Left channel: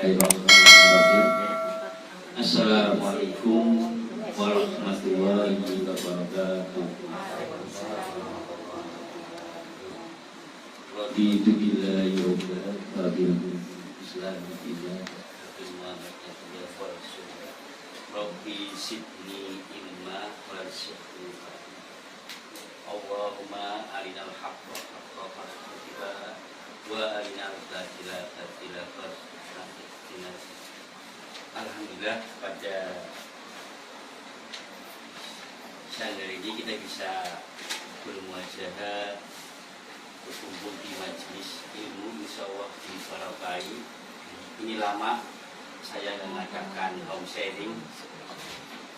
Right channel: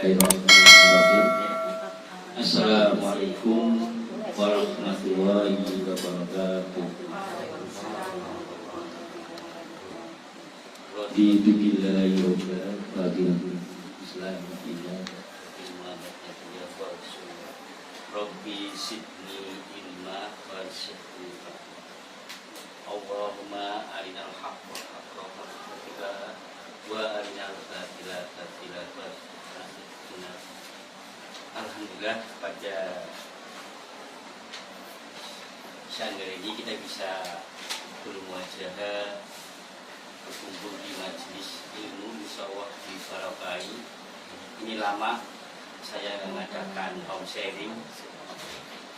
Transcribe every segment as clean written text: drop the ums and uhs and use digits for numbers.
Bismillahirrahmanirrahim. Assalamualaikum warahmatullahi wabarakatuh. Raditu billahi rabban wa bil Islam dinan. Rabbi sidni ilma warzuqni. Allahumma arinal haqqa haqqan warzuqna wa arinal batila batila warzuqna. Alhamdulillah, pada siang hari ini kita bisa bermuajadah, berkumpul di majelis ilmu insyaallah di Parapai. Ini lama saya mengadakan home sharing.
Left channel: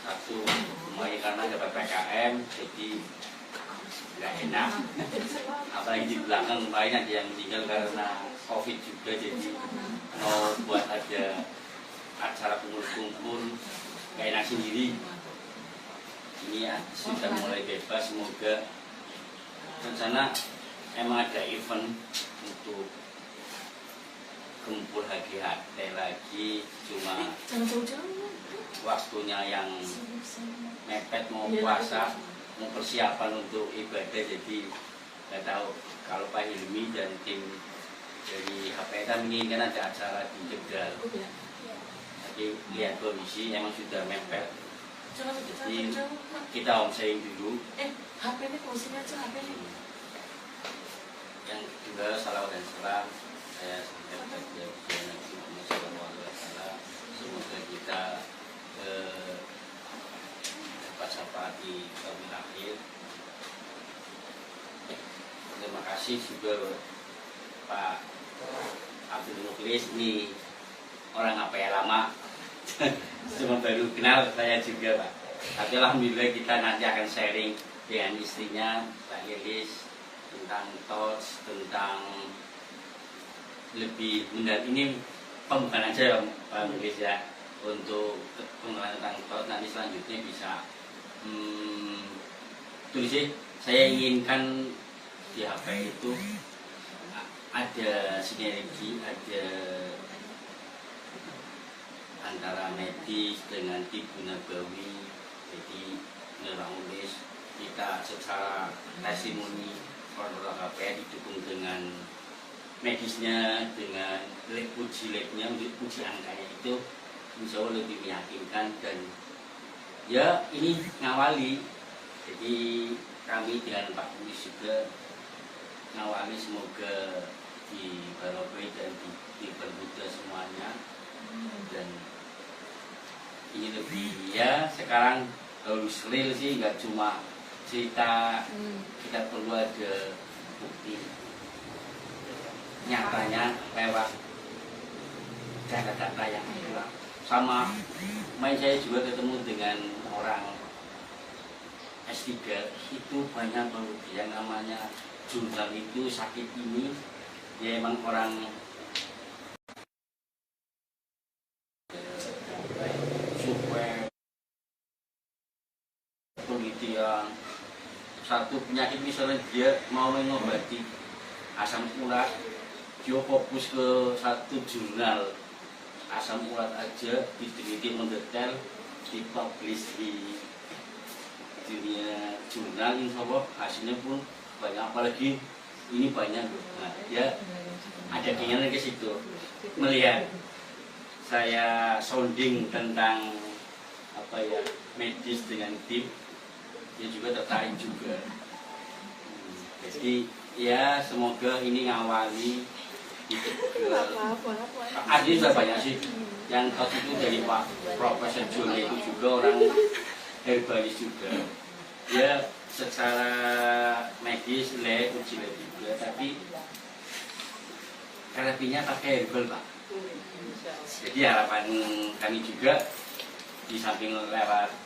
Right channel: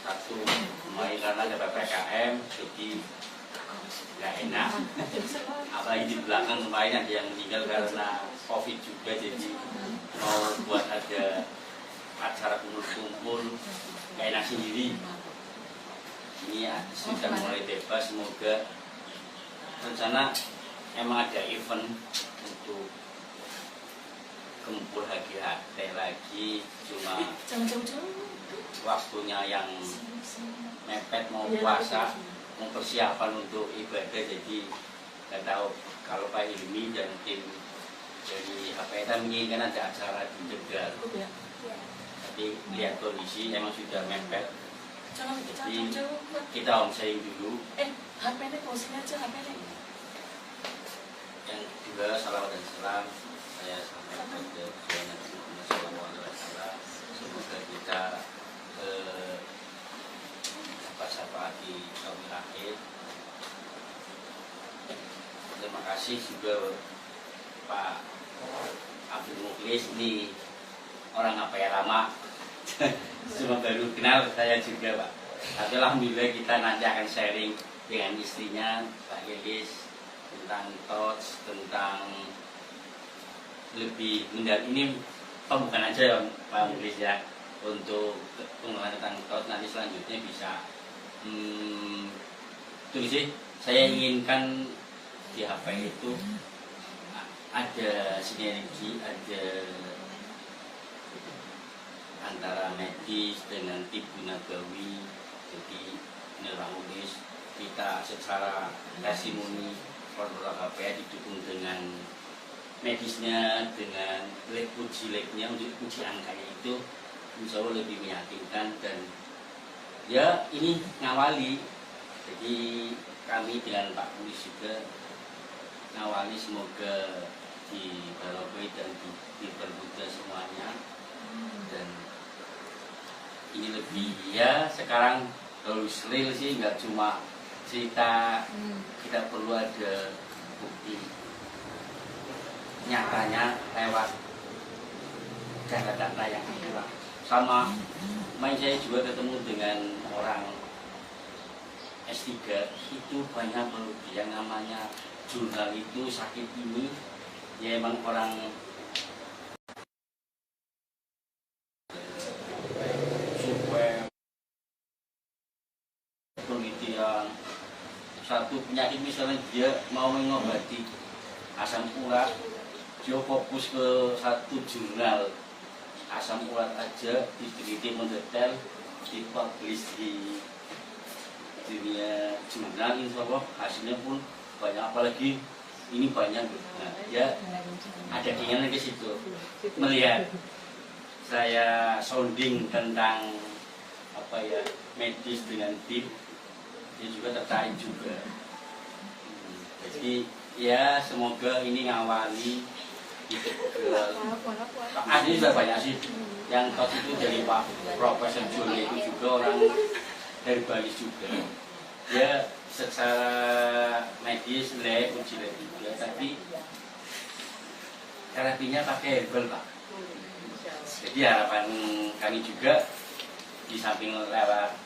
Satu, karena ada PPKM, jadi nggak enak. Apalagi di belakang lumayan ada yang meninggal karena COVID juga, jadi mau buat ada acara kumpul-kumpul nggak enak sendiri. Ini ya, sudah mulai bebas, semoga rencana emang ada event untuk kumpul hati-hati lagi, cuma waktunya yang mepet, mau puasa, mau persiapan untuk ibadah, jadi nggak tahu. Kalau Pak Hilmi dan tim dari HPTA menginginkan ada acara di Tegal, tapi lihat kondisi emang sudah mepet, jadi kita omsain dulu. HP-nya closing aja, HP-nya. Yang kedua, salam dan salam saya sampaikan kepada Nabi Muhammad SAW. Semoga kita dapat syafaat di yaumil akhir. Terima kasih juga Pak Abdul Mukhlis, ini orang apa ya lama, cuma baru kenal saya juga Pak. Tapi alhamdulillah kita nanti akan sharing dengan istrinya Pak Lilis tentang touch, tentang lebih mendalam. Ini pembukaan aja ya Pak Mukhlis ya, untuk pengenalan tentang touch. Nanti selanjutnya bisa tulis sih, saya inginkan di HP itu ada sinergi, ada antara medis dengan tibu nabawi. Jadi menurut Mukhlis, kita secara testimoni Korporat KPA didukung dengan medisnya, dengan uji labnya, untuk uji angkanya itu insya Allah lebih meyakinkan. Dan ya ini ngawali, jadi kami dengan Pak Mukhlis juga ngawali, semoga di Barokai dan dipermudah semuanya. Dan ini lebih ya, sekarang harus real sih, nggak cuma cerita, kita perlu ada bukti nyatanya lewat data-data yang akurat. Sama main saya juga ketemu dengan orang S3, itu banyak yang namanya jurnal itu sakit ini ya emang orang supaya penelitian satu penyakit, misalnya dia mau mengobati asam urat, dia fokus ke satu jurnal asam urat aja, diteliti mendetail, dipublish di dunia jurnal, insya Allah hasilnya pun banyak. Apalagi ini banyak, nah ya ada keinginan ke situ. Melihat saya sounding tentang apa ya, medis dengan tim, dia juga tertarik juga. Jadi ya semoga ini ngawali gitu ke asli sudah banyak sih yang tadi itu dari Pak Profesor Juli, itu juga orang herbalis juga. Dia secara medis lab, uji lab juga, tapi terapinya pakai herbal Pak. Jadi harapan kami juga di samping lewat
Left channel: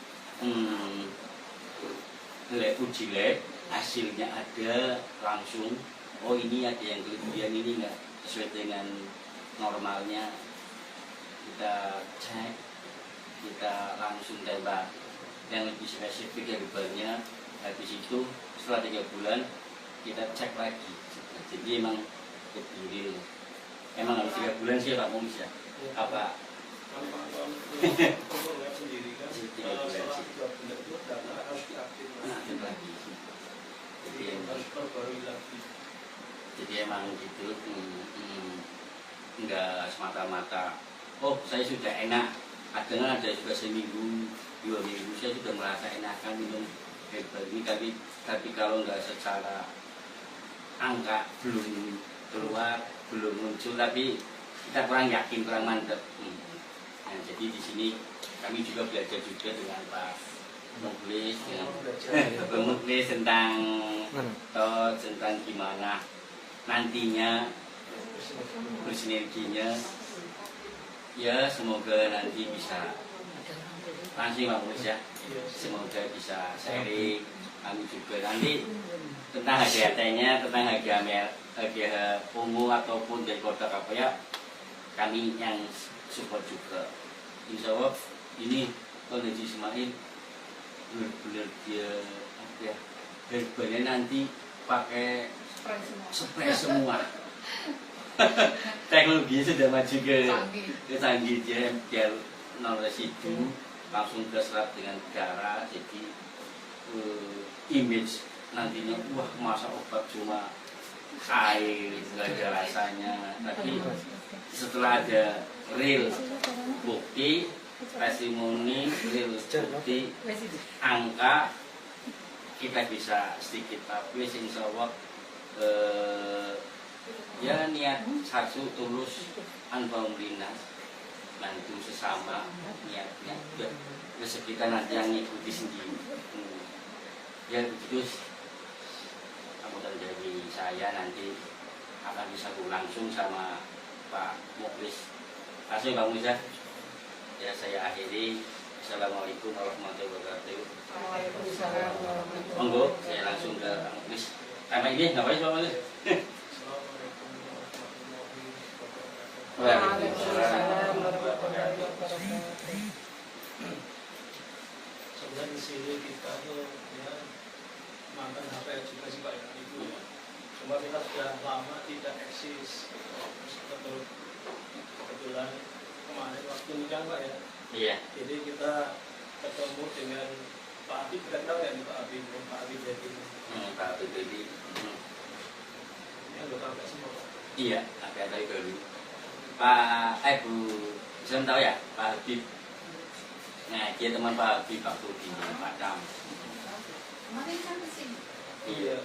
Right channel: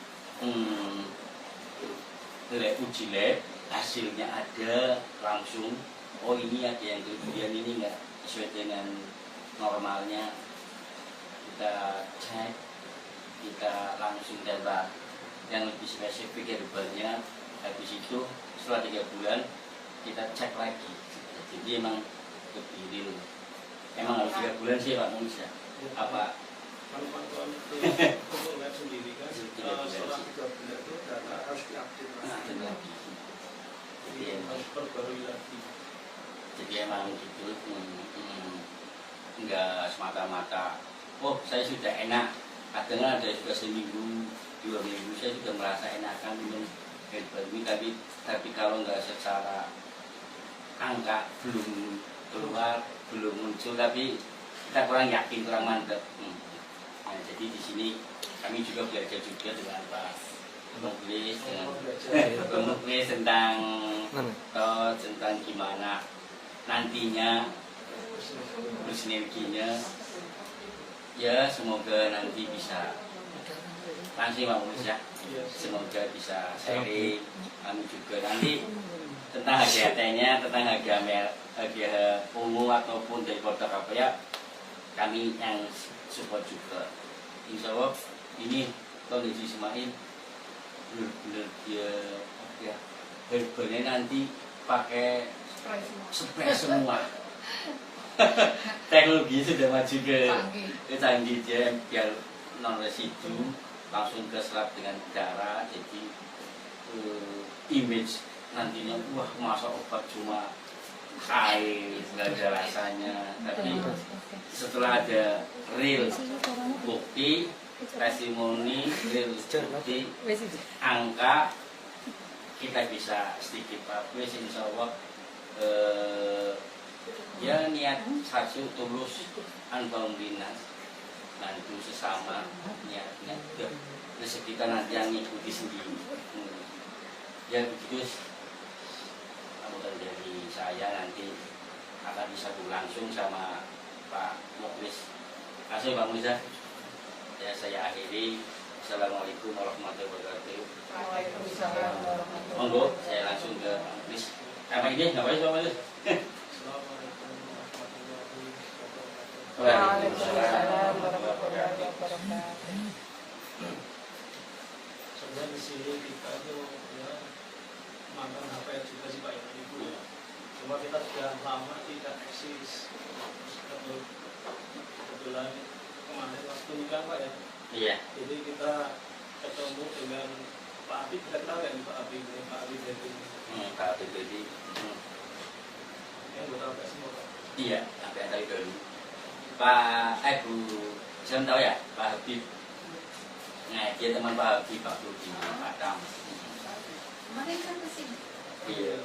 uji lab, hasilnya ada langsung, oh ini ada yang kelebihan, ini enggak sesuai dengan normalnya, kita cek, kita langsung tembak yang lebih spesifik herbalnya. Habis itu setelah 3 bulan kita cek lagi. Jadi emang lebih real. Emang harus 3 bulan sih Pak Mukhlis ya. Apa? Kalau pantauan untuk lab sendiri kan setelah 3 bulan itu data harus diupdate lagi. Jadi harus perbarui lagi. Jadi emang gitu, enggak semata-mata oh saya sudah enak, kadang ada juga seminggu 2 minggu saya sudah merasa enakan minum herbal ini, tapi kalau enggak secara angka belum keluar, belum muncul, tapi kita kurang yakin, kurang mantap. Nah, jadi di sini kami juga belajar juga dengan Pak Muklis, tentang gimana nantinya bersinerginya. Ya semoga nanti bisa langsung Pak Muklis ya, semoga bisa sharing. Kami juga nanti tentang HGT-nya, tentang harga ungu ataupun dari produk apa ya, kami yang support juga. Insya Allah ini Ton Haji Ismail benar-benar dia apa ya, herbalnya nanti pakai spray semua. Teknologi sudah maju ke canggih, dia biar non residu langsung ke serap dengan darah, jadi image nantinya wah masa obat cuma air nggak ada rasanya, tapi setelah ada real bukti, testimoni, real bukti, angka, kita bisa sedikit publish. Insya Allah ya niat satu tulus anfa'um linnas, bantu sesama, niatnya rezeki kita nanti yang ngikuti sendiri. Ya begitu. Kemudian dari saya nanti akan bisa langsung sama Pak Muklis. Kasih Pak Muklis ya, saya akhiri. Assalamualaikum warahmatullahi wabarakatuh. Monggo saya langsung ke Pak Muklis. Apa ini ngapain Pak Muklis? Waalaikumsalam warahmatullahi wabarakatuh. Sebenarnya di sini kita tuh ya mantan HPR juga sih Pak ya, Ibu. Cuma kita sudah lama tidak eksis. Kebetulan kemarin waktu ini kan Pak ya. Iya. Jadi kita ketemu dengan Pak Habib, kita tahu ya Pak Habib, Pak Habib jadi. Pak Habib jadi. Ya nggak tahu nggak semua Pak. Iya, apa yang tadi dulu. Pak Bu, saya tahu ya Pak Habib. Nah, dia teman Pak Habib waktu di Padang. Kemarin kan kesini. Iya.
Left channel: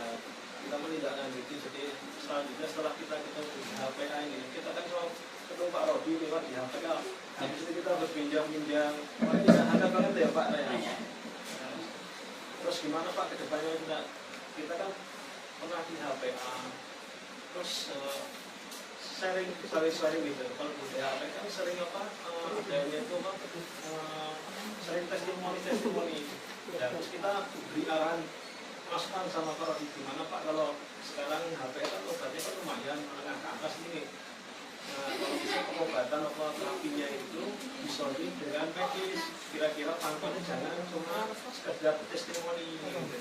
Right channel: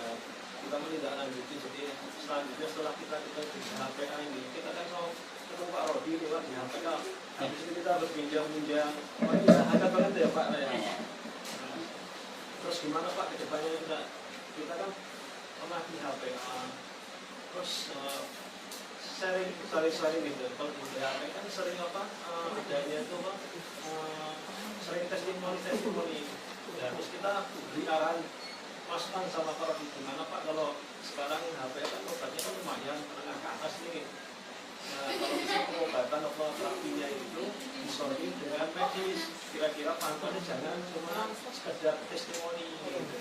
Nah, kita menindaklanjuti, jadi selanjutnya setelah kita di HPA ini, kita kan mau ketemu Pak Rodi lewat di HPA. Habis itu kita berbincang-bincang. Oh iya, ada banget ya Pak. Iya. Nah, terus gimana Pak ke depannya? Kita kan pernah di HPA. Terus sharing gitu. Kalau di HPA kan sering apa? Adanya itu apa? Sering testimoni. Ya, terus kita beri arahan masukan sama Pak Rodi, gimana Pak kalau sekarang HPA kan obatnya kan lumayan menengah ke atas nih. Nah, kalau bisa pengobatan atau terapinya itu disolding dengan medis, kira-kira pantauannya jangan cuma sekedar testimoni gitu.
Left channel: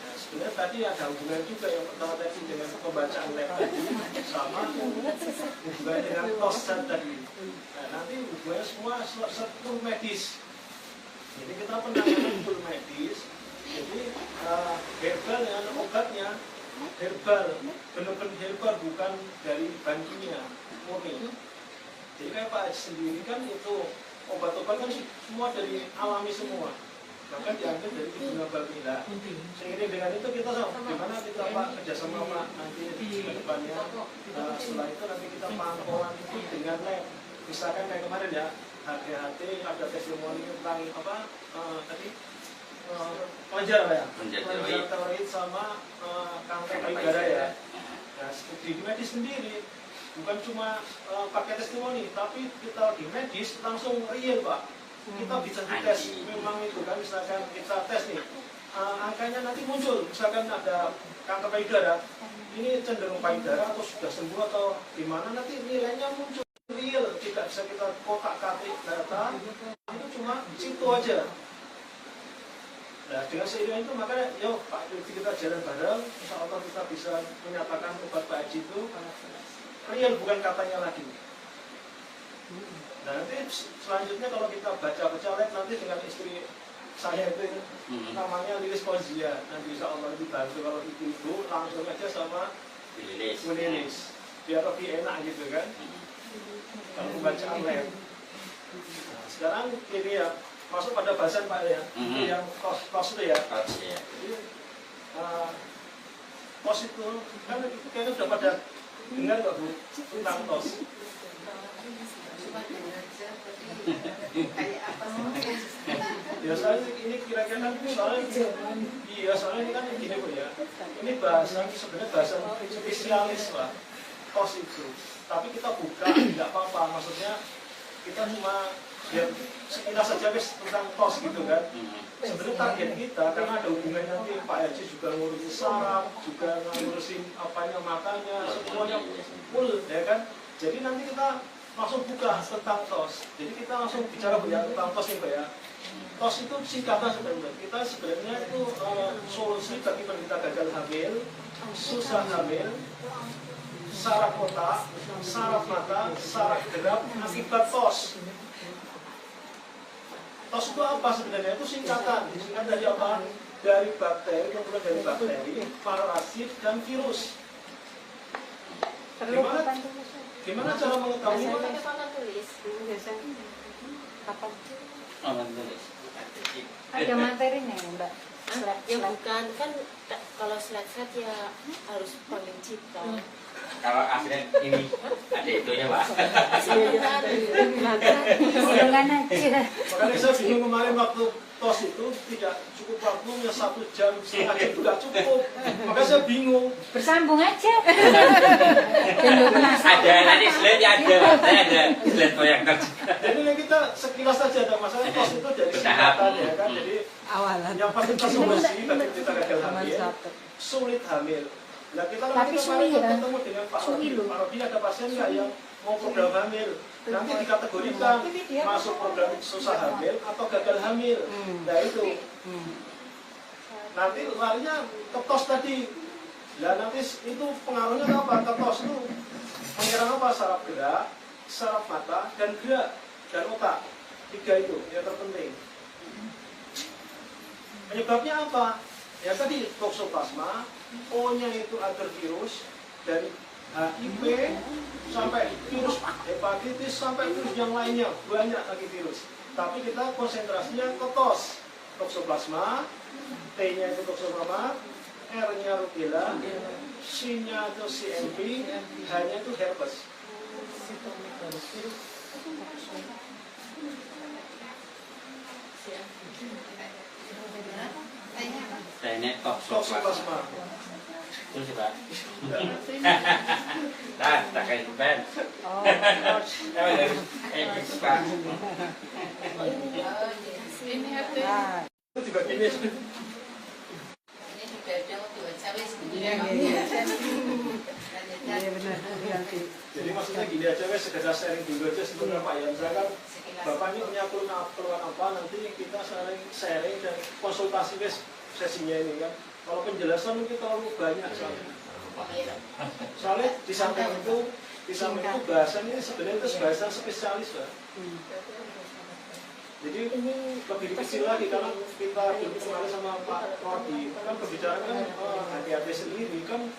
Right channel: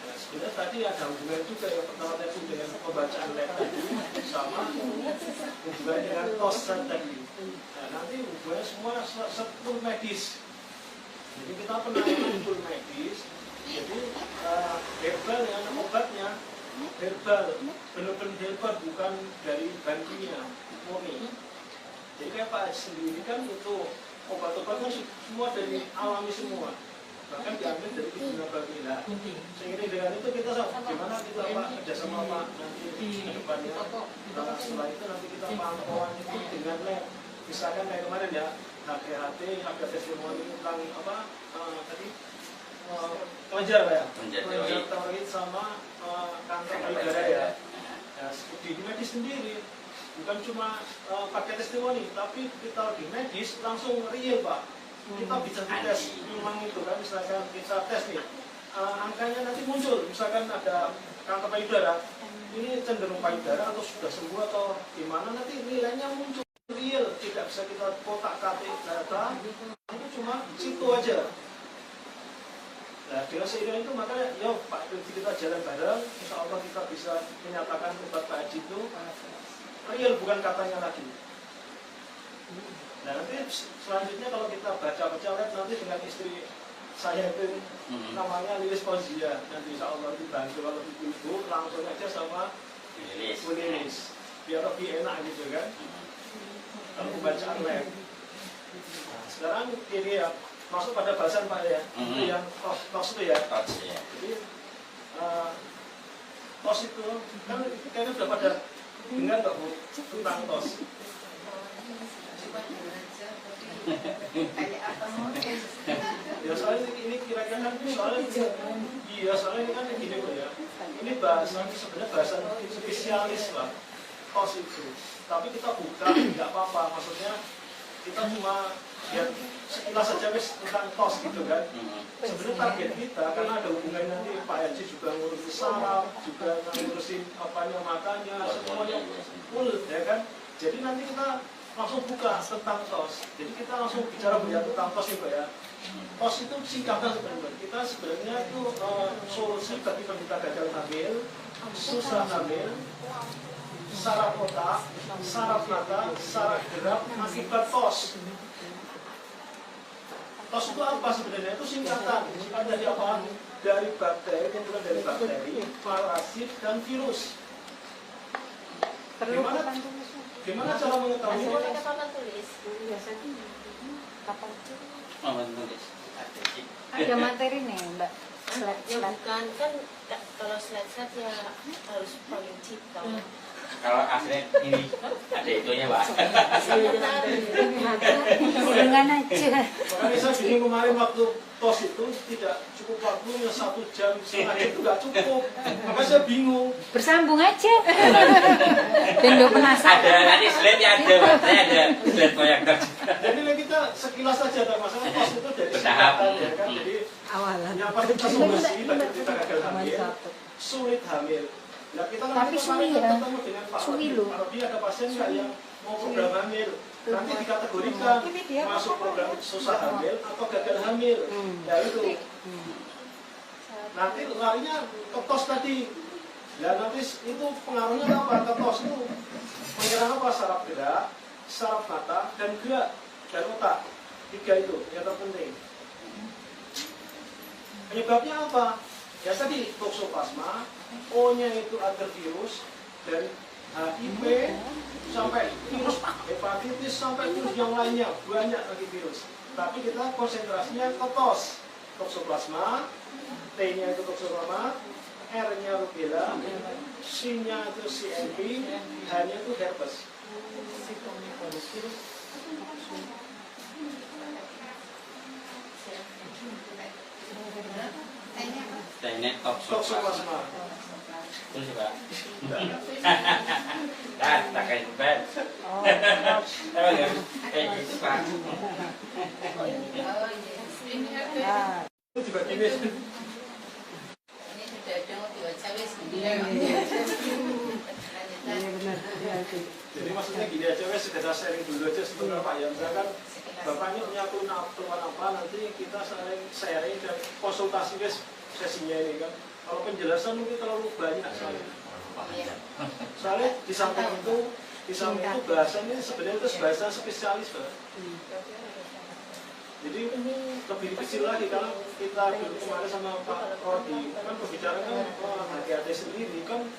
Nah, sebenarnya tadi ada hubungan juga yang pertama tadi dengan pembacaan lab tadi sama hubungan dengan poster tadi. Nah, nanti hubungannya semua full medis. Jadi kita penanganan full medis. Jadi herbal dengan obatnya herbal, benar-benar herbal, bukan dari bahan kimia murni. Jadi kayak Pak Haji sendiri kan itu obat-obat kan semua dari alami semua, bahkan diambil dari kebun nabati. Seiring dengan itu kita gimana kita Pak kerjasama Pak nanti ke depannya. Setelah itu nanti kita pantauan itu dengan lab. Misalkan kayak kemarin ya HGHT ada testimoni tentang apa tadi kelenjar Pak ya, kelenjar tiroid sama kanker payudara ya. Nah, di medis sendiri bukan cuma pakai testimoni, tapi kita di medis langsung real Pak. Kita bisa dites, memang itu kan misalkan kita tes nih, angkanya nanti muncul, misalkan ada kanker payudara, ini cenderung payudara atau sudah sembuh atau gimana, nanti nilainya muncul real, tidak bisa kita kotak-katik data, itu cuma situ aja. Nah, dengan seiring itu makanya, yuk Pak Haji kita jalan bareng, insya Allah kita bisa menyatakan obat Pak Haji itu real, bukan katanya lagi. Nah nanti selanjutnya kalau kita baca-baca lihat nanti dengan istri saya itu namanya Lilis Fauzia, nanti insya Allah dibantu kalau ibu langsung aja sama Bu Lilis biar lebih enak gitu kan kalau pembacaan lab. Nah, sekarang ini ya masuk pada bahasan Pak ya, yang tos itu ya. Jadi tos itu kan itu kayaknya sudah pada dengar nggak Bu tentang tos? Kayak apa sih? Ya soalnya ini kira-kira kan soalnya iya soalnya ini kan gini Bu ya. Ini bahasa sebenarnya bahasa spesialis Pak. Tos itu. Tapi kita buka tidak apa-apa. Maksudnya kita cuma biar sekilas saja wis tentang tos gitu kan. Sebenarnya target kita karena ada hubungannya nanti Pak Haji juga ngurusin saraf, juga ngurusin apanya matanya, semuanya full ya kan. Jadi nanti kita langsung buka tentang tos. Jadi kita langsung bicara banyak tentang tos nih Pak ya. Tos itu singkatan sebenarnya. Kita sebenarnya itu solusi bagi penderita gagal hamil, susah hamil, saraf otak, saraf mata, saraf gerak akibat tos. Tos itu apa sebenarnya? Itu singkatan. Singkatan dari apa? Dari bakteri, kemudian dari bakteri, parasit, dan virus. Gimana cara mengetahuinya? Ada materi nih, Mbak. Ya bukan, kan kalau slide-slide ya harus paling cipta. Kalau asli ini ada itu ya Pak. Dengan aja. Makanya saya bingung kemarin waktu tos itu tidak cukup waktunya 1 jam, setengah jam juga cukup. Makanya saya bingung. Bersambung aja. Tunduk penasaran. Ada nanti slide ya ada Pak. Saya ada slide proyektor juga. Jadi ini kita sekilas saja ada masalah tos itu dari singkatan ya kan. Jadi yang pasti kita solusi bagi kita gagal hamil, sulit hamil. Nah kita nanti kemarin ketemu dengan Pak Rodi, ada pasien nggak yang mau program hamil? Nanti dikategorikan masuk program susah hamil atau gagal hamil. Nah itu. Nanti larinya ke tos tadi. Ya nanti itu pengaruhnya apa? Ke tos itu menyerang apa? Saraf gerak, saraf mata, dan gerak dan otak. 3 itu yang terpenting. Penyebabnya apa? Ya tadi toksoplasma, O-nya itu adenovirus, dari HIV sampai virus hepatitis sampai virus yang lainnya, banyak lagi virus. Tapi kita konsentrasinya ke tos, toksoplasma, T-nya itu toksoplasma, R-nya rubella, C-nya itu CMV, H-nya itu herpes. Teknik Toksoplasma. Terus Pak. Nah, tak kayak beban. Pak. Itu juga ini. Jadi maksudnya gini aja, sekedar sharing dulu aja sebenarnya Pak ya. Misalkan Bapaknya punya keluhan apa, nanti kita sharing dan konsultasi sesinya ini kan. Kalau penjelasan mungkin terlalu banyak soalnya di samping itu bahasanya sebenarnya itu bahasa spesialis Pak. Jadi lebih kecil lagi karena kita kemarin sama Pak Rodi kan pembicaraan hati-hati sendiri kan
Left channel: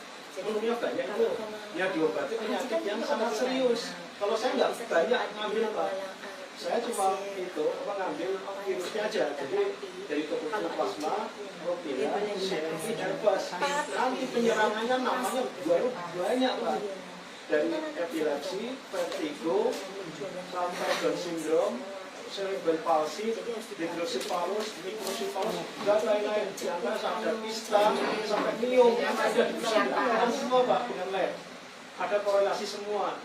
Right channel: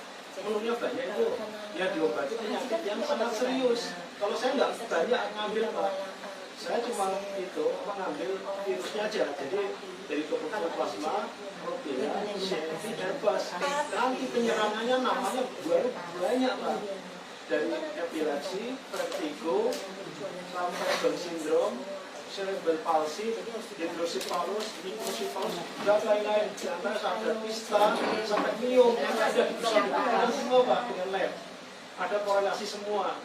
menunya banyak itu yang diobati penyakit yang sangat serius. Kalau saya nggak banyak ngambil Pak, saya cuma itu mengambil virusnya aja. Jadi dari toksoplasma, rubella, CMV, herpes. Nanti penyerangannya namanya banyak Pak. Dari epilepsi, vertigo, sampai Down syndrome, cerebral palsy, hidrocephalus, microcephalus, dan lain-lain. Di antara sampai pista, sampai myom yang ada di pusat buktikan semua Pak dengan lab. Ada korelasi semua.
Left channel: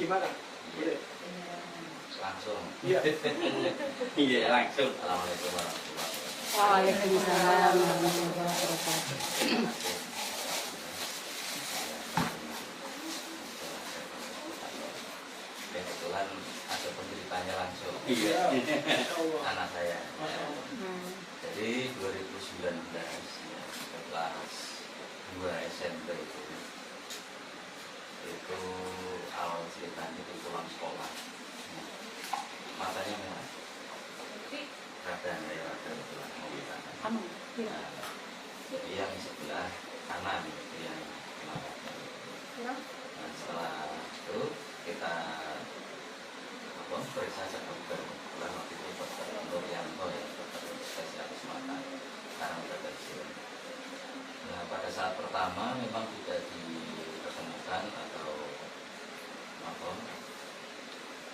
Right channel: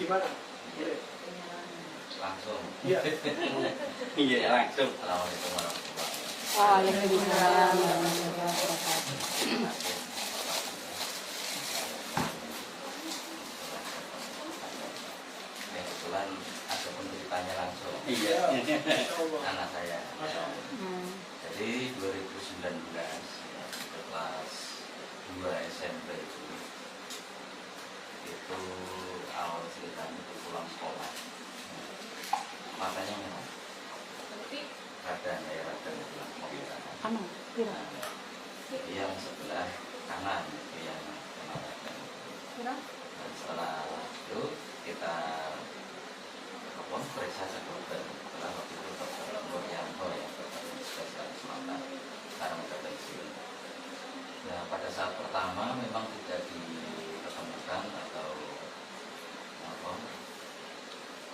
Gimana? Boleh? Langsung. Iya. Iya langsung. Assalamualaikum warahmatullahi wabarakatuh. Waalaikumsalam warahmatullahi wabarakatuh. Kebetulan ada penceritanya langsung. Iya. Anak saya. Jadi 2019 ya, kelas 2 SMP itu awal ceritanya itu pulang sekolah. Matanya memang radang ya, radang sebelah kiri. Kamu, Vira. Yang sebelah kanan yang kena radang. Vira. Nah, setelah itu kita periksa ke dokter. Setelah waktu itu dokter Nuryanto ya, dokter spesialis mata. Sekarang kita pensiun. Ya, pada saat pertama memang tidak diketemukan atau apa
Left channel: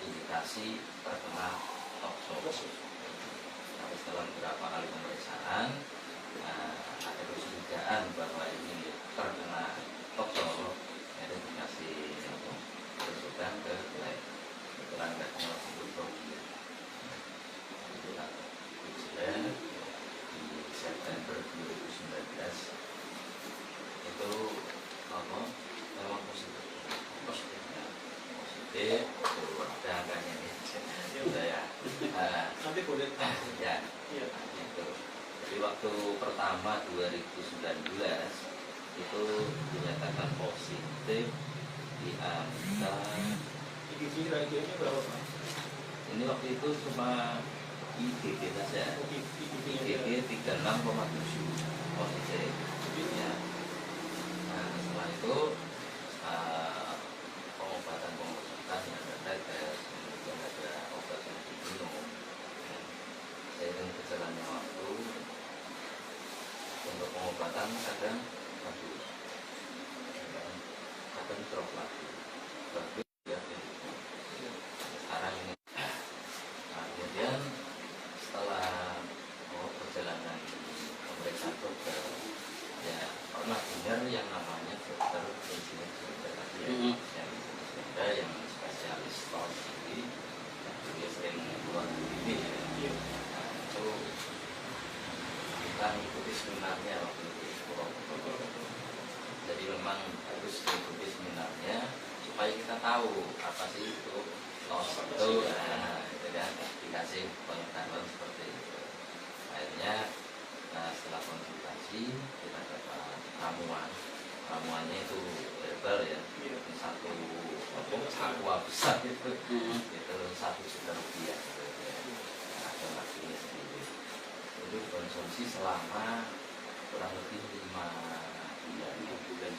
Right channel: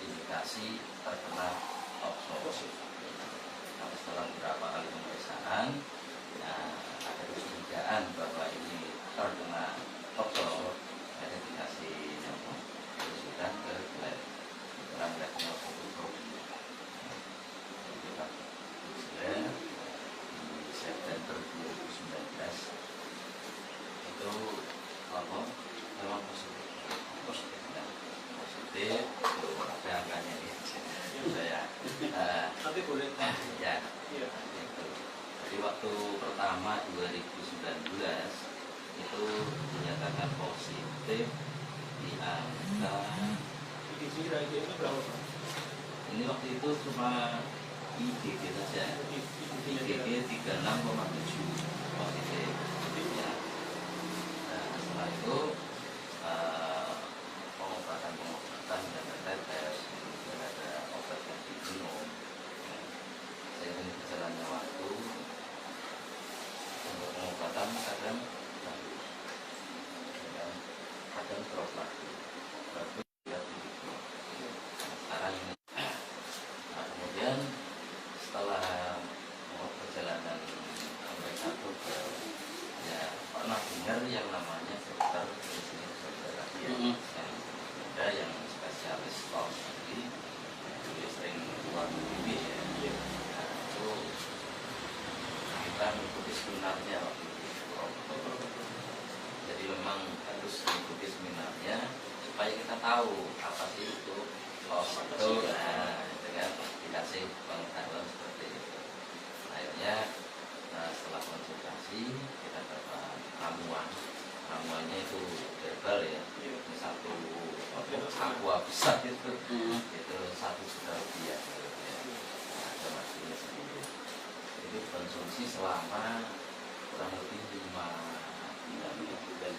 indikasi terkena toksik. Tapi setelah beberapa kali pemeriksaan, ada kecurigaan bahwa ini terkena toksik. Jadi dikasih rujukan ke lab. Itulah retinal fotografi. Itulah tujuan di September 2019 itu apa? Memang positif. Positif itu ada angkanya ini. Ya. Nanti boleh. Ya. Iya. Itu. Jadi waktu pertama 2019 itu dinyatakan positif di angka IgG-nya berapa? ini waktu itu cuma IgG saja. IgG 36,7 positif. Ya. Nah, setelah itu pengobatan yang ada tes, kemudian ada obat yang diminum. Seiring berjalannya waktu untuk pengobatan kadang bagus, kadang drop lagi, bagus ya. Sekarang ini, nah, kemudian setelah perjalanan pemeriksaan dokter, ya pernah dengar yang namanya dokter insulin terapi yang ada yang spesialis stok sendiri, yang sering buat begini ya. Nah, itu kita mengikuti seminarnya waktu itu. Jadi memang harus mengikuti seminarnya supaya kita tahu apa sih itu los itu, nah, itu kan dikasih pengetahuan seperti itu. Akhirnya setelah konsultasi kita dapat ramuannya itu herbal ya, ini satu aqua besar itu 1 juta rupiah gitu ya. Nah, donasinya sendiri itu konsumsi selama kurang lebih 5 bulan rutin.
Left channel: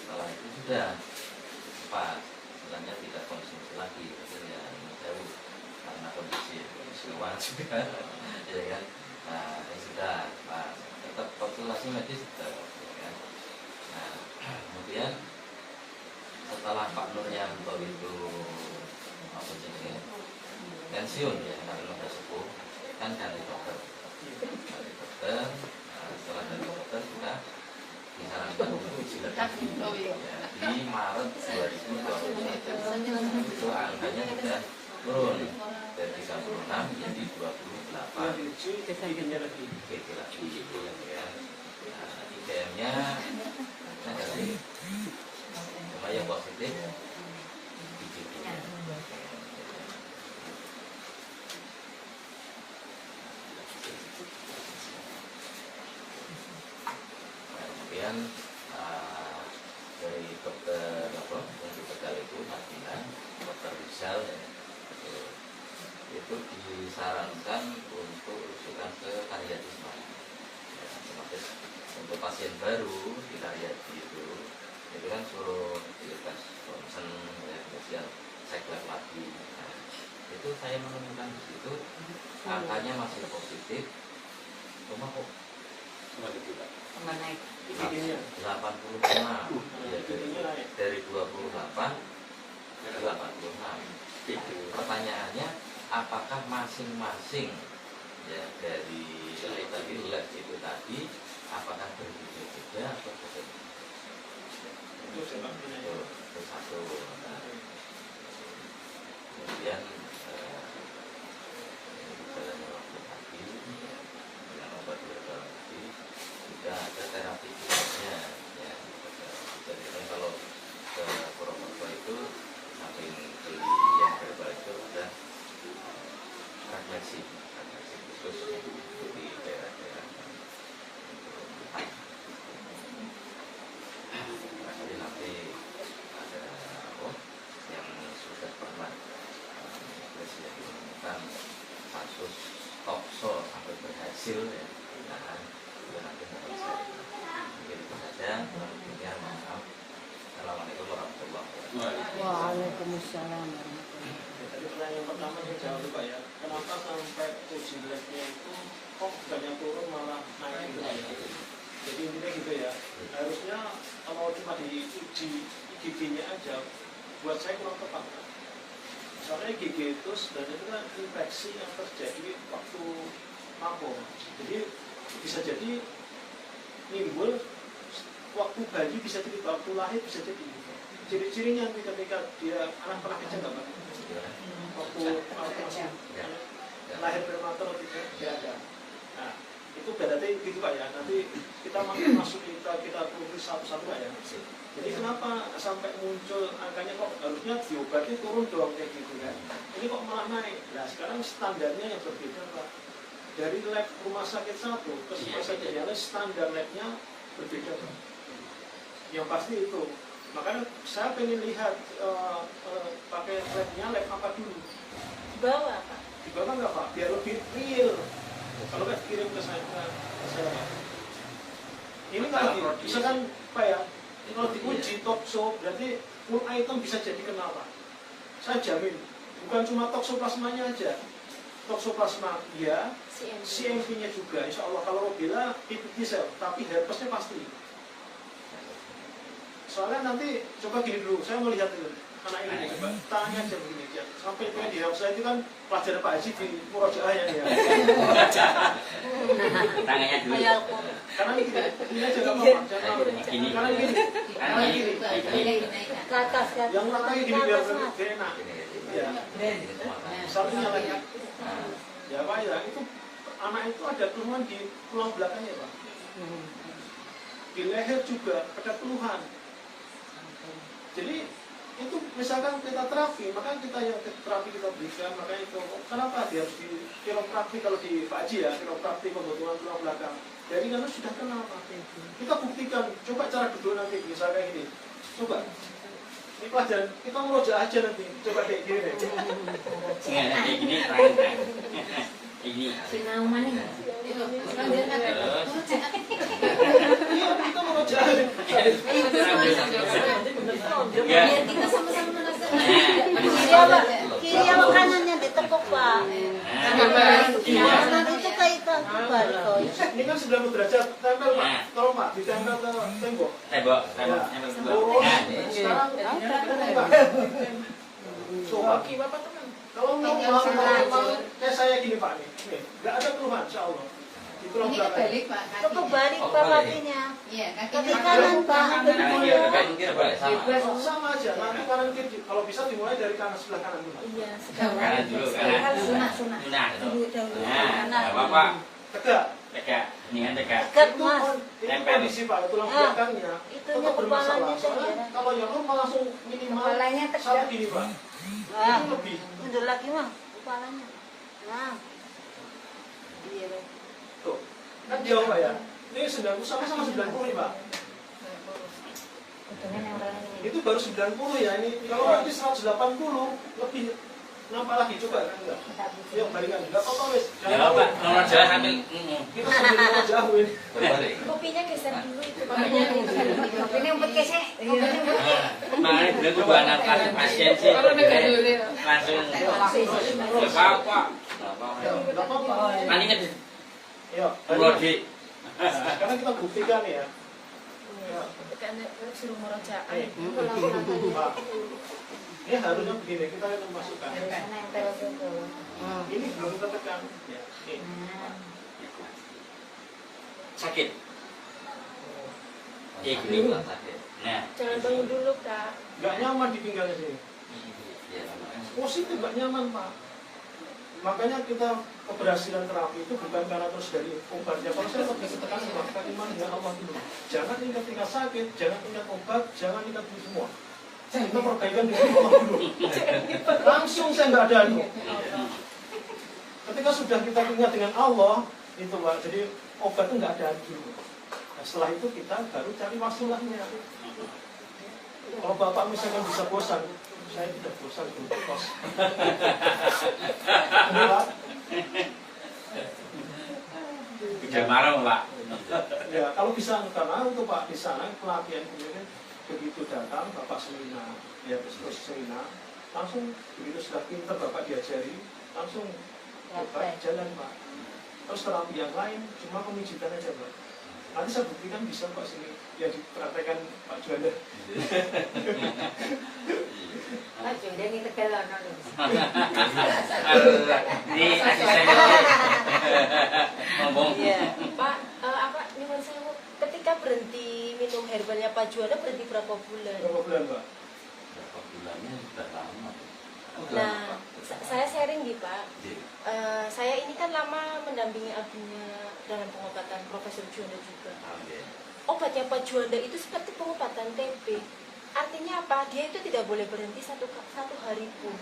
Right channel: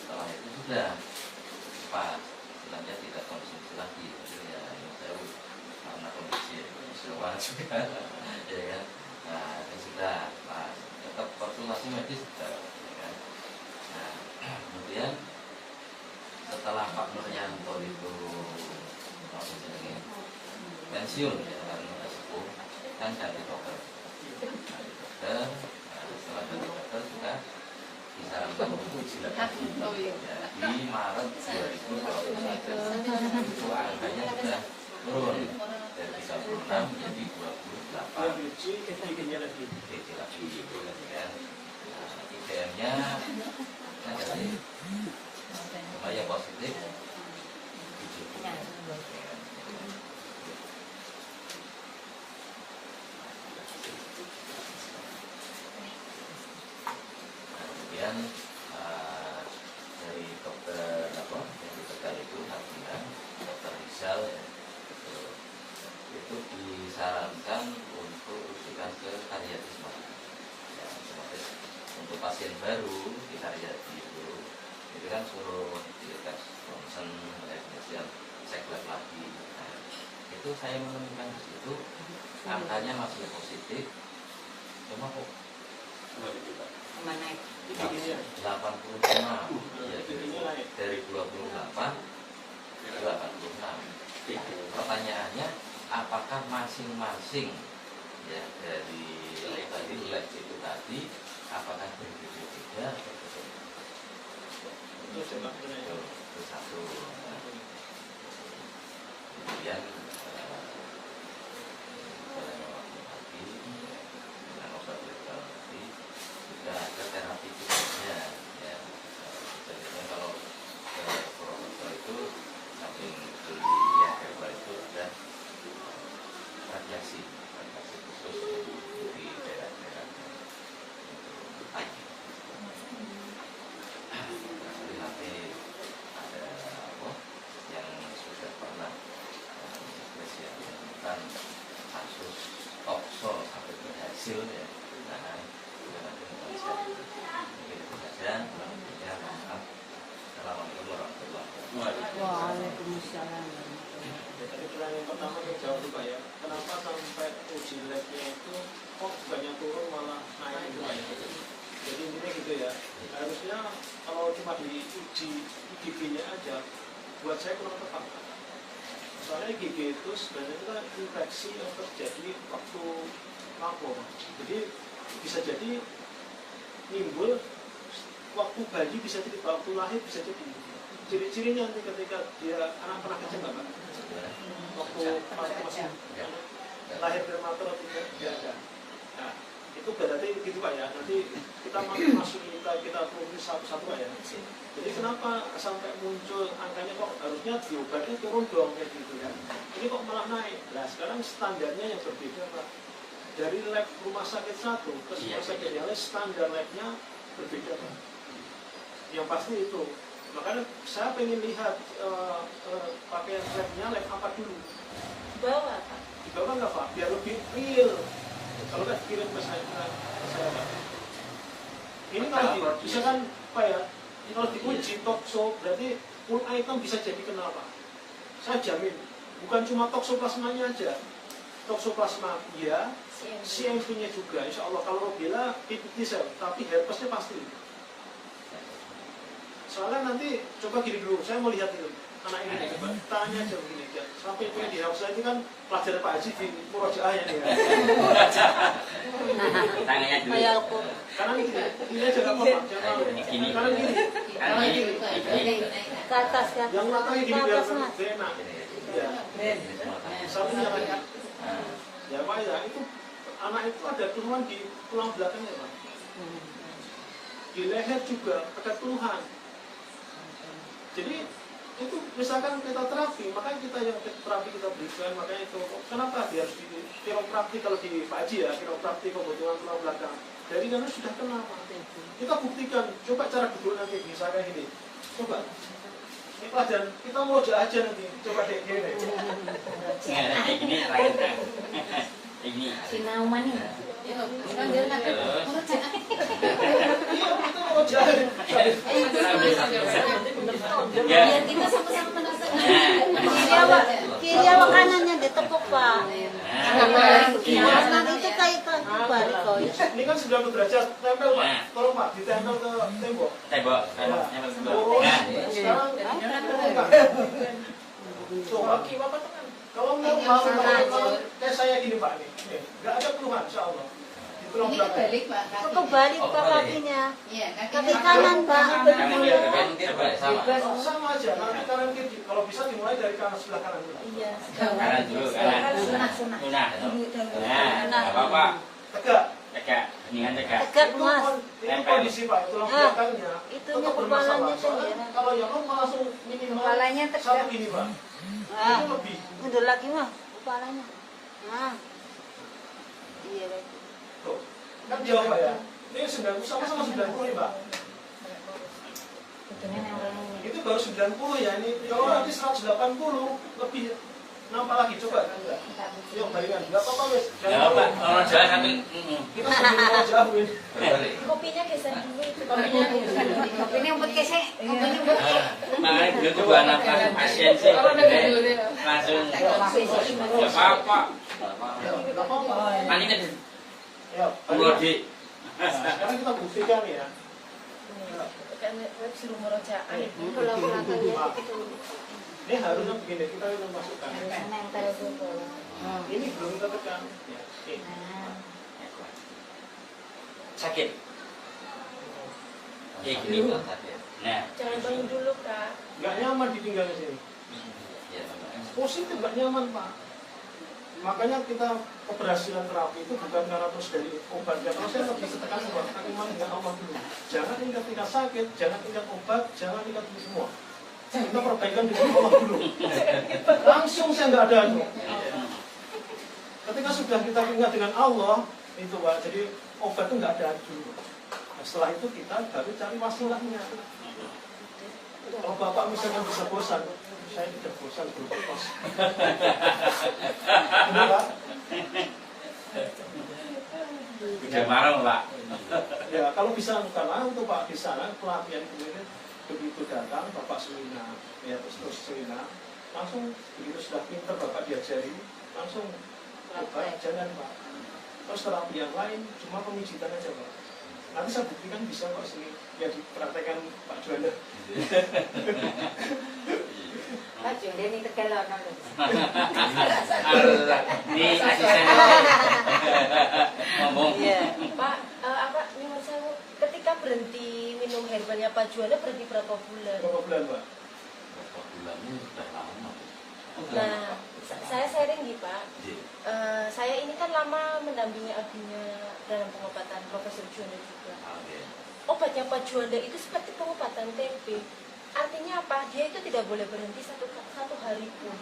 Setelah itu sudah pas, selanjutnya tidak konsumsi lagi, tapi ya ini jauh karena kondisi semua juga ya kan. Nah ini sudah pas, tetap konsultasi medis sudah ya kan. Nah kemudian setelah Pak Nuryanto itu apa sih pensiun ya, lembaga sepuh kan ganti dokter. Setelah ganti dokter kita disarankan untuk jilat kaki ya, di Maret 2021 itu angkanya sudah turun dari 36 menjadi 28 IgG-nya lagi. IgG lagi gitu ya. Nah, IgM-nya negatif, cuma yang positif IgG. Kemudian dari dokter apa yang di Tegal itu dokter Rizal itu disarankan untuk rujukan ke Karyatisma ya, otomatis untuk pasien baru di Karyati itu kan suruh dites ronsen ya, kemudian cek lab lagi. Nah, itu saya menemukan di situ angkanya masih positif, cuma kok Naik. 86 ya, dari 28 ke 86. Pertanyaannya apakah masing-masing ya dari lab itu tadi apakah berbeda-beda atau berbeda? Itu satu. Kemudian dalam waktu tadi dengan obat terapi juga ada terapi khususnya ya. Jadi kalau ke Purwokerto itu samping beli yang herbal itu ada radiasi khusus di daerah-daerah kecil ya. Nah, itu nanti mohon saya. Mungkin itu saja. Ya, maaf. Assalamualaikum warahmatullahi wabarakatuh. Waalaikumsalam. Jadi pertanyaan pertama saya jawab dulu Pak ya. Kenapa sampai uji labnya itu kok banyak turun malah naik gitu Pak ya? Jadi intinya gitu ya. Harusnya kalau cuma diuji IgG-nya aja, buat saya kurang tepat. Soalnya IgG itu sebenarnya itu kan infeksi yang terjadi waktu lapor. Jadi bisa jadi nimbul waktu bayi, bisa jadi waktu lahir, bisa jadi. Ciri-cirinya nanti ketika dia anak pernah kecil nggak Pak? Waktu masih lahir prematur tidak ada. Nah, itu berarti gitu Pak ya. Nanti kita masuk kita tulis satu-satu Pak ya. Jadi kenapa sampai muncul angkanya kok harusnya diobati turun dong kayak gitu kan? Ini kok malah naik. Nah sekarang standarnya yang berbeda Pak. Dari lab rumah sakit satu ke rumah sakit yang lain standar labnya berbeda Pak. Yang pasti itu. Makanya saya pengen lihat pakai labnya lab apa dulu. Di bawah Pak. Di bawah nggak Pak? Biar lebih real. Kalau nggak kirim ke saya Pak. Ini kan bisa kan Pak ya? Kalau diuji tokso berarti full item bisa jadi kenapa? Saya jamin. Bukan cuma toksoplasmanya aja. Toksoplasma iya, CMV-nya juga. Insya Allah kalau Rubella PPT sel, tapi herpesnya pasti. Soalnya nanti coba gini dulu, saya mau lihat itu anak ini coba tangannya aja begini aja. Sampai itu yang di saya itu kan pelajaran Pak Haji di Murojaah ya. Tangannya dulu. Karena ini aja nggak apa-apa, jangan Gini. karena gini, karena gini. Ke atas ke atas. Yang ratanya gini biar lebih enak. Ya, satunya lagi. Ya Pak ya, itu anak itu ada keluhan di tulang belakangnya Pak. Di leher juga ada keluhan. Jadi itu misalkan kita terapi, makanya kita yang terapi kita berikan, makanya itu kenapa harus di kiropraktik kalau di Pak Haji ya, kiropraktik pembentukan tulang belakang. Dari karena sudah kenapa? Kita buktikan, coba cara duduk nanti bisa kayak gini. Coba. Ini pelajaran, kita mau aja nanti, coba kayak gini deh. Nggak ada kayak gini, kayak gini. Sinau maning. Terus. Iya, kita mau aja. Ya. Kita sama-sama penasaran. Kiri sama kanannya ditekuk Pak. Nanti itu kaitan balik kau. Ini kan 90 derajat, tempel Pak. Tolong Pak, ditempel ke tembok. Tembok. Turun. Sekarang turun Pak. Coba. Kalau mau kayak saya gini Pak nih, nggak ada keluhan, insya Allah. Di tulang belakang. Itu balik Pak kakinya. Iya, Kaki kanan Pak. Sama aja, nanti kanan kiri. Kalau bisa dimulai dari kanan sebelah kanan dulu. Iya. Kanan dulu, kanan. Sunah. Nah, nggak apa-apa. Tegak. Tegak. Mendingan tegak. Tegak Itu, Mas. itu kondisi Pak, tulang belakangnya Itu tetap bermasalah. kepalanya Soalnya saja. kalau yang lu langsung minimal Kepalanya tegak. satu gini Pak. Itu lebih. Udah lagi mah kepalanya. Nah. Iya. Tuh, kan jauh Pak ya. Ini 90 sama 90 nih Pak. Itu baru 90 ya ini. Kalau nanti 180 lebih nampak lagi coba kan enggak? Yuk balikan. Enggak apa-apa wes. Nggak apa-apa. Kalau jalan sambil. Kita sambil mau jauh ini. Kopinya geser dulu itu. Kopinya Ini umpet keseh. Makanya dulu tuh buat anak pasien sih. Langsung. Nggak apa-apa. Enggak apa-apa. Nanti nih. Yuk, Brodi. sekarang kita buktikan ya. Tekan suruh murojaah. Pak. Ini harusnya begini, kita masukkan. Nempel dulu. Ini belum tertekan. Ya, ini. Sakit. Ya gini. Nah. Jangan bangun dulu Kak. Nggak nyaman ditinggal di sini. Ya, Positif nggak nyaman Pak. Makanya kita keberhasilan terapi itu bukan karena terus dari obatnya. Kalau saya lebih tekan sama iman dengan Allah dulu. Jangan ingat tingkat sakit, jangan ingat obat, jangan ingat ini semua. Kita perbaikan dengan Allah dulu. Langsung saya nggak ada itu. Ketika sudah kita ingat dengan Allah, itu Pak. Jadi obat itu nggak ada dulu. Nah, setelah itu kita baru cari wasilahnya. Kalau Bapak misalnya bisa bosan, saya tidak bosan berkos. Udah marah Pak. Ya kalau bisa, karena untuk Pak di sana pelatihan kemarin begitu datang Bapak seminar, ya terus seminar, langsung begitu sudah pinter Bapak diajari, langsung obat jalan Pak. Terus terapi yang lain cuma pemijitan aja Pak. Nanti saya buktikan bisa Pak sini yang dipraktekkan Pak Juanda. Pak Juanda ini Tegal kan. Ini asisten ngomong. Iya. Pak, apa nyuwun sewu, ketika berhenti minum herbalnya Pak Juanda berhenti berapa bulan? Berapa bulan Pak? Berapa bulannya sudah lama. Nah, saya sharing nih Pak. Iya. Saya ini kan lama mendampingi abinya dalam pengobatan Profesor Juanda juga. Iya. Obatnya Pak Juanda itu seperti pengobatan TB. Artinya apa? Dia itu tidak boleh berhenti satu hari pun.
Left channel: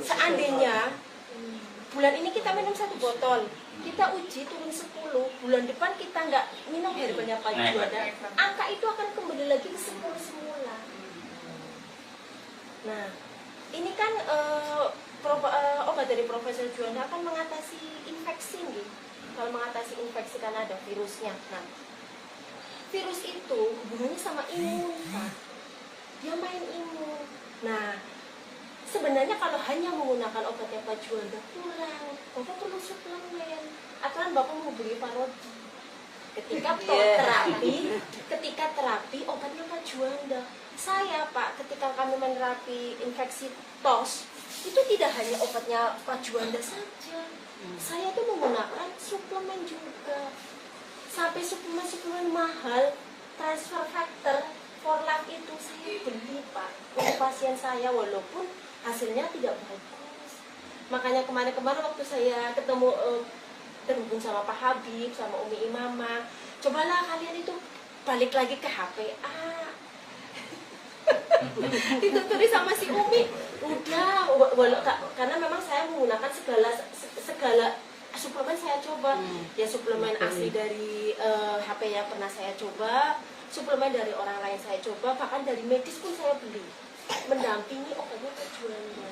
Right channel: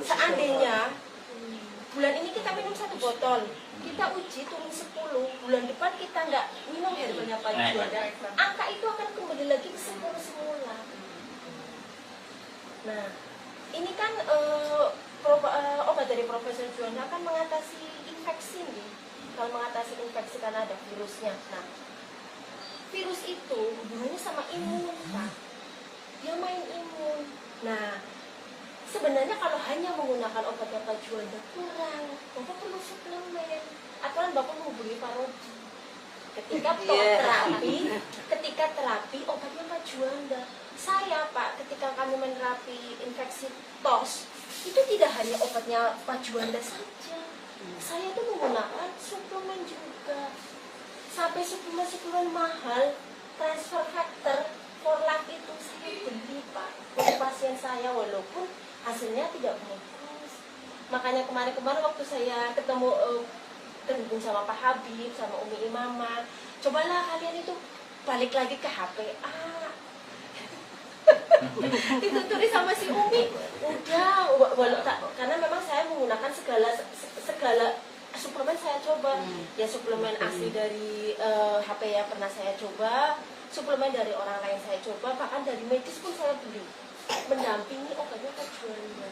Seandainya bulan ini kita minum 1 botol, kita uji turun 10, bulan depan kita nggak minum herbalnya Pak Juanda, angka itu akan kembali lagi ke semula. Nah, ini kan obat dari Profesor Juanda akan mengatasi infeksi nih. Kalau mengatasi infeksi karena ada virusnya. Nah, virus itu hubungannya sama imun, Pak. Dia main imun. Nah, sebenarnya kalau hanya menggunakan obatnya Pak Juanda kurang. Bapak perlu suplemen. Aturan Bapak menghubungi Pak Rodi. Ketika terapi obatnya Pak Juanda. Saya Pak, ketika kami menerapi infeksi tos, itu tidak hanya obatnya Pak Juanda saja. Saya tuh menggunakan suplemen juga. Sampai suplemen mahal, transfer factor for life itu saya beli Pak untuk pasien saya, walaupun hasilnya tidak bagus. Makanya kemarin waktu saya ketemu terhubung sama Pak Habib, sama Umi Imama, cobalah kalian itu balik lagi ke HPA. Itu tulis sama si Umi, udah, karena memang saya menggunakan segala suplemen saya coba. Ya suplemen asli dari HPA pernah saya coba, suplemen dari orang lain saya coba, bahkan dari medis pun saya beli, mendampingi obatnya Pak Juanda.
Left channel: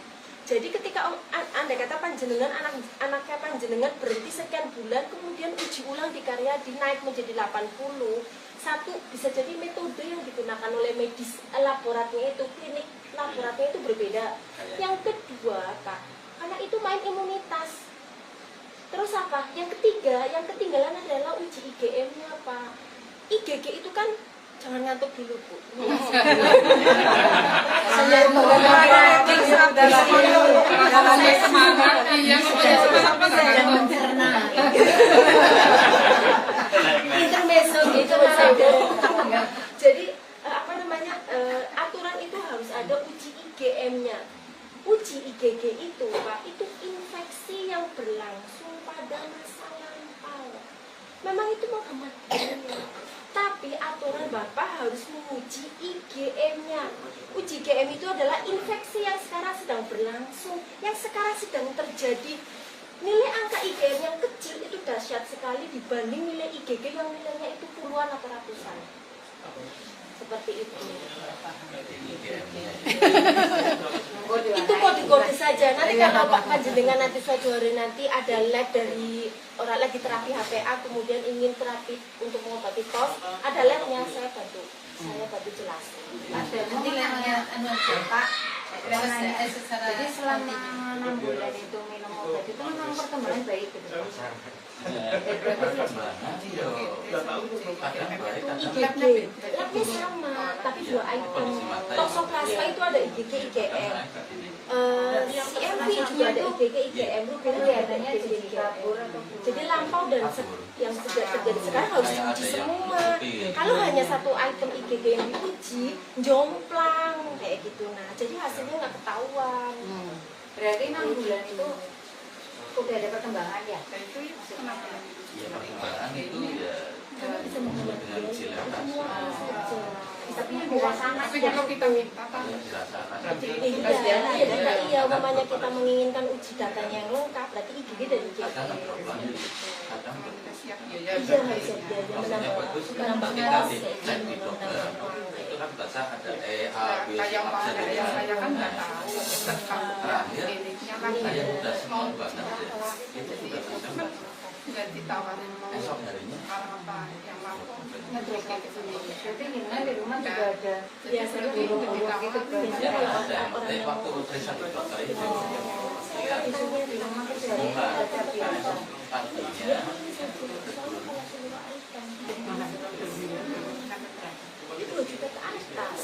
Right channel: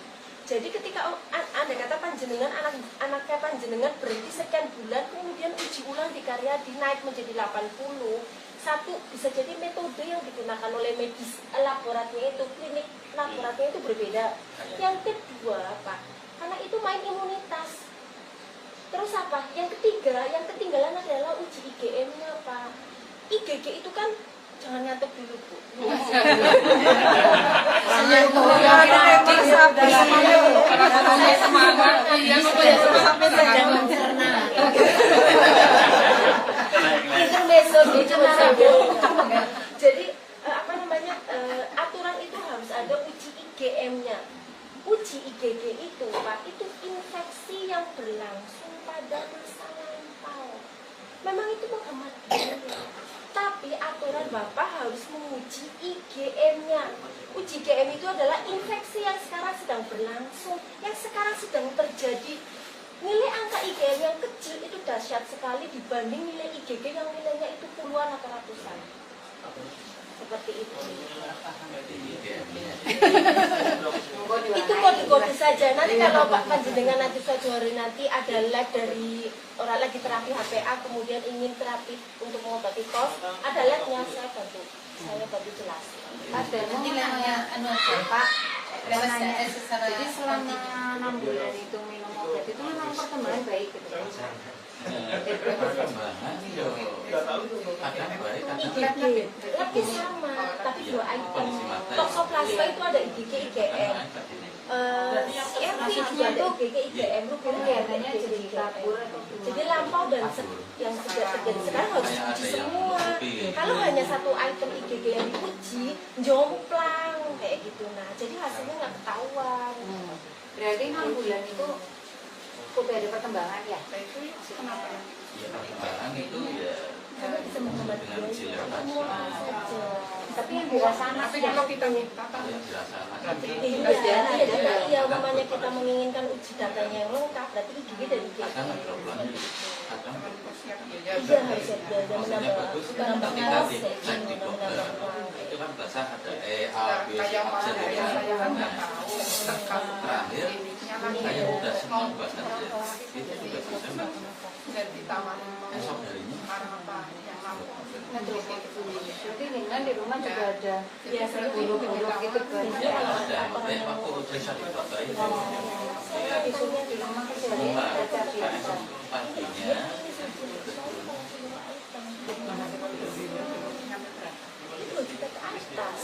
Jadi ketika Anda kata panjenengan, anaknya panjenengan berhenti sekian bulan, kemudian uji ulang di karya dinaik menjadi 80. Satu, bisa jadi metode yang digunakan oleh medis laboratorium itu, klinik laboratorium itu berbeda. Yang kedua, Pak, karena itu main imunitas. Terus apa? Yang ketiga, yang ketinggalan adalah uji IgM-nya, Pak. IgG itu kan, jangan ngantuk dulu Bu. Jadi apa namanya, aturan itu harus ada uji IgM-nya. Uji IgG itu Pak, itu infeksi yang berlangsung pada masa lampau. Memang itu menghemat biaya. Tapi aturan Bapak harus menguji IgM-nya. Uji IgM itu adalah infeksi yang sekarang sedang berlangsung, yang sekarang sedang terjadi. Nilai angka IgM yang kecil itu dahsyat sekali dibanding nilai IgG yang nilainya itu puluhan atau ratusan. Seperti itu. Itu kode-kode saja. Nanti kalau Pak Panjenengan nanti suatu hari nanti ada lab dari orang lagi terapi HPA, kemudian ingin terapi untuk mengobati tos, ada labnya, saya bantu jelas. Ada nanti labnya Pak. Jadi selama 6 bulan itu minum obat itu memang perkembangan baik gitu. Perkembangan yo kadang baik kadang IgG, labnya sama, tapi 2 item. Toxoplasma itu ada IgG, IgM. CMV juga ada IgG, IgM, rubella ada IgG, IgM. Jadi lampau dan yang sudah terjadi sekarang harus diuji semua. Kalau hanya satu item IgG yang diuji, jomplang kayak gitu. Nah, jadi hasilnya nggak ketahuan. Berarti 6 bulan itu udah ada perkembangan ya? ya perkembangan itu ya Bisa menghemat dengan biaya. silakan Semua saja. Tapi yang dirasakan yang dirasakan Iya, namanya kita menginginkan uji datanya yang lengkap, berarti IgG dan IgM. kadang drop lagi kadang drop. Iya, harus ada biaya Maksudnya menambah. bagus Bukan ketika menambah dicek di dokter itu kan biasa ada A, B, C, absen terakhir saya udah senang banget ya ini udah bisa nggak Esok harinya Jadi Nina di rumah juga ada biasanya guru-guru gitu kan. ya ada, makanya waktu saya di dokter itu ya Isunya di rumah kerja semua ada biasa. artinya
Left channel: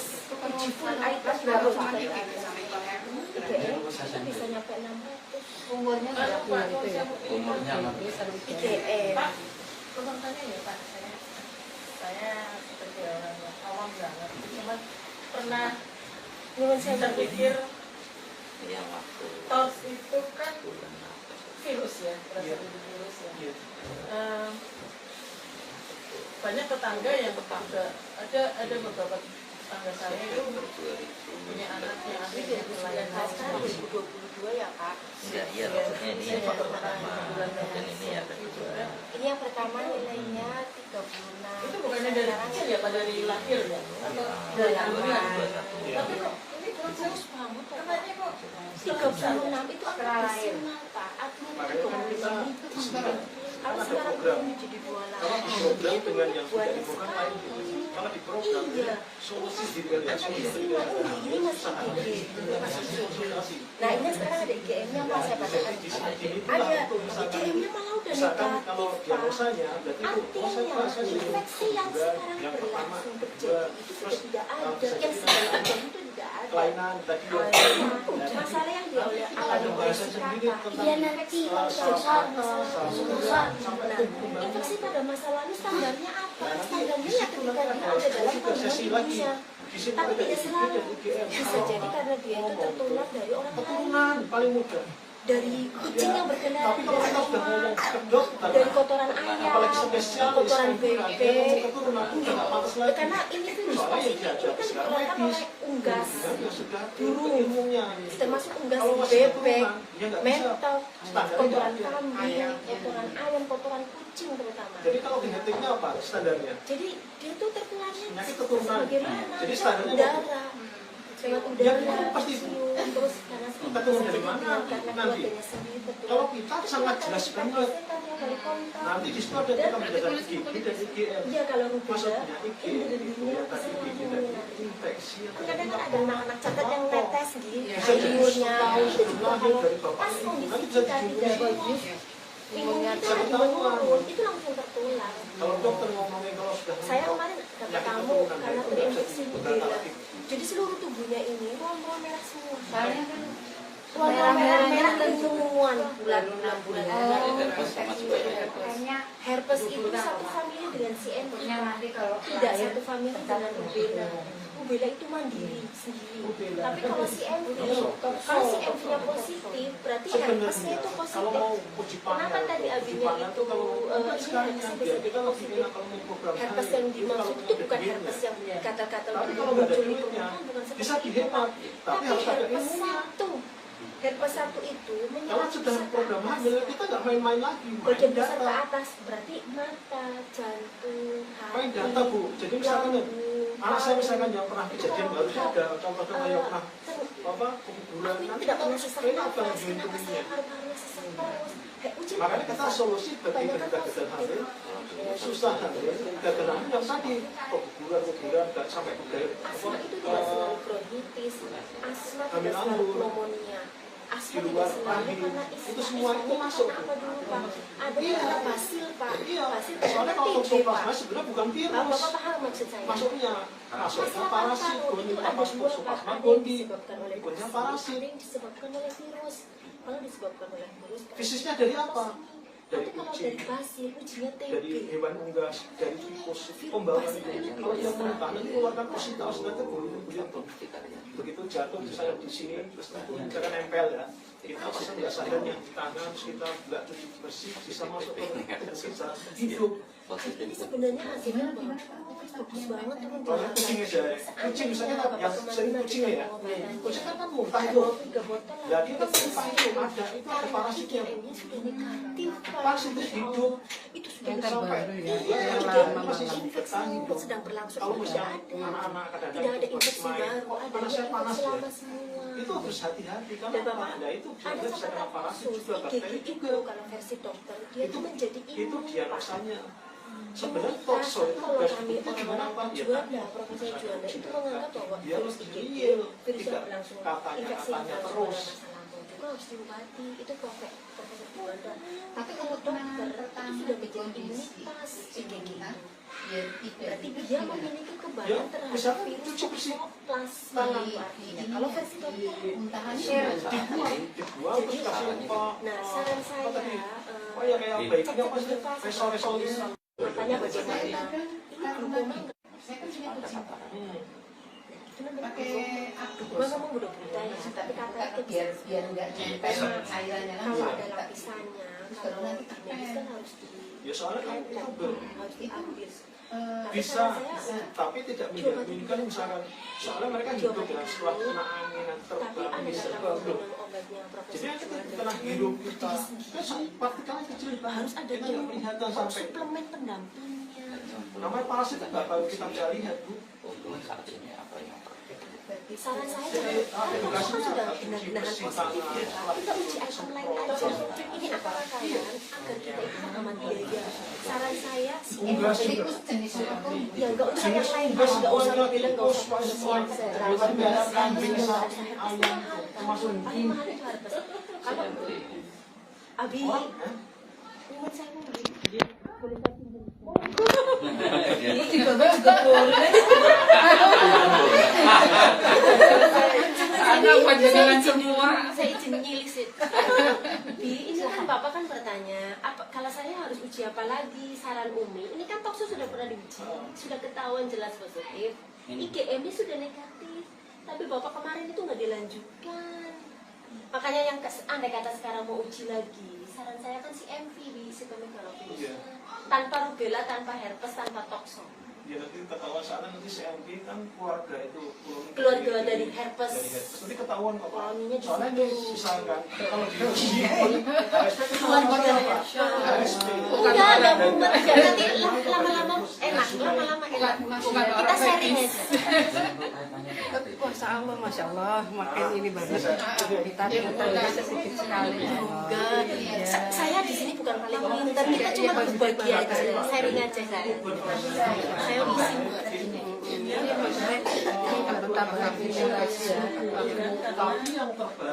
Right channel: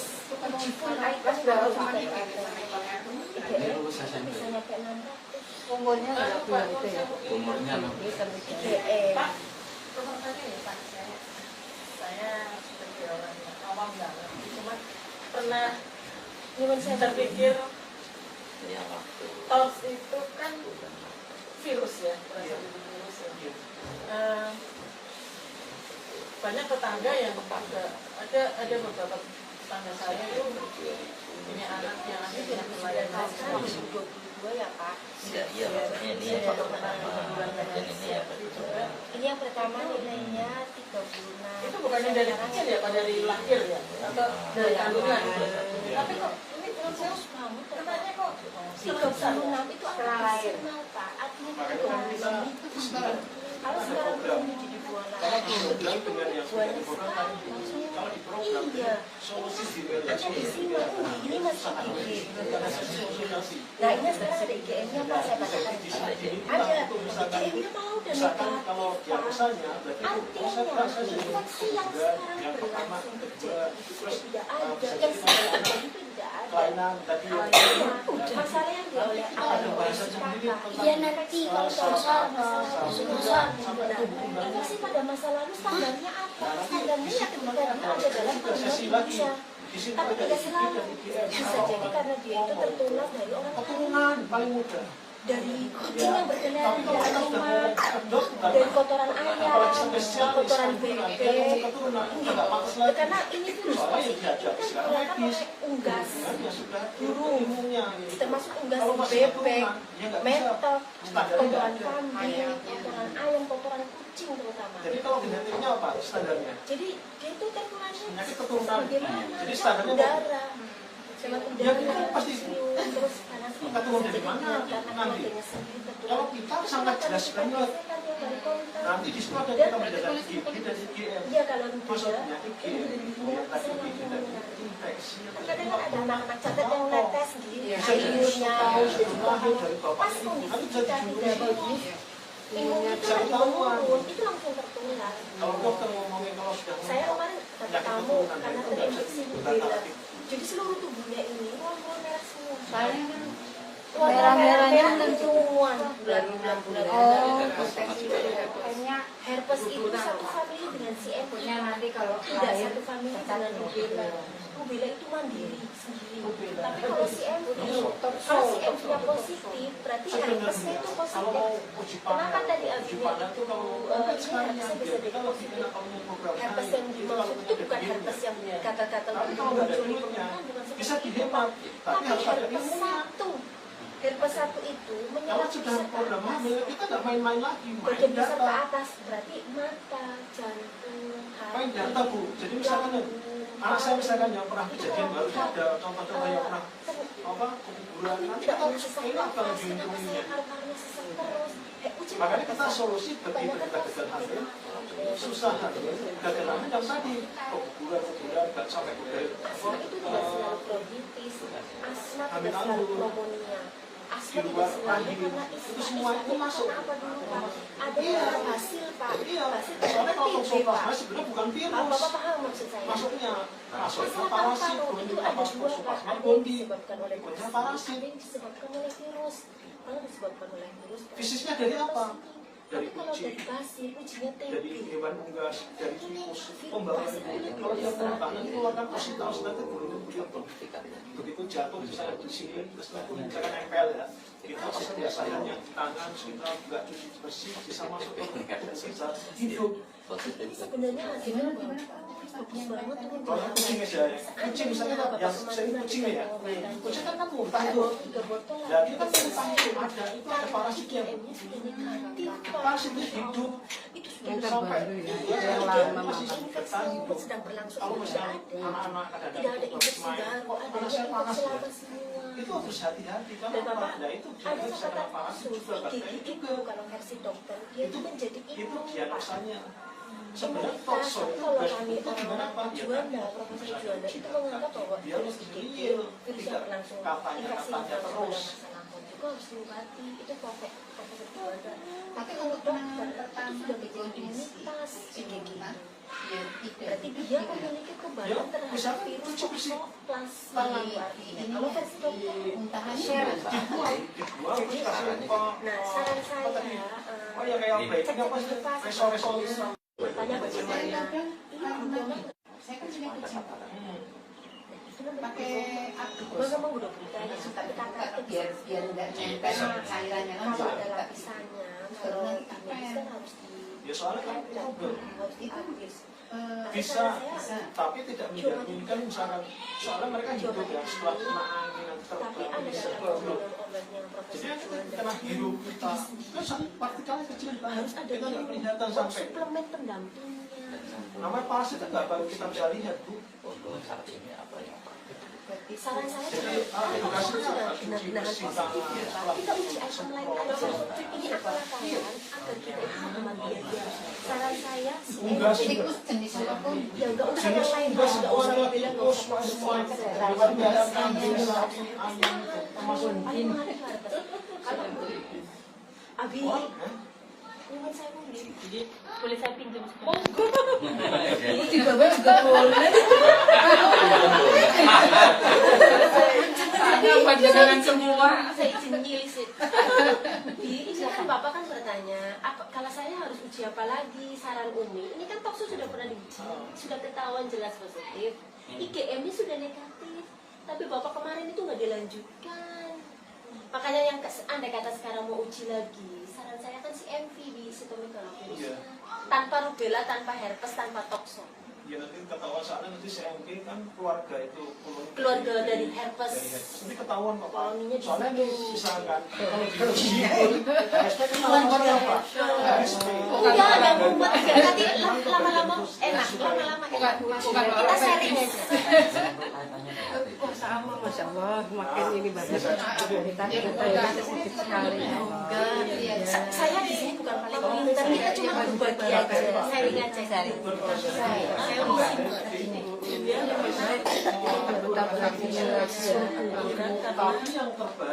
Atas baru ini lulus SMP umurnya udah bulan itu ya. umurnya 6 IGM. Saya seperti orang yang awam banget. Cuma Pernah nyuwun saya terpikir yang waktu TOS itu kan bulan virus ya, virus ya. Banyak tetangga yang juga ada beberapa tetangga saya itu punya anak yang ada di wilayah sekarang 2022 ya Pak. ya iya maksudnya ini yang foto pertama dan ini ya kedua. Ini yang pertama nilainya 36. itu bukannya dari kecil ya, Pak, dari lahir ya, atau dari kandungan. Tapi kok ini menurut saya banget, katanya kok 36 itu Setelah akan lahir. maksimal Pak. Artinya Makanya kita sekarang kalau ada sekarang program. belum jadi 28. Kalau di program dengan yang sudah diprogram itu, kalau di program Iya. solusi diberikan solusi Nah, ini masih konsultasi. Nah ini sekarang ada IGM-nya Pak, saya bacakan di sini. Ada IGM-nya mau dan Misalkan kalau diagnosanya berarti itu proses infeksi yang yang pertama, kedua, terus tidak ada, yang sekarang itu tidak ada. kelainan tadi ya. Masalah yang dioleh Ada bahasa sendiri tentang iya nanti salah kata, salah sampai tubuh Nah, itu sih pada masa lalu standarnya Nah apa? nanti Standarnya di ya situ ketika nanti dia ada ada dalam juga sesi kandungan lagi. bisa. Di situ Tapi ada tidak IGD selalu. dan IGM. Bisa jadi karena dia itu tertular dari orang Keturunan paling mudah. dari kucing yang berkendara Tapi kalau kita sudah ngomong kedok, dari kotoran ayam, apalagi spesialis, kotoran kandungan, bebek. dia ngomong keturunan, udah nggak pantas lagi. Karena ini virus Soalnya yang positif diajak kan sekarang mereka medis. pakai unggas, Yang sudah burung, ilmunya. termasuk unggas Kalau masih bebek, keturunan, dia nggak bisa. mentok, Standarnya kotoran ada. kambing, kotoran ayam, kotoran kucing terutama. Jadi kalau genetiknya apa standarnya? Jadi dia itu tertularnya Penyakit keturunan. bagaimana? Jadi standarnya udara, apa? lewat Ya, udara, itu pasti. cium, terus karena Kita turun dari mana karena nanti? keluarganya sendiri tertular. Kalau kita sangat jelas banget. Dari kontak. Nanti di situ ada kita mendapat IgG dan IgM. Dia kalau Masuk rubella, penyakit IgM itu yang tadi IgG dan infeksi. kadang kan ada anak-anak cacat yang netes di Bisa imunnya, tahu dari lahir dari pas bapaknya ibu. kondisi Nanti bisa kita tidak dijumpai. bagus, imunnya itu Bisa lagi ketahuan. menurun, itu langsung tertular. Kalau dokter ngomongin kalau sudah Saya mentok kemarin kata penyakit kamu keturunan karena itu nggak bisa terinfeksi dibantah rubella, lagi. jadi seluruh tubuhnya ini merah semua. Soalnya kan Merah-merah kenyuan bulan-bulan. kayaknya Herpes itu satu famili dengan CM. nanti kalau Tidak satu famili dengan rubella. Rubella itu mandiri sendiri. Tapi kalau CMV, kalau CMV-nya positif, berarti herpes Sebenarnya itu kalau mau positif. uji Kenapa pandang, tadi uji abinya pandang itu tuh kalau bukan sekarang herpesnya aja, bisa kita lebih enak kalau mau program herpes kali. yang Itu dimaksud kalau itu bukan ada herpes yang duitnya. kata-kata Tapi kalau nggak ada muncul di duitnya, permukaan, bukan seperti bisa itu. dihemat. Tapi harus ada herpes ilmunya. satu, herpes satu itu Kalau menyerang sudah pusat ke program atas. hamil, kita nggak main-main lagi, main Bagian pusat ke data. atas berarti mata, jantung, Main hati, data Bu. Jadi misalkan nih, lambung, anak saya misalkan yang paru, pernah kejadian harusnya ada contoh-contoh yang pernah apa kuburan kami nanti tidak kita punya sesak enak banget nafas, kenapa dilindunginya. saya paru-parunya sesak terus? Uji Makanya kita solusi bagi gagal hamil, susah hamil, gagal hamil yang tadi keguguran nggak sampai ke asma itu tidak selalu bronkitis, asma Hamil tidak selalu anggur. pneumonia, asma Di luar tidak selalu rahim. karena Itu semua itu masuk. Apa dulu Pak? Ada Iya. karena basil Pak. Iya, Basil soalnya kalau TB, toksoplasma Pak. sebenarnya bukan Apa virus. Bapak paham maksud saya? Masuknya parasit, itu apa ada dua Pak. toksoplasma Ada yang gondi, disebabkan oleh ikutnya basil, parasit. ada yang disebabkan oleh virus. Kalau disebabkan oleh virus, Fisiknya dari apa? Dari tapi kalau kucing, dari basil, ujinya dari TB. hewan unggas, dari tikus, pembawaan itu. Kalau dia muntah, nanti keluarkan ositas, nanti begitu jatuh misalnya di sini, terus nanti misalkan nempel ya. Kita pasang biasanya yang di tangan, terus kita nggak cuci bersih, bisa masuk ke bisa hidup. Ini sebenarnya hasilnya bagus banget tuh. Kalau kucing aja, kucing misalnya yang sering kucingnya ya, kucing kan muntah itu. Ya kita muntah itu ada parasitnya. Parasit itu hidup. Itu yang sudah sampai terbaru ya, dia yang dia lama. masih bertahan hidup. sedang berlangsung. Kalau masih Tidak ada. anak-anak Tidak ada kadang-kadang infeksi main, baru, kok ada panasnya yang panas infeksi ya. lama semua. itu harus hati-hati. Karena apa? Nah itu dia ada bisa kena parasit kasus juga, bakteri gigi itu juga. kalau versi dokter dia itu menjadi Itu diagnosanya. Sebenarnya Nah, toxo itu kalau gas kami itu gimana Pak? Ya Juanda, Profesor Juanda itu menganggap bahwa dia harus harus digigit, real, virus tidak yang berlangsung, katanya infeksi yang berlangsung terus. pada masa lambung juga harus diobati. Itu Profesor Juanda. Tapi kalau penanganan pertama sudah di menjadi kondisi imunitas kayak kita, ya tidak berarti dia memiliki Ya, kekebalan terhadap misalnya virus 7%. plasma. Kalau versi dokter muntahannya Dibuang terus kasih Nah, saran saya, oh ya kayak baiknya apa sih? Resolusi. makanya bagaimana ini memang saya kan juga kucing kenapa pakai aku memang udah bertanya suka tapi dibuka kata biar nggak nempel cairannya kan kalau ada suka lapisannya baru kalau nanti ini apa kan harus di Ya soalnya kan itu buat diambil. bisa, tapi tidak menjaminkan misalkan soalnya mereka juga bilang setelah kena angin yang Tapi terbang ada bisa kata belum. obat yang Jadi Profesor yang kita Juanda kena hidup kita kan partikelnya kecil banget, harus ada kita nggak kelihatan sampai. suplemen pendampingnya. Namanya parasit itu nggak baru kita bisa lihat Bu. vaksinnya apa ya? Saran saya Jadi edukasinya sudah cuci benar-benar bersih tangan, setelah kita uji online aja ini apakah agar kita bisa hemat biaya. Saran saya sih unggas juga. tikus jenis apapun ya nggak usah yang Jenis lain, unggas nggak usah warna yang beda, nggak tikus, usah hewan biasa kambing, ayam itu termasuk paling mahal itu harga. Kalau Abi, orang. ingat saya beli, boleh saya pinjam itu di bawah juga boleh ada panjangan semua saya izin nyilisin. Ini kan Bapak kan bertanya, kalau saya harus uji apa lagi? Saran Umi, ini kan tokso sudah pernah diuji, sudah ketahuan jelas positif, IgM-nya sudah negatif, tapi Bapak kemarin itu nggak dilanjutkan. Makanya yang andai kata sekarang mau uji lagi, saran saya kan si MV di sitomegalovirusnya, tanpa rubella, tanpa herpes, tanpa tokso. Ya nanti ketahuan soalnya nanti CMV kan keluarga itu Keluarga dari herpes. Nanti ketahuan kok Pak. Wanginya di Soalnya situ. ini misalkan kalau diuji HSP itu namanya apa? HSP. Enggak ada mumet ya, nanti lama-lama enak, lama-lama enak. Kita sharing aja. Puasa Allah, Masya Allah, makin ini banyak. Kita ada sedikit sekali. Saya di sini bukan paling pintar, kita cuma berbagi aja, sharing aja. Saya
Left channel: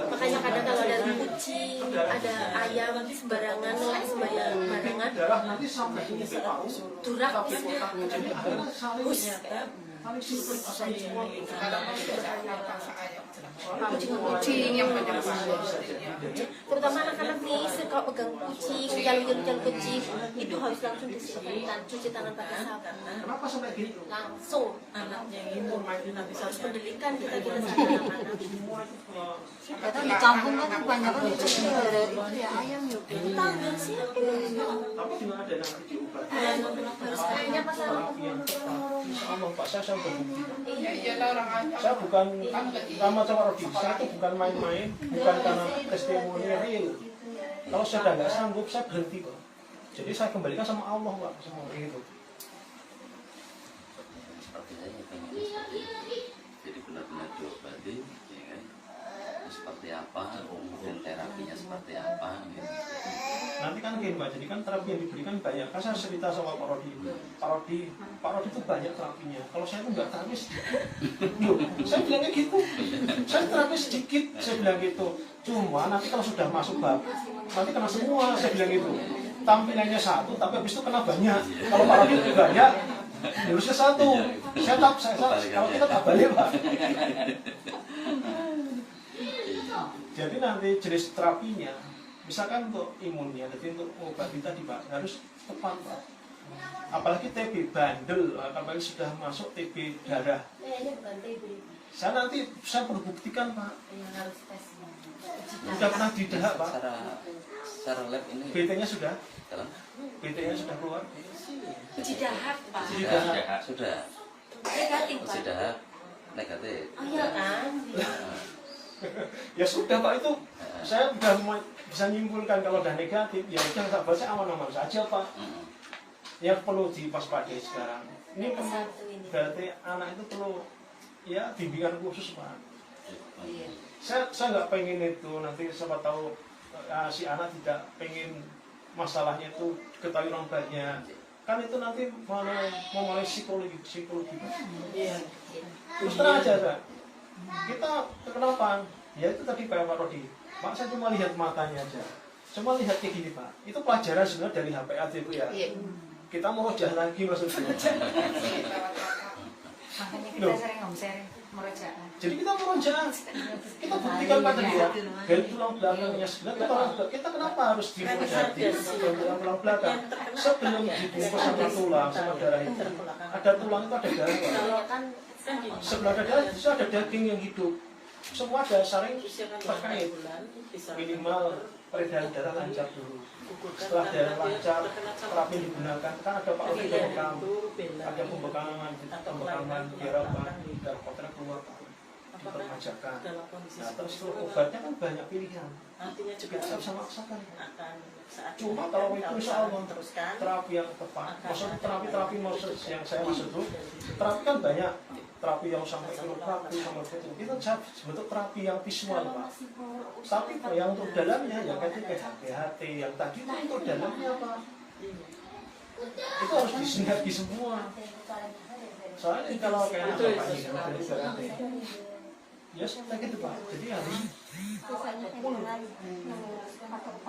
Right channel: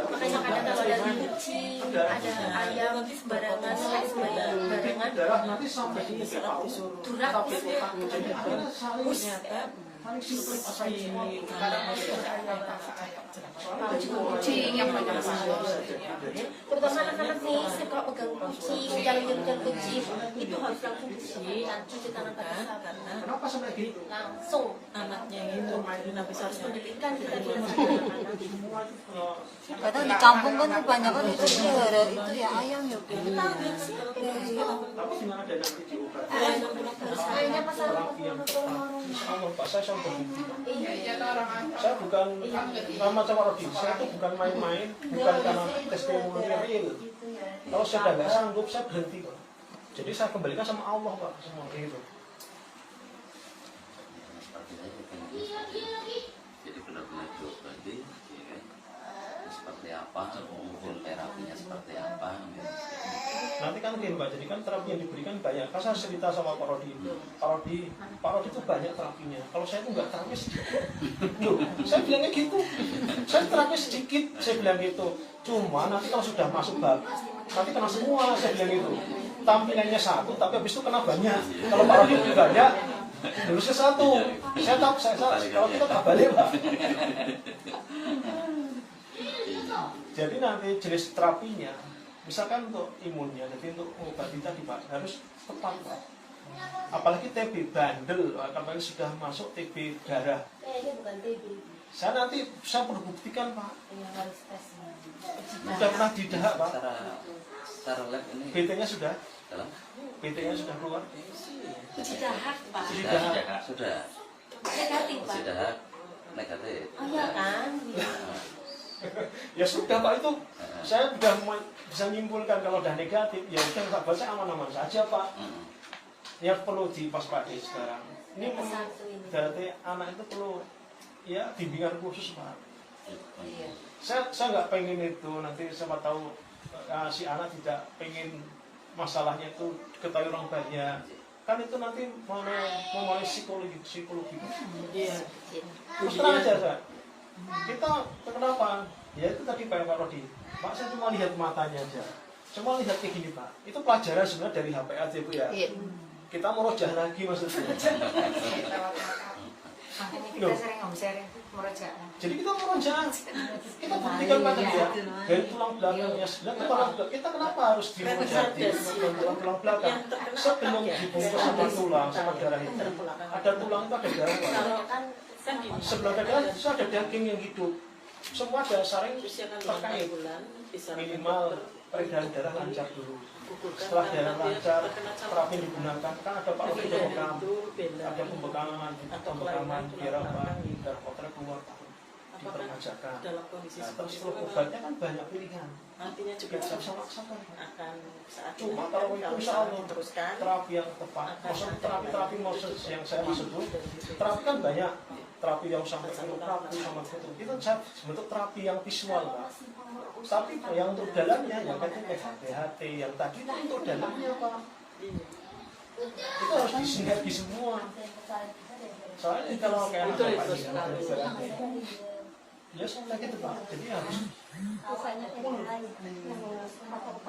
makanya kadang kalau ada kucing, ada ayam sembarangan, sembarangan, Darah nanti sampai di paru. durak, Jadi akhirnya saling simpel asal semua. kucing yang terutama anak-anak nih, kalau pegang kucing, kalau nyentuh kucing, itu harus langsung disemprotkan, cuci tangan pakai sabun, Kenapa sampai gitu? langsung. Anaknya itu mainin habis Harus pendidikan kita Semua ternyata di kampung kan banyak kan kucing gara itu ya ayam ya Tanggal siapa? tapi gimana ada nanti diobat? Kayaknya masalah Terapi yang tepat. Insya Allah Pak, saya berbukti. iya. Saya bukan sama Rodi, saya itu bukan main-main, bukan karena testimoni real. Kalau saya sudah nggak sanggup, saya berhenti Pak. Jadi saya kembalikan sama Allah Pak, semua itu. Seperti saya bukan jadi benar-benar diobati, ya kan? Seperti apa, hukum terapinya seperti apa? Nanti kan gini Pak, jadi kan terapi yang diberikan banyak. Kan saya cerita sama Pak Rodi itu banyak terapinya. Kalau saya itu nggak terapi sedikit. Loh, saya bilangnya gitu. Saya terapi sedikit, saya bilang gitu. Cuma nanti kalau sudah masuk bab, nanti kena semua, saya bilang gitu. Tampilannya satu, tapi habis itu kena banyak. Kalau Pak Rodi itu banyak, lulusnya satu. Kalau kita tak balik Pak. Jadi nanti jenis terapinya, misalkan untuk imunnya, jadi untuk obat tadi Pak, harus tepat Pak. Apalagi TB bandel, apalagi sudah masuk TB darah. Kayaknya bukan TB. Saya perlu buktikan Pak. harus tes Sudah pernah didahak Pak. Secara lab ini BT-nya sudah, dalam BT-nya sudah keluar. Uji dahak, Pak. sudah Negatif, Pak. sudah negatif. Oh iya kan? Ya sudah Pak, itu saya sudah bisa menyimpulkan kalau sudah negatif, ya udah nggak baca aman-aman saja Pak. Yang perlu diwaspadai sekarang. Ini berarti anak itu perlu ya bimbingan khusus Pak. saya nggak pengen itu nanti siapa tahu si anak tidak pengen masalahnya itu ketahui orang banyak, kan itu nanti memulai psikologi. Iya. Terus terang aja Sa. Kita kenapa? Ya itu tadi Pak Rodi, Pak saya cuma lihat matanya aja, cuma lihat kayak gini Pak, itu pelajaran sebenarnya dari HP aja Bu ya. Iya. Kita mau rojah lagi maksudnya. Makanya Loh. kita sering ngomong merojaan. Jadi kita mau rojah, kita buktikan pada dia dari tulang belakangnya sebenarnya kita kenapa harus dirojati dari tulang belakang sebelum dibungkus sama tulang sama darah itu ada tulang itu ada darah Pak. Sebelah dada itu ada daging yang hidup, semua dasar yang terkait, minimal peredaran darah lancar dulu. Setelah darah lancar, terapi yang digunakan kan ada Pak Rofi ada pembekaman biar apa dan kotoran keluar dipermajakan. Nah, terus obatnya kan banyak pilihan. Artinya juga Kita bisa maksakan. akan saat Cuma kalau itu insya Allah terapi yang tepat, maksud terapi maksud yang saya maksud itu terapi kan banyak, terapi yang sampai terapi sama itu bentuk terapi yang visual Pak. Tapi yang untuk dalamnya yang kayak PHT yang tadi itu untuk dalamnya Pak. Itu harus disinergi semua. Soalnya kalau kayak apa Pak ini ya seperti itu Pak. Jadi harus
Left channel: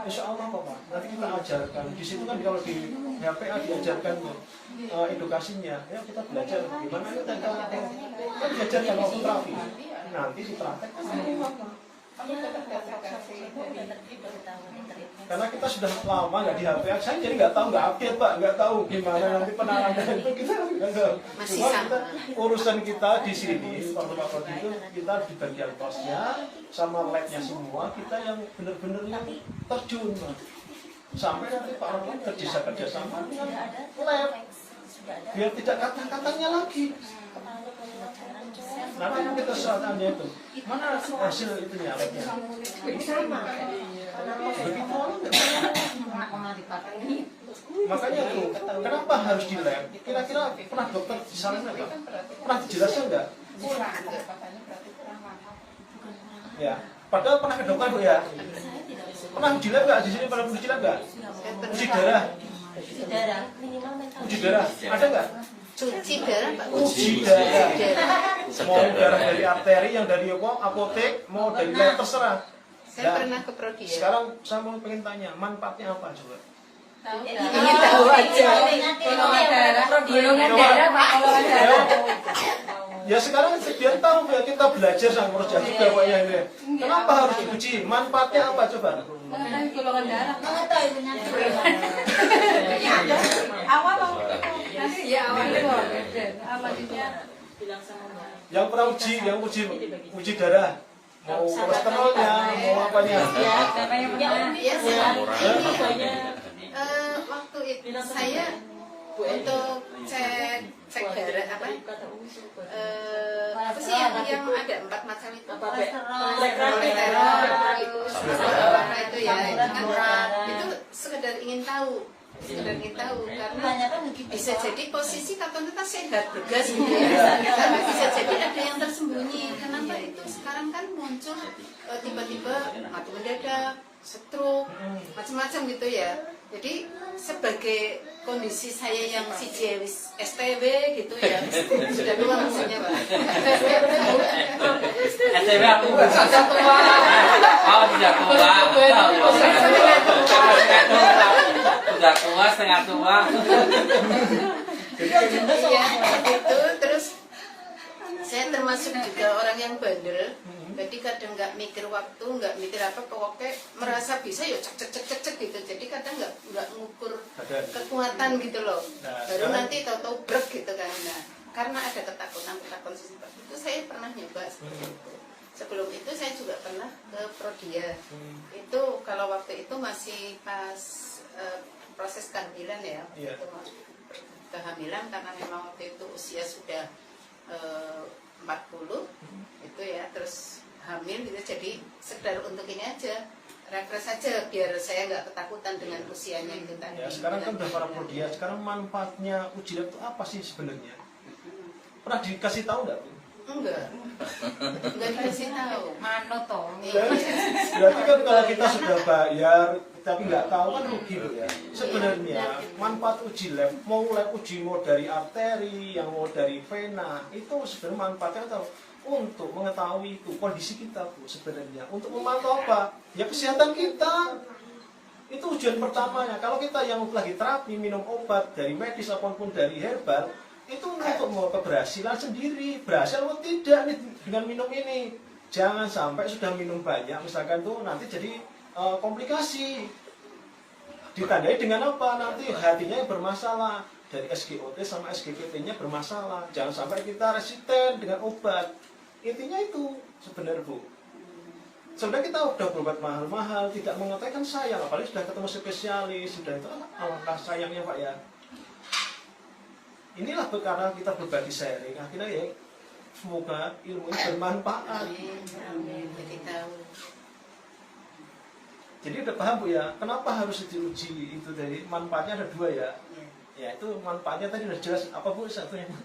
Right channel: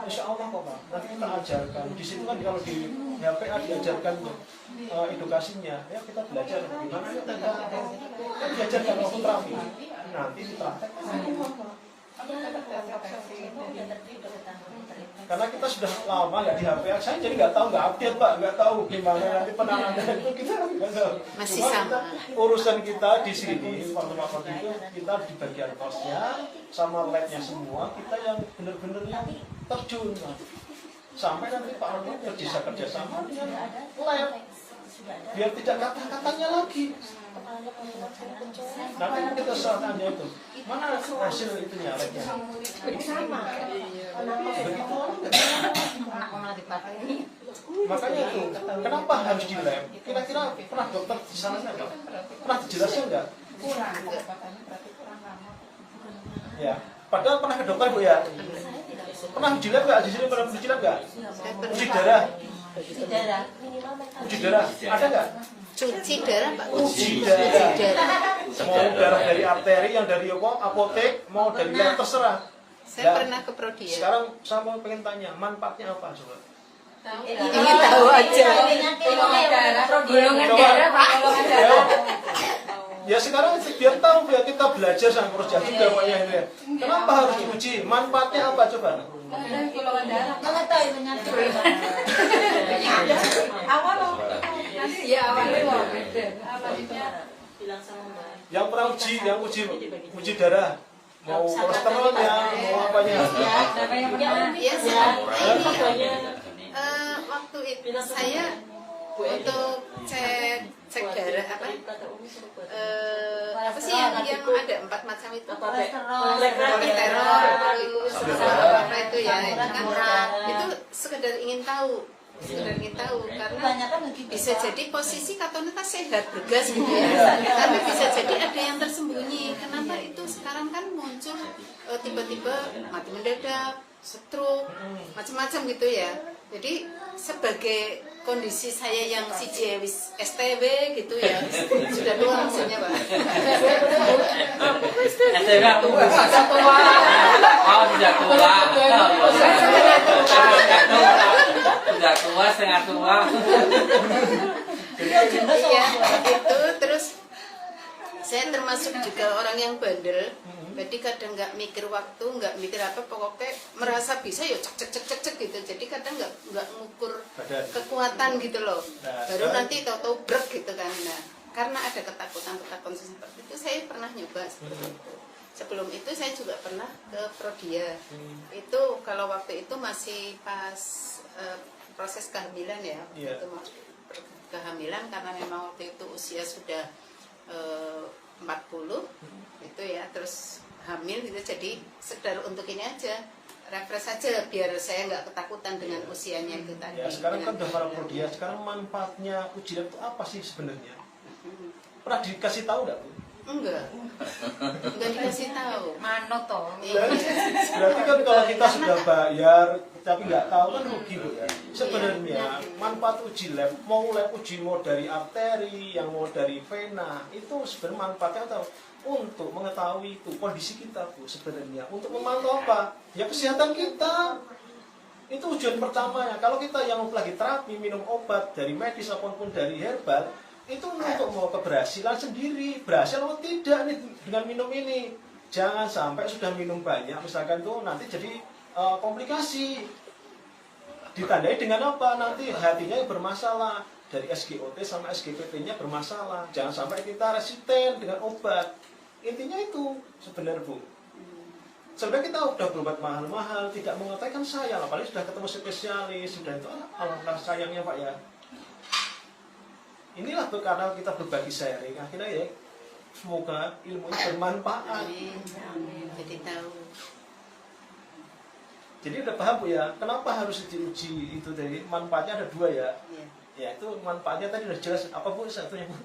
Insya Allah kok Pak, nanti kita ajarkan. Di situ kan kalau di HPA diajarkan edukasinya, ya kita belajar gimana kita kan diajarkan waktu terapi. Nanti dipraktekkan semua Pak. Karena kita sudah lama nggak di HPA, saya jadi nggak tahu, nggak update Pak, nggak tahu gimana nanti penanganan itu kita nggak tahu. Cuma kita urusan kita di sini waktu itu kita di bagian kosnya sama labnya semua kita yang benar-benar yang terjun Pak. Sampai nanti Pak Rocky bisa kerjasama dengan lab biar tidak kata-katanya lagi. Nanti kita tanya itu mana hasil itunya labnya. Begitu makanya tuh kenapa harus di lab? Kira-kira pernah dokter di sana nggak? Pernah dijelaskan nggak? Ya, padahal pernah ke dokter Bu ya. Pernah uji lab nggak di sini? Pernah uji lab nggak? Uji darah. Uji darah ada nggak? Cuci darah Pak. Uji darah. Mau darah dari arteri, yang dari apotek, mau dari lab terserah. Saya pernah ke Prodia. Sekarang saya mau pengen tanya, manfaatnya apa coba? Ingin tahu aja. Golongan darah, Pak. Ya sekarang biar tahu ya kita belajar sama proses juga Pak ya ini. Kenapa harus diuji? Manfaatnya apa coba? Golongan darah. Kalau tahu penyakit. Awal ya awal itu. Yang pernah uji darah, mau kolesterolnya, mau apanya? Iya waktu itu saya untuk cek darah apa sih yang ada 4 macam itu kolesterol itu ya itu sekedar ingin tahu karena bisa jadi posisi katonitas sehat bergas gitu ya, karena bisa jadi ada yang tersembunyi. Kenapa itu sekarang kan muncul tiba-tiba mati mendadak, stroke, macam-macam gitu ya. Jadi sebagai kondisi saya yang wis STB gitu ya, sudah tua maksudnya Pak. STB aku sudah tua. Oh tidak tua. Sudah tua, setengah tua. Iya, gitu. Terus saya termasuk juga orang yang bandel. Jadi kadang nggak mikir waktu, nggak mikir apa, pokoknya merasa bisa ya cek gitu. Jadi kadang nggak ngukur kekuatan gitu loh. Baru nanti tahu-tahu brek gitu kan. Nah, karena ada ketakutan seperti itu, saya pernah nyoba seperti itu. Sebelum itu saya juga pernah ke Prodia. Itu kalau waktu itu masih pas proses kehamilan ya. Itu kehamilan karena memang waktu itu usia sudah 40 itu ya, terus hamil gitu, jadi sekedar untuk ini aja, refresh aja biar saya nggak ketakutan dengan usianya itu tadi. Ya, sekarang kan udah para Prodia, sekarang manfaatnya uji lab itu apa sih sebenarnya? Pernah dikasih tahu nggak Bu? Enggak dikasih tahu. Manut toh. Berarti kan kalau kita sudah bayar tapi nggak tahu kan rugi loh ya. Sebenarnya manfaat uji lab, mau lab uji mau dari arteri, yang mau dari vena, itu sebenarnya manfaatnya atau untuk mengetahui itu kondisi kita Bu sebenarnya. Untuk memantau apa? Ya kesehatan kita. Itu tujuan pertamanya. Kalau kita yang lagi terapi minum obat dari medis ataupun dari herbal, itu untuk mau keberhasilan sendiri, berhasil atau tidak nih dengan minum ini. Jangan sampai sudah minum banyak misalkan tuh nanti jadi komplikasi. Ditandai dengan apa? Nanti hatinya yang bermasalah, dari SGOT sama SGPT-nya bermasalah. Jangan sampai kita resisten dengan obat. Intinya itu sebenarnya Bu. Sebenarnya kita udah berobat mahal-mahal, tidak mengetahui kan sayang, apalagi sudah ketemu spesialis, sudah itu alangkah sayangnya Pak ya. Inilah karena kita berbagi sharing, akhirnya ya semoga ilmunya bermanfaat. Jadi tahu. Jadi udah paham Bu ya, kenapa harus diuji itu dari manfaatnya ada dua ya. Ya itu manfaatnya tadi udah jelas. Apa Bu satunya Bu?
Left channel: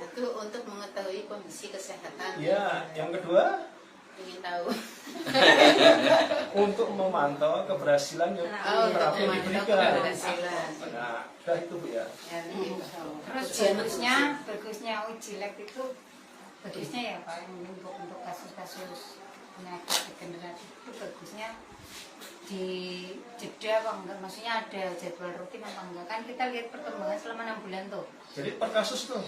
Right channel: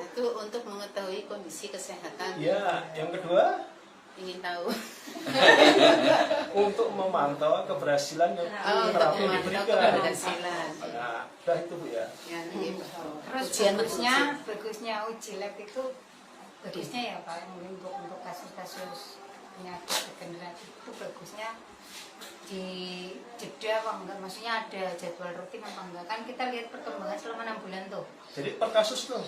Itu untuk mengetahui kondisi kesehatan. Ya, yang kedua Ingin tahu. untuk memantau keberhasilan yang terapi yang diberikan. Keberhasilan. Nah, udah itu Bu ya. Terus bagusnya uji lab itu bagusnya ya Pak untuk kasus-kasus penyakit degeneratif itu bagusnya di jeda apa enggak, maksudnya ada jadwal rutin apa enggak, kan kita lihat perkembangan selama 6 bulan tuh. Jadi per kasus tuh.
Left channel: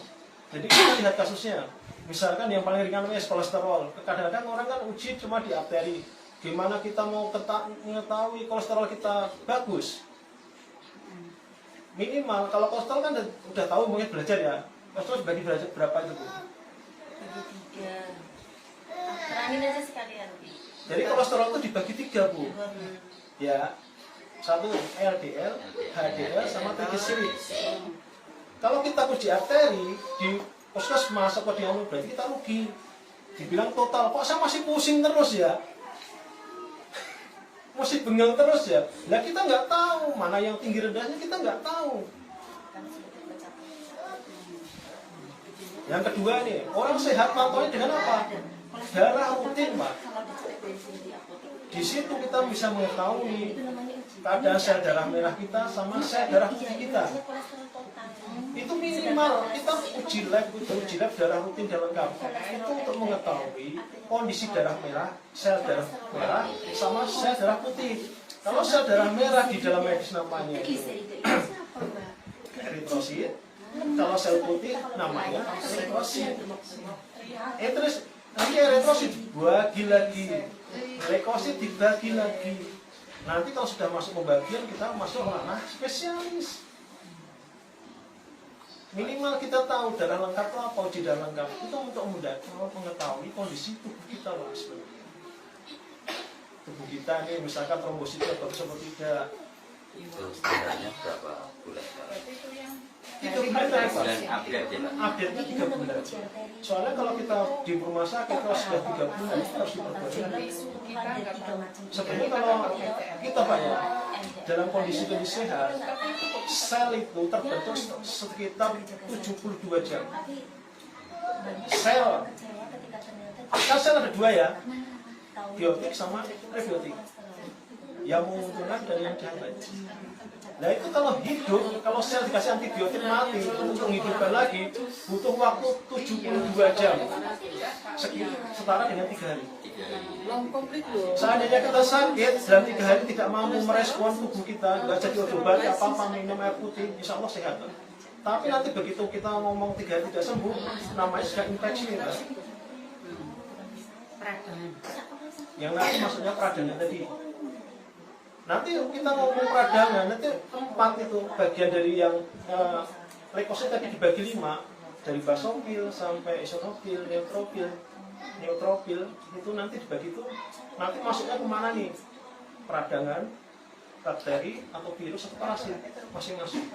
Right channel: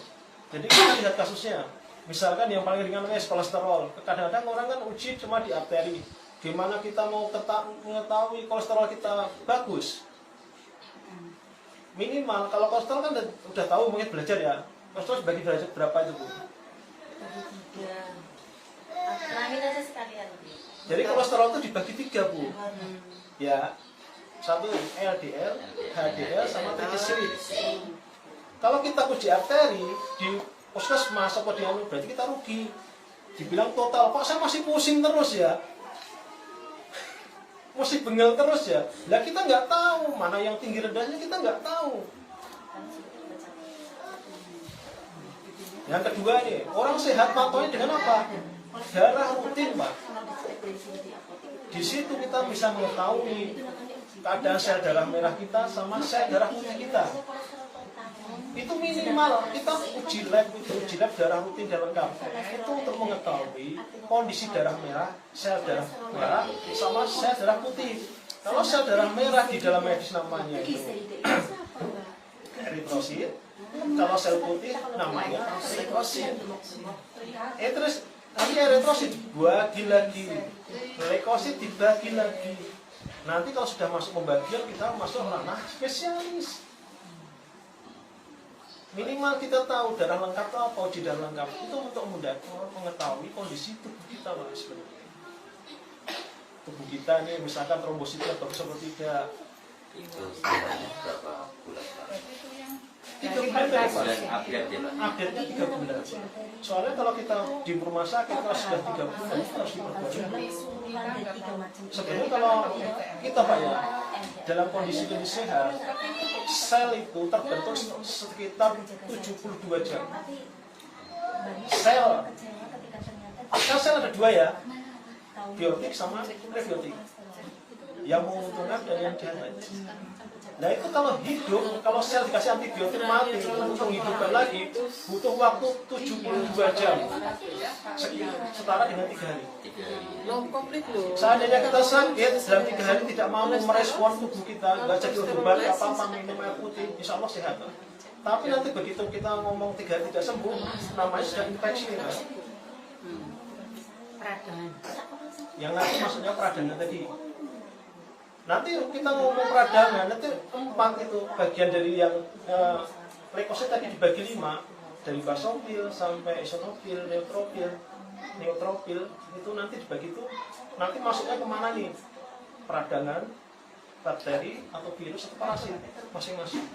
Jadi kita lihat kasusnya. Misalkan yang paling ringan namanya kolesterol. Kadang-kadang orang kan uji cuma di arteri. Gimana kita mau mengetahui kolesterol kita bagus? Minimal kalau kolesterol kan udah tahu mungkin belajar ya. Kolesterol dibagi belajar berapa itu Bu? Bagi 3. Terakhir aja sekalian. Jadi kolesterol itu dibagi 3 Bu. Ya. Satu LDL, HDL sama triglycerid. Kalau kita uji arteri di puskesmas atau di anu berarti kita rugi. Dibilang total, kok saya masih pusing terus ya? Masih bengel terus ya? Lah kita nggak tahu mana yang tinggi rendahnya, kita nggak tahu. Yang kedua nih, orang sehat pantaunya dengan apa? Darah rutin Pak. Di situ kita bisa mengetahui keadaan sel darah merah kita sama sel darah putih kita. Itu minimal kita uji lab darah rutin dan lengkap. Itu untuk mengetahui kondisi darah merah, sel darah merah sama sel darah putih. Kalau sel darah merah di dalam medis namanya itu eritrosit, kalau sel putih namanya leukosit. Terus nanti eritrosit dibagi lagi, leukosit dibagi lagi. Nanti kalau sudah masuk pembagian kita masuk ranah spesialis. Minimal kita tahu darah lengkap itu apa, uji darah lengkap itu untuk mudah mengetahui kondisi tubuh kita Mas. Tubuh kita ini misalkan trombositnya bagus atau tidak. Itu sebenarnya berapa bulan Pak? 3 bulan dari Pak. Update-nya 3 bulan. Soalnya kalau kita di rumah sakit kalau sudah 3 bulan harus diperbaiki. Sebenarnya kalau kita Pak ya dalam kondisi sehat, sel itu terbentuk sekitar 72 jam. Sel ada 2 ya, biotik sama prebiotik. Yang menguntungkan dan yang jahat. Nah itu kalau hidup, kalau sel dikasih antibiotik mati untuk menghidupkan lagi butuh waktu 72 jam. Setara dengan 3 hari. Seandainya kita sakit dalam 3 hari tidak mampu merespon tubuh kita, nggak jadi obat apa-apa, minum air putih, insya Allah sehat. Tapi nanti begitu kita ngomong 3 hari tidak sembuh, namanya sudah infeksi ya. Yang nanti maksudnya peradangan tadi. Nanti kita ngomong peradangan, nanti 4 itu bagian dari yang leukosit tadi dibagi 5, dari basofil sampai eosinofil, neutrofil itu nanti dibagi itu nanti masuknya kemana nih? Peradangan, bakteri atau virus atau parasit masing-masing.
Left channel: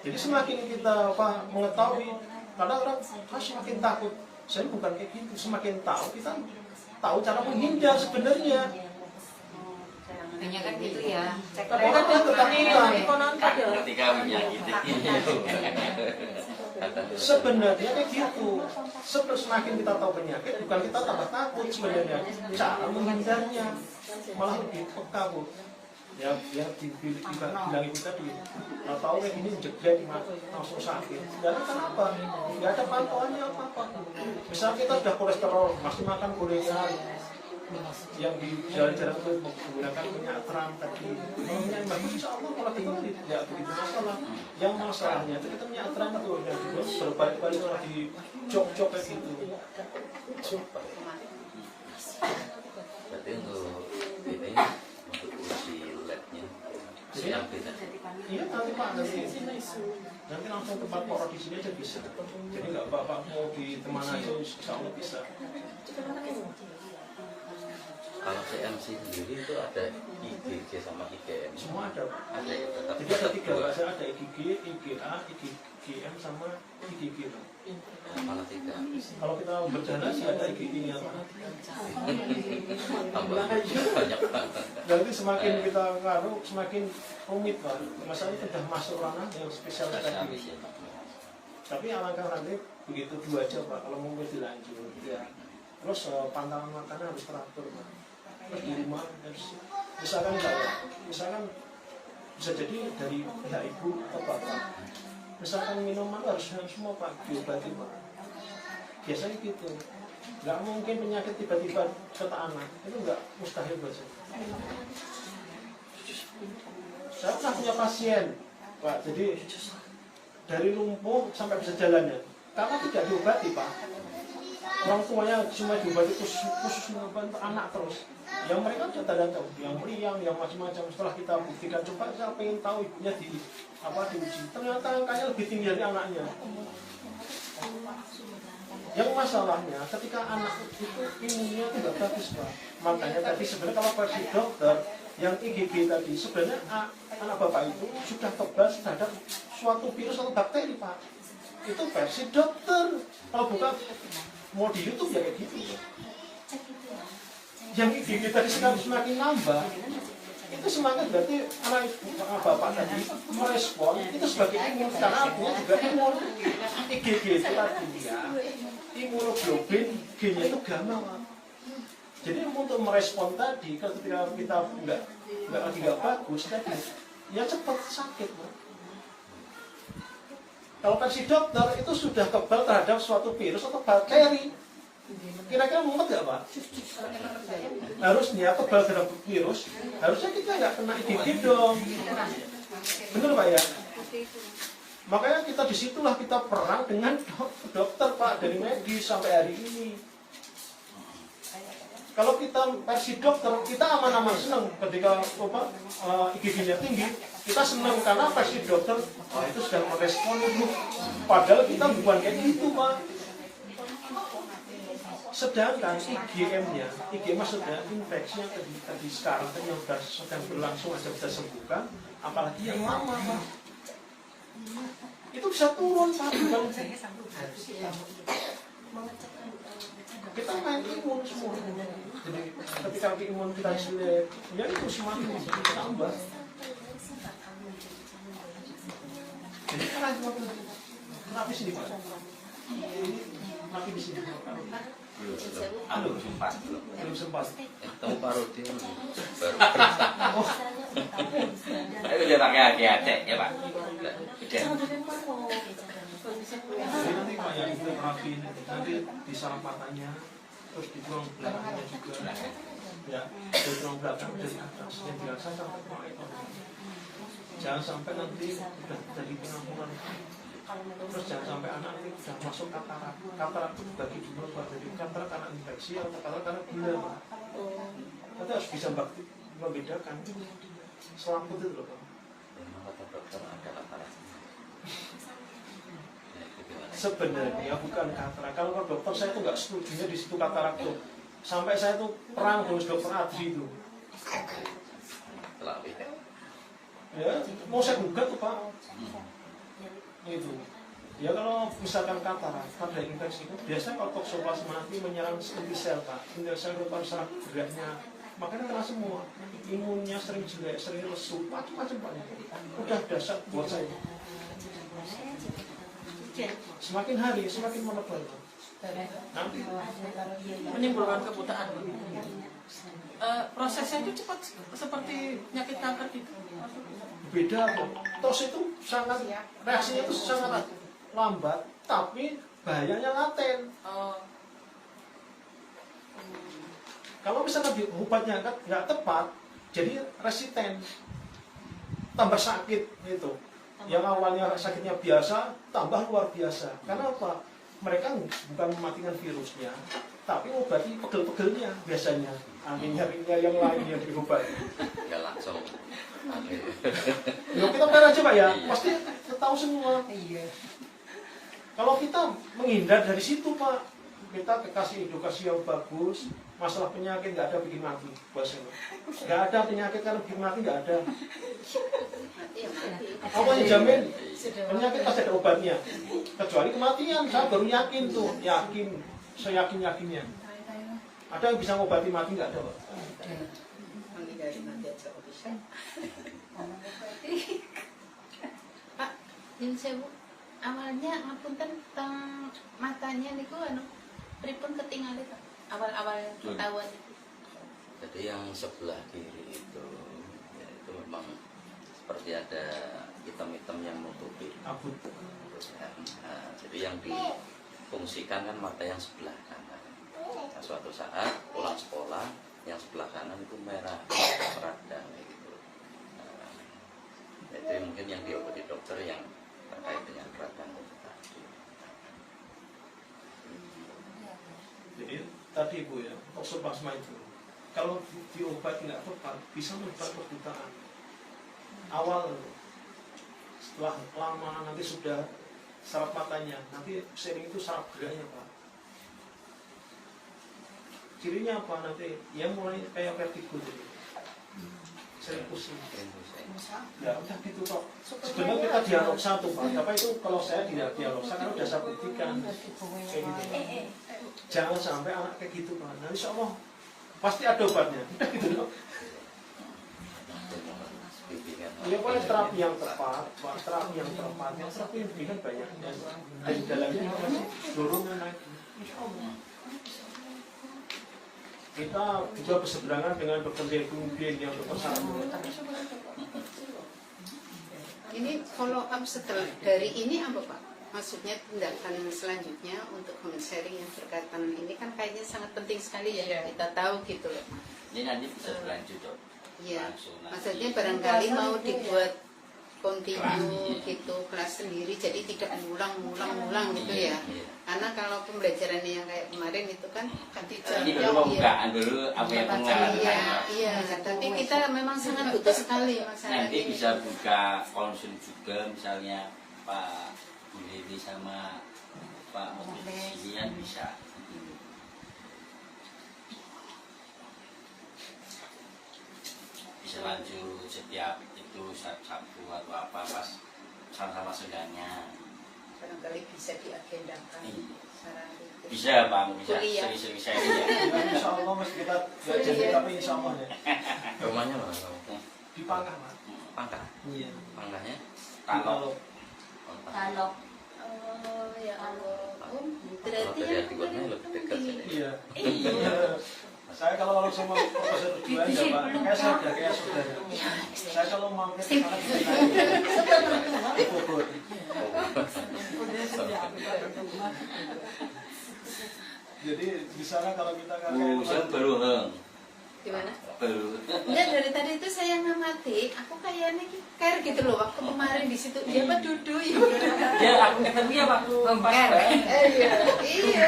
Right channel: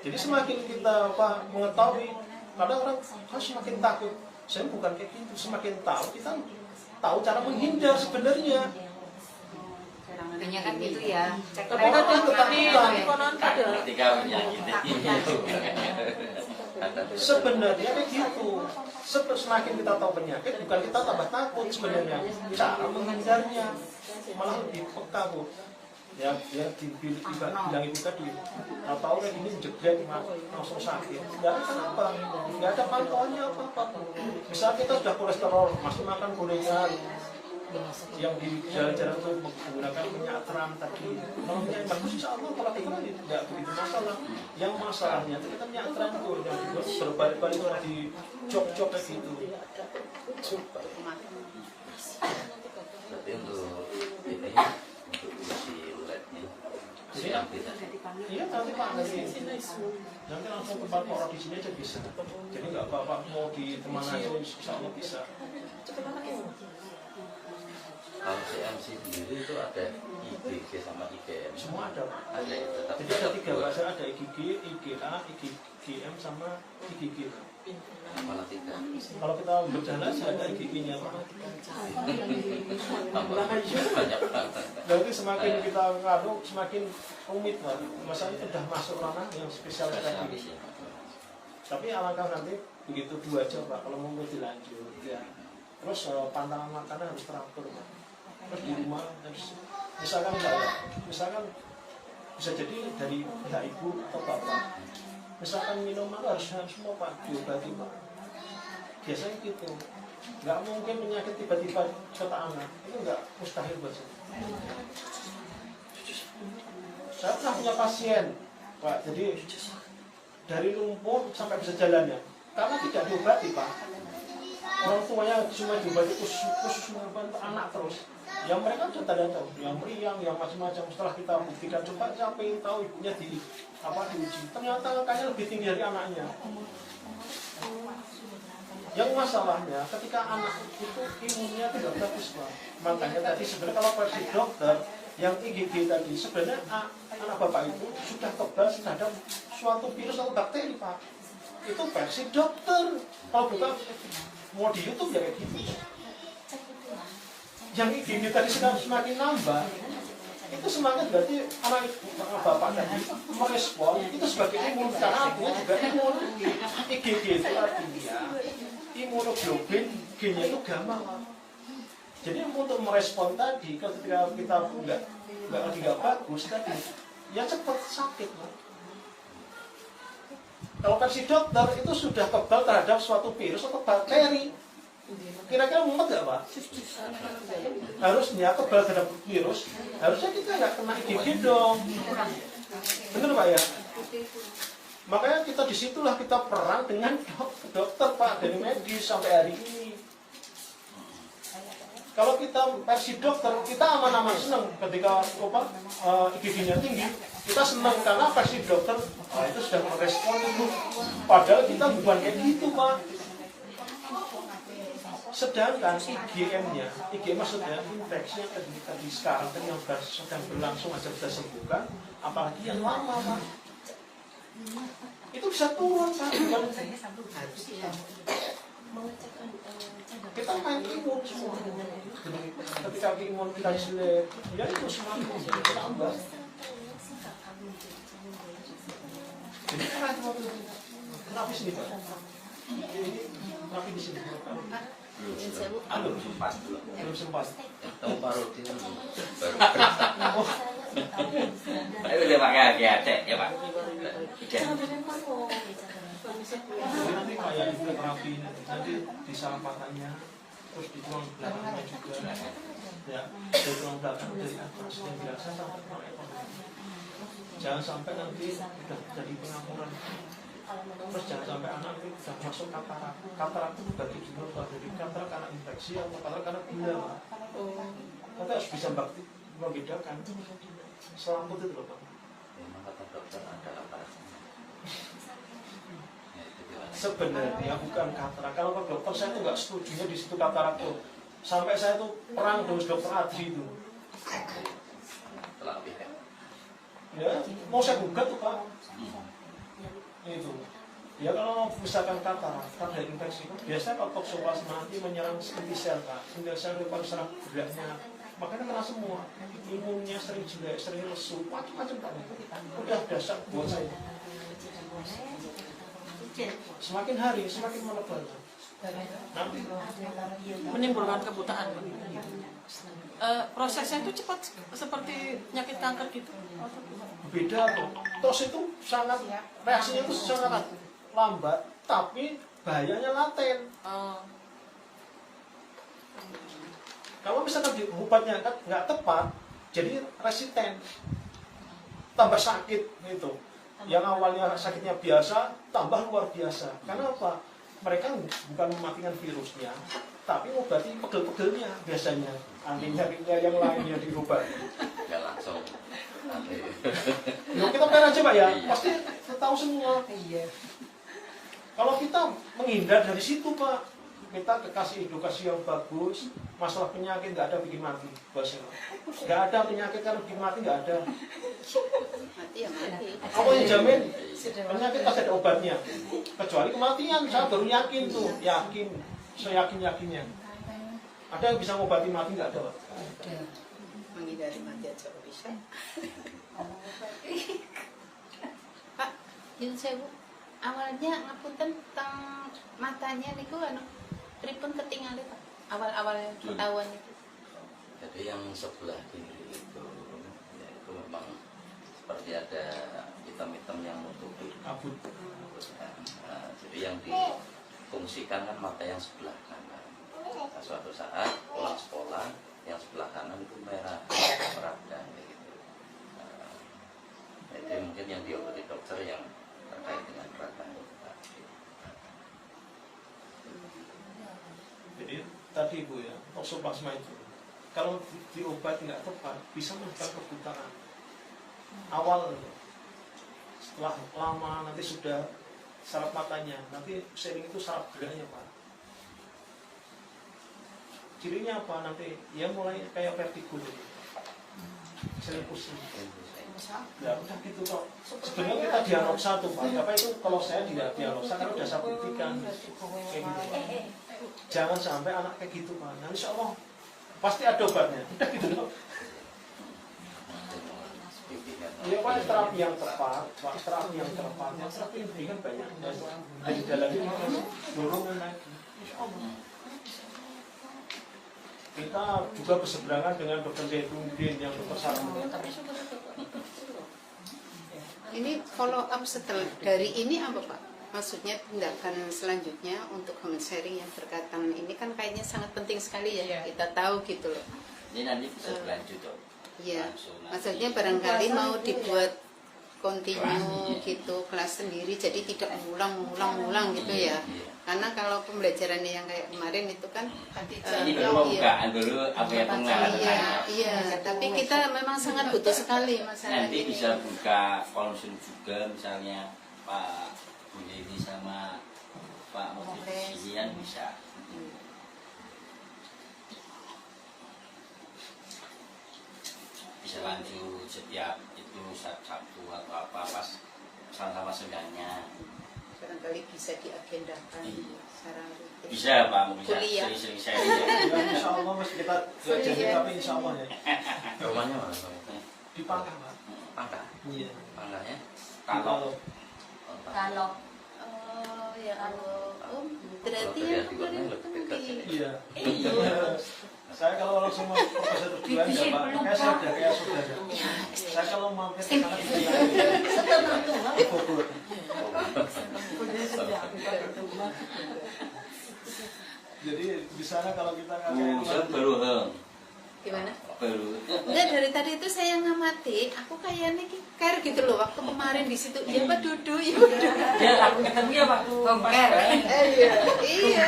Jadi semakin kita mengetahui, kadang orang semakin takut. Saya bukan kayak gitu, semakin tahu kita tahu cara menghindar sebenarnya. Banyak kan gitu ya. Tapi kan dia ketakutan. Ketika menyakiti Sebenarnya kayak gitu. Semakin kita tahu penyakit, bukan kita tambah takut sebenarnya. Cara menghindarnya malah lebih peka, Bu. Ya dibilang itu tadi, kalau tahu kayak gini jeglek langsung sakit. Dan kenapa? Nggak ada pantauannya apa-apa. Misalnya kita sudah kolesterol, masih makan gorengan yang di jalan-jalan itu menggunakan minyak terang tadi. Kalau minyak bagus, insya Allah kalau tinggal tidak begitu masalah. Yang masalahnya itu kita minyak terang itu yang berkali-kali di jok-jok kayak gitu. Berarti untuk ini untuk uji labnya CAP tadi. Iya nanti Pak nanti langsung tempat Pak di sini aja bisa. Jadi nggak Bapak mau di mana aja insya Allah bisa. Kalau CMC sendiri itu ada IgG sama IgM. Semua ada. Ada ya, tetap. Jadi ada 3 bahasa, ada IgG, IgA, IgM sama IgG. Malah 3. Kalau kita berjalan sih ada IgG-nya Pak. Banyak banget. Jadi semakin kita ngaruh semakin rumit Pak. Masalahnya sudah masuk ranah yang spesial tadi. Tapi alangkah nanti begitu 2 aja Pak. Kalau mau dilanjut ya. Terus pantangan makanan harus teratur Pak. Terus di rumah misalkan bisa jadi dari pihak ibu atau bapak, misalkan minuman harus semua Pak diobati Pak. Biasanya gitu. Nggak mungkin penyakit tiba-tiba ke anak, itu nggak mustahil bahasa. Saya pernah punya pasien Pak, jadi dari lumpuh sampai bisa jalannya karena tidak diobati Pak. Orang tuanya cuma diobati khusus mengobati anak terus. Yang mereka sudah tanda tahu, yang meriang, yang macam-macam. Setelah kita buktikan, coba saya ingin tahu ibunya diuji. Ternyata angkanya lebih tinggi dari anaknya. Yang masalahnya, ketika anak itu imunnya tidak bagus Pak. Makanya tadi sebenarnya kalau versi dokter, yang IgG tadi, sebenarnya anak bapak itu sudah kebal terhadap suatu virus atau bakteri Pak. Itu versi dokter. Kalau bukan mau di YouTube ya kayak gitu. Yang IgG tadi semakin nambah, itu semakin berarti anak bapak tadi merespon itu sebagai imun, karena artinya juga imun. IgG itu artinya imunoglobulin gennya itu gamma. Jadi untuk merespon tadi ketika kita nggak bagus tadi, ya cepat sakit. Kalau versi dokter itu sudah kebal terhadap suatu virus atau bakteri. Kira-kira mumet nggak Pak? Harusnya kebal terhadap virus, harusnya kita nggak kena IgG dong. Bener Pak ya? Makanya kita disitulah kita perang dengan dokter Pak, dari medis sampai hari ini. Kalau kita versi dokter, kita aman-aman senang ketika IgG-nya tinggi. Kita senang karena versi dokter itu sudah merespon itu. Padahal kita bukan kayak gitu Pak. Sedangkan IgM-nya, IgM maksudnya infeksi yang tadi sekarang yang sedang berlangsung aja bisa sembuhkan, apalagi yang lama Pak. Itu bisa turun Pak. Kita main imun semua. Jadi ketika imun kita jelek, ya itu semakin bertambah. Jadi terapi sini Pak. Ini terapi di sini Pak. Belum sempat. Tahu parodi. Ayo udah pakai hati-hati ya Pak. Udah. Jadi nanti Pak yang itu terapi nanti di saraf patahnya, terus di tulang belakangnya juga. Ya, di tulang belakang dari atas yang biasa sampai ke ekor. Jangan sampai nanti sudah jadi pengampunan. Terus jangan sampai anak itu sudah masuk katarak. Katarak itu bagi dua Pak. Jadi katarak karena infeksi atau katarak karena gula Pak. Nanti harus bisa membedakan. Selaput itu loh Pak. Memang kata dokter ada apa? Sebenarnya bukan katarak. Kalau ke dokter saya itu nggak setuju di situ katarak itu. Sampai saya itu perang dengan dokter Adri itu. Ya, mau saya gugat tuh Pak. Itu. Ya kalau misalkan katarak, ada infeksi itu biasanya kalau toksoplasma nanti menyerang inti sel Pak. Inti sel itu serang geraknya. Makanya kena semua. Imunnya sering jelek, sering lesu, macam-macam Pak. Udah dasar buat saya. Semakin hari semakin melebar. Nanti Menimbulkan kebutaan. Prosesnya itu cepat seperti penyakit kanker gitu. beda kok. Tos itu sangat reaksinya itu sangat lambat, tapi bahayanya laten. Kalau misalkan obatnya nggak tepat, jadi resisten, tambah sakit gitu. Yang awalnya sakitnya biasa, tambah luar biasa. Karena apa? Mereka bukan mematikan virusnya, tapi mengobati pegel-pegelnya biasanya. Anehnya yang lain yang diobat. Nggak langsung. Loh, kita benar aja Pak ya, pasti tahu semua. Kalau kita menghindar dari situ Pak, kita kasih edukasi yang bagus. Masalah penyakit nggak ada bikin mati, bahasanya. Nggak ada penyakit kalau bikin mati nggak ada. Apa yang jamin penyakit pasti ada obatnya, kecuali kematian. Saya baru yakin tuh, saya yakinnya. Ada yang bisa ngobati mati nggak ada Pak? Menghindari mati aja kok bisa. Pak, yang saya awalnya ngapunten tentang matanya niku anu pripun ketinggal itu awal-awal ketahuan itu. Jadi yang sebelah kiri itu, ya itu memang seperti ada hitam-hitam yang menutupi. Abut. Nah, jadi yang difungsikan kan mata yang sebelah kanan. Nah, suatu saat pulang sekolah yang sebelah kanan itu merah, meradang gitu. Nah, itu mungkin yang diobati dokter yang terkait dengan radang itu tadi. Jadi tadi Bu ya, toksoplasma itu kalau diobat nggak tepat bisa menyebabkan kebutaan awal. Setelah lama nanti sudah saraf matanya, nanti sering itu saraf geraknya Pak. Cirinya apa nanti? Ya mulai kayak vertigo jadi sering pusing. Ya udah gitu kok. Sebenarnya kita diagnosa tuh Pak. Tapi itu kalau saya tidak diagnosa kan udah saya buktikan kayak gitu Pak. Jangan sampai anak kayak gitu Pak. Nah insya Allah pasti ada obatnya. Udah gitu loh. Ya Pak, terapi yang tepat, Pak, terapi yang tepat. Yang terapi ini kan banyak. Dan di dalamnya dorongan lagi. Insya Allah. Kita juga berseberangan dengan bekerja kemudian yang berpesan. Ini follow up setelah dari ini apa Pak? Maksudnya tindakan selanjutnya untuk comment sharing yang berkaitan ini kan kayaknya sangat penting sekali ya, kita tahu gitu loh. Ini nanti bisa berlanjut dok. Iya, Langsung nanti. maksudnya barangkali mau dibuat kontinu gitu kelas sendiri, jadi tidak ulang gitu ya. Karena kalau pembelajarannya yang kayak kemarin itu kan Ini dulu pembukaan dulu apa yang pengenalan iya, tapi kita memang sangat butuh sekali masalah Nanti ini. bisa buka konsul juga misalnya Pak Buliri sama Pak Muhammad bisa. Bisa lanjut setiap itu Sabtu atau apa pas sama-sama segalanya. Barangkali bisa diagendakan Iya. secara rutin. Bisa Pak, bisa Kuliah. sering-sering sharing ya. Ya, insya Allah mas kita jadi tapi insya Allah ya Rumahnya mana? di Pangkah Pak. Pangkah. Iya. Pangkahnya? Kalau Kalau Oh ya Allah, Kalau berarti dari Atikurnya lebih dekat sini. Iya. Saya kalau langsung mau proposal berdua ya Pak, kayak saudara. Saya kalau mau ke sana di Bogor. Jadi di sana kalau kita Bukan baru gimana? baru. Enggak, dari tadi itu saya ngamati, aku kayaknya care gitu loh waktu kemarin di situ. Dia mah duduk ya. Ya aku ketemu ya waktu pas Iya.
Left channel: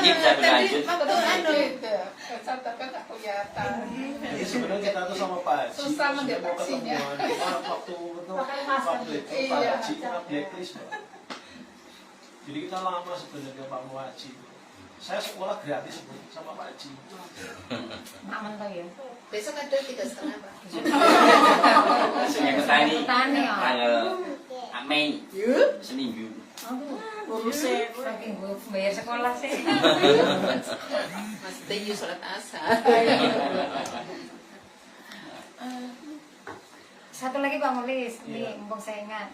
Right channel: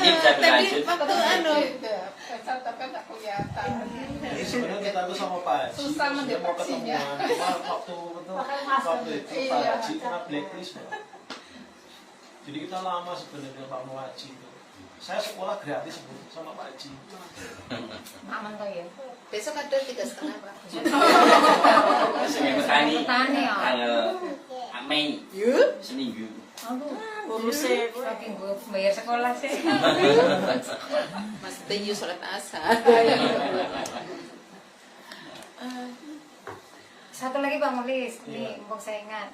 Ini bisa berlanjut. Waktu anu Jadi sebenarnya kita tuh sama Pak Haji, Susah dia mau mendeteksinya. ketemu, cuma waktu itu Pak Haji kena blacklist Pak. Jadi kita lama sebenarnya Pak Haji. Saya sekolah gratis sama Pak Haji. aman kok ya. besok ada 3,5 Pak. Senin petani Petani, ya. tanggal Mei seminggu. Saking gue bayar sekolah sih. Mas Teyu sholat asar. Satu lagi Bang Molis, ini mumpung saya ingat.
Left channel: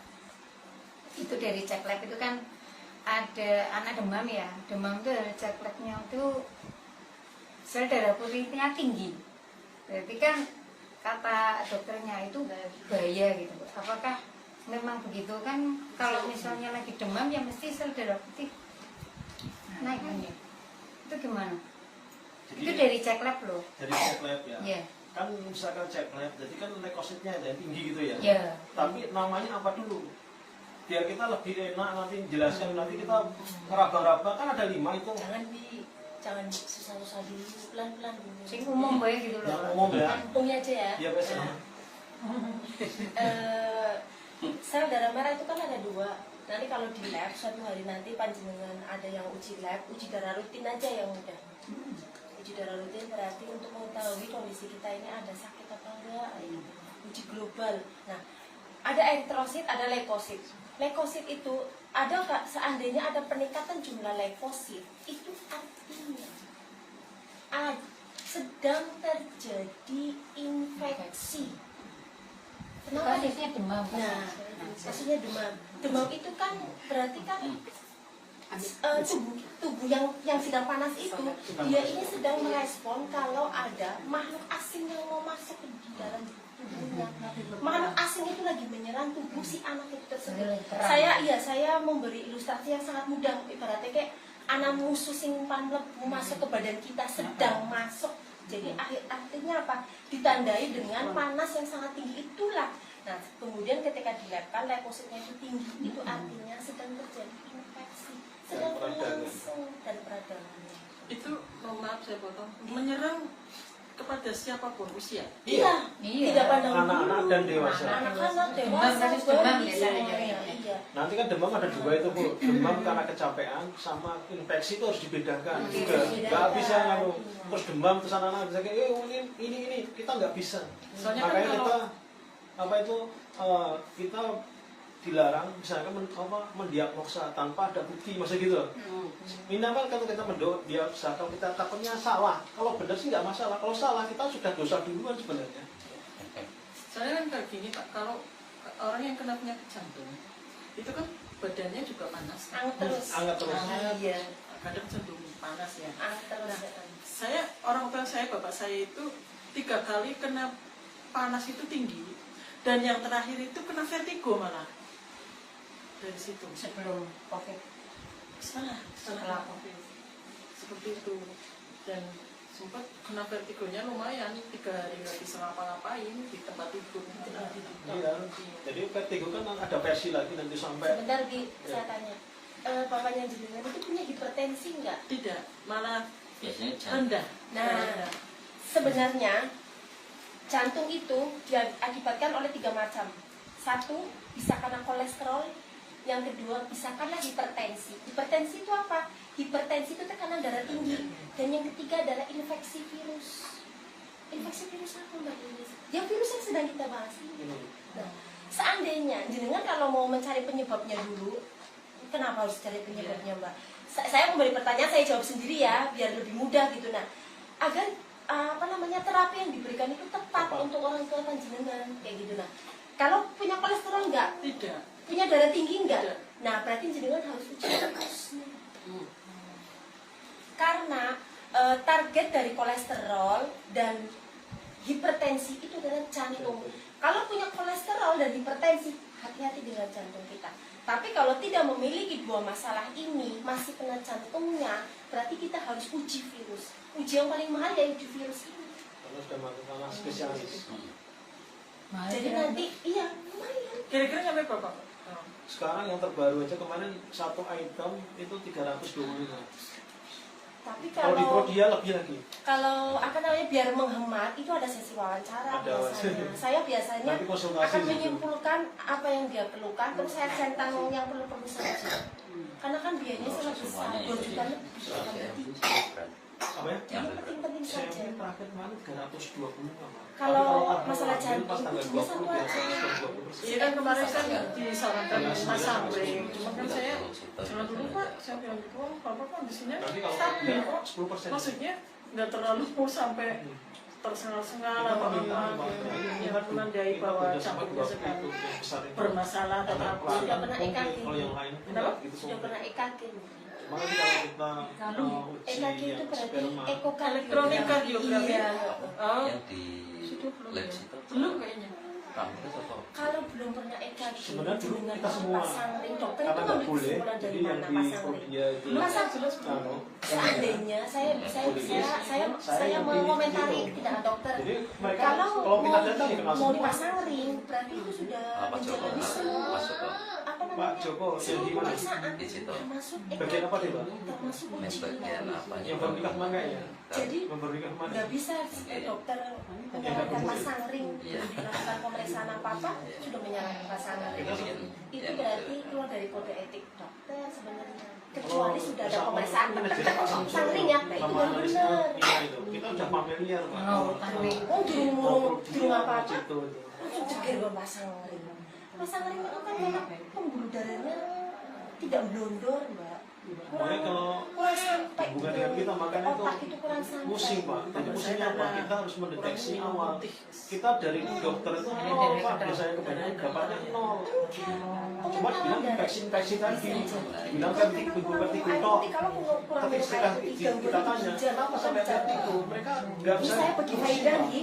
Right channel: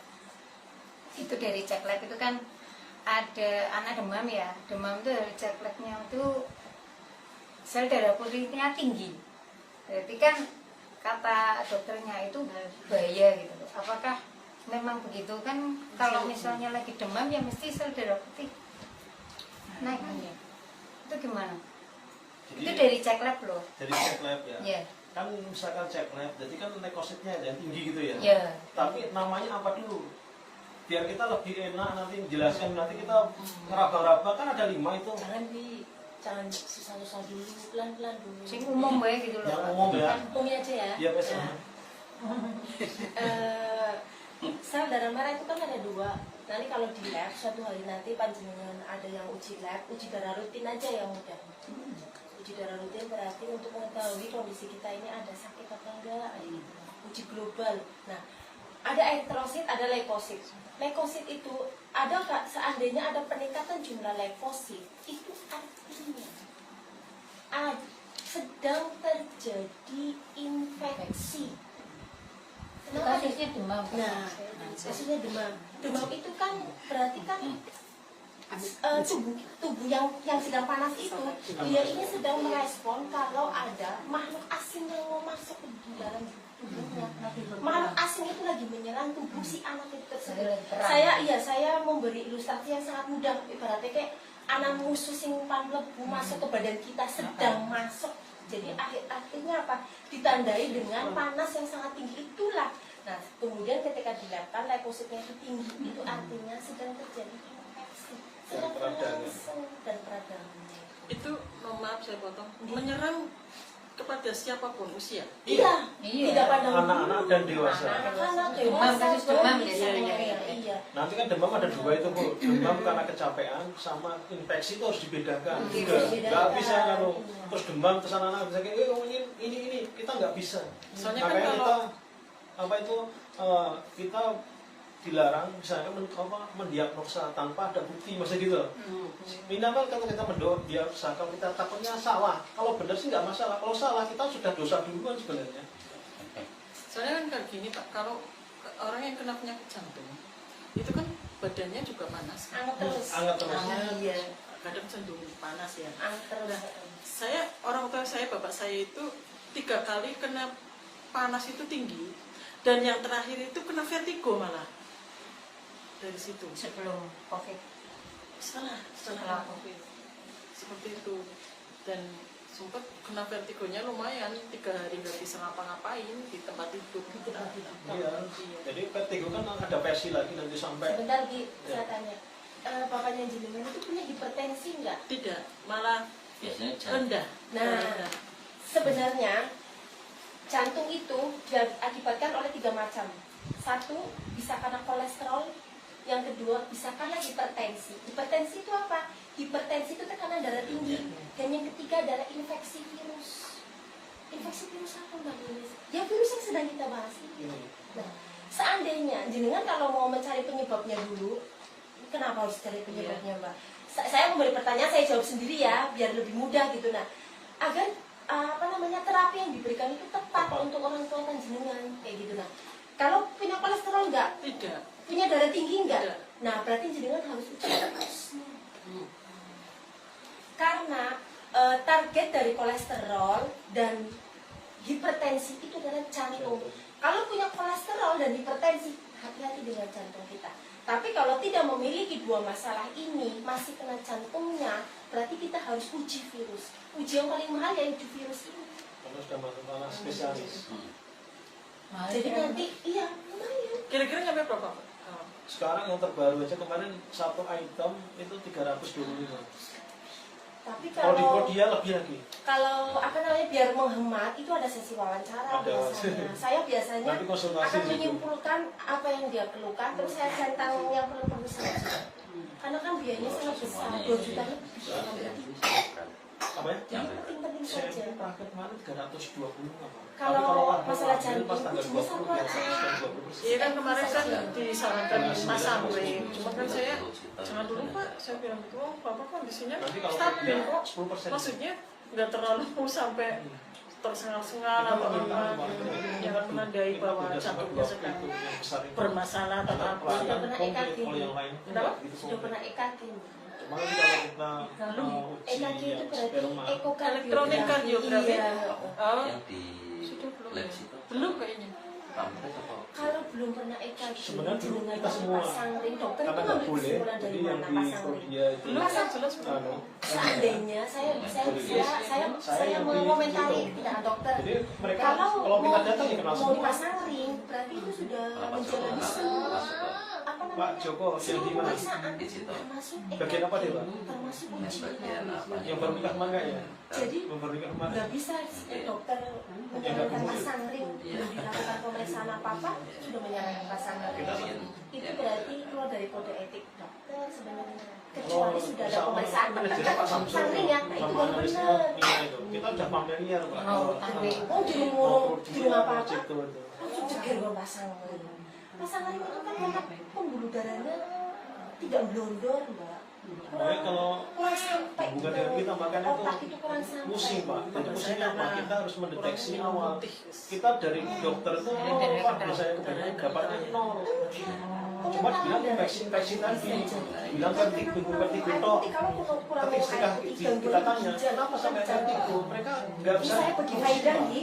itu dari cek lab itu kan ada anak demam ya, demam itu dari cek labnya itu sel darah putihnya tinggi. Berarti kan kata dokternya itu bahaya gitu. Apakah memang begitu kan? Kalau misalnya lagi demam ya mesti sel darah putih naik kan ya? Itu gimana? Itu dari cek lab loh. Dari cek lab ya. Iya. Kan misalkan cek lab, jadi kan leukositnya ada yang tinggi gitu ya. Iya. Tapi namanya apa dulu? Biar kita lebih enak nanti menjelaskan, nanti kita ngeraba-raba kan ada 5 itu. Jangan susah-susah dulu, pelan-pelan dulu. Sing umum bae gitu loh. Yang umum ya. Untungnya aja ya. Iya biasanya. Sel darah merah itu kan ada 2. Nanti kalau di lab suatu hari nanti panjenengan ada yang uji lab, uji darah rutin aja yang mudah. Uji darah rutin berarti untuk mengetahui kondisi kita ini ada sakit apa enggak, uji global. Nah, ada eritrosit, ada leukosit. Leukosit itu ada Kak, seandainya ada peningkatan jumlah leukosit, itu artinya sedang terjadi infeksi. Kenapa? Kasusnya demam. Nah, kasusnya demam. Demam itu kan berarti kan tubuh yang sedang panas itu dia ini sedang merespon kalau ada makhluk asing yang mau masuk ke dalam tubuhnya. Makhluk asing itu lagi menyerang tubuh si anak itu tersebut. Saya memberi ilustrasi yang sangat mudah. Ibaratnya kayak anak musuh sing mlebu masuk ke badan kita sedang masuk. Jadi artinya apa? Ditandai dengan panas yang sangat tinggi itulah. Nah, kemudian ketika dilakukan leukositnya itu tinggi, itu artinya sedang terjadi infeksi, sedang berlangsung dan peradangan. Itu mohon maaf saya potong, menyerang kepada siapapun usia. Iya. Tidak pandang Anak-anak dan dewasa. Anak-anak Demam, dewasa kasus demam bisa. biasanya. Iya. Nanti kan demam ada 2 itu Bu. Demam karena kecapean sama infeksi itu harus dibedakan. Iya, Juga dibedakan. nggak bisa kalau terus demam terus anak-anak bisa kayak ini kita nggak bisa. Soalnya kan Makanya kalau- kita kita dilarang misalnya mendiagnosa tanpa ada bukti masa gitu. Minimal kalau kita mendiagnosa, kalau kita takutnya salah, kalau benar sih nggak masalah. Kalau salah kita sudah dosa duluan sebenarnya. Soalnya kan kayak gini Pak, kalau orang yang kena penyakit jantung itu kan badannya juga panas. Anget terus. Iya, kadang cenderung panas ya. Saya orang tua saya, bapak saya itu 3 kali kena panas itu tinggi, dan yang terakhir itu kena vertigo malah dari situ. Sebelum COVID. Setelah COVID seperti itu, dan sempat kena vertigonya lumayan 3 hari nggak bisa ngapa-ngapain di tempat tidur. Iya. Jadi vertigo kan ada versi lagi nanti sampai. Sebentar Gi, saya tanya. Bapaknya jenengan itu punya hipertensi enggak? Tidak, malah Biasanya rendah. Nah, sebenarnya jantung itu diakibatkan oleh 3 macam. 1 bisa karena kolesterol, yang kedua bisa karena hipertensi. Hipertensi itu apa? Hipertensi itu tekanan darah tinggi, dan yang ketiga adalah infeksi virus. Infeksi virus apa Mbak Iris? Yang virus yang sedang kita bahas ini. Nah, seandainya jenengan kalau mau mencari penyebabnya dulu, kenapa harus cari penyebabnya Mbak? Saya memberi pertanyaan, saya jawab sendiri ya, biar lebih mudah gitu. Nah, agar terapi yang diberikan itu tepat untuk orang tua panjenengan kayak gitu. Nah, kalau punya kolesterol enggak? Tidak. Punya darah tinggi enggak? Tidak. Nah, berarti jenengan harus uji terus. Karena target dari kolesterol dan hipertensi itu adalah jantung. Kalau punya kolesterol dan hipertensi, hati-hati dengan jantung kita. Tapi kalau tidak memiliki 2 masalah ini, masih kena jantungnya, berarti kita harus uji virus. Uji yang paling mahal ya uji virus ini. Karena sudah masalah spesialis. Jadi nanti, iya, lumayan. Kira-kira nyampe berapa? Sekarang yang terbaru aja kemarin 1 item itu 325. Tapi Kalau di kalau dia lebih lagi. kalau biar menghemat itu ada sesi wawancara Ada biasanya. Saya biasanya Nanti konsultasi akan gitu. menyimpulkan apa yang dia perlukan, terus saya centang yang perlu saja. Karena kan biayanya sangat besar, 2 juta lebih. Apa ya? Jadi penting-penting Saya saja. terakhir kemarin 320 apa? Kalau Tapi masalah ambil pas jantung tanggal cuma 20 satu biasa aja. 20%. Iya kan kemarin kan disarankan Mas Amri, cuma kan saya jangan dulu Pak, saya bilang gitu, Bapak kondisinya Nanti kalau stabil dia kok. 10%. Maksudnya nggak terlalu sampai tersengal-sengal atau menandai bahwa jantungnya sedang bermasalah atau apa. Sudah pernah EKG. Kalau yang lain Kenapa? gitu. Sudah pernah EKG. Cuma nanti kalau kita uji EKG itu berarti sperma, Elektronik kardiografi. Iya. Oh, yang di lab situ belum kayaknya. kampus atau Kalau belum pernah EKG, sebenarnya dulu dengan kita semua pasang ring, dokter karena itu nggak ngambil boleh, kesimpulan dari jadi yang mana di pasang ring. Korea itu Pasang jelas belum. anu, Seandainya saya yang di mengomentari situ. tidak dokter. Jadi mereka Kalau kalau kita datang ya kenal mau semua. pasang ring, berarti itu sudah Pak Joko menjadi masuk apa Pak namanya? Joko yang di Seluruh mana? pemeriksaan di situ termasuk Bagian apa dia, Pak? termasuk yang uji. bagian apa Yang baru nikah kemarin kayaknya. Jadi Yang baru nikah kemarin. nggak bisa dokter menyarankan pasang ring, belum dilakukan pemeriksaan apa apa sudah menyarankan pasang ring. Itu berarti keluar dari kode etik dokter sebenarnya. Kecuali sudah ada pemeriksaan terdekat pasang ring ya, nah itu sama baru analisnya benar. itu. Kita udah familiar, Pak. Oh di rumah apa apa? Itu. Langsung ceger dong pasang ring. Pasang ring itu kan karena pembuluh darahnya tidak blondor mbak. Makanya kalau Kurang sampai hubungan dengan kita makanya otak itu itu kurang sampai. pusing, Pak. Jadi pusingnya apa? Kita harus mendeteksi awal. Kita dari dokter itu nol, Pak. Dari saya kebanyakan dapatnya nol. Cuma bilang infeksi tadi, bilang kan tidur tok. Tapi setelah kita tanya, kenapa sampai vertigo? Mereka nggak bisa. Saya pergi lagi.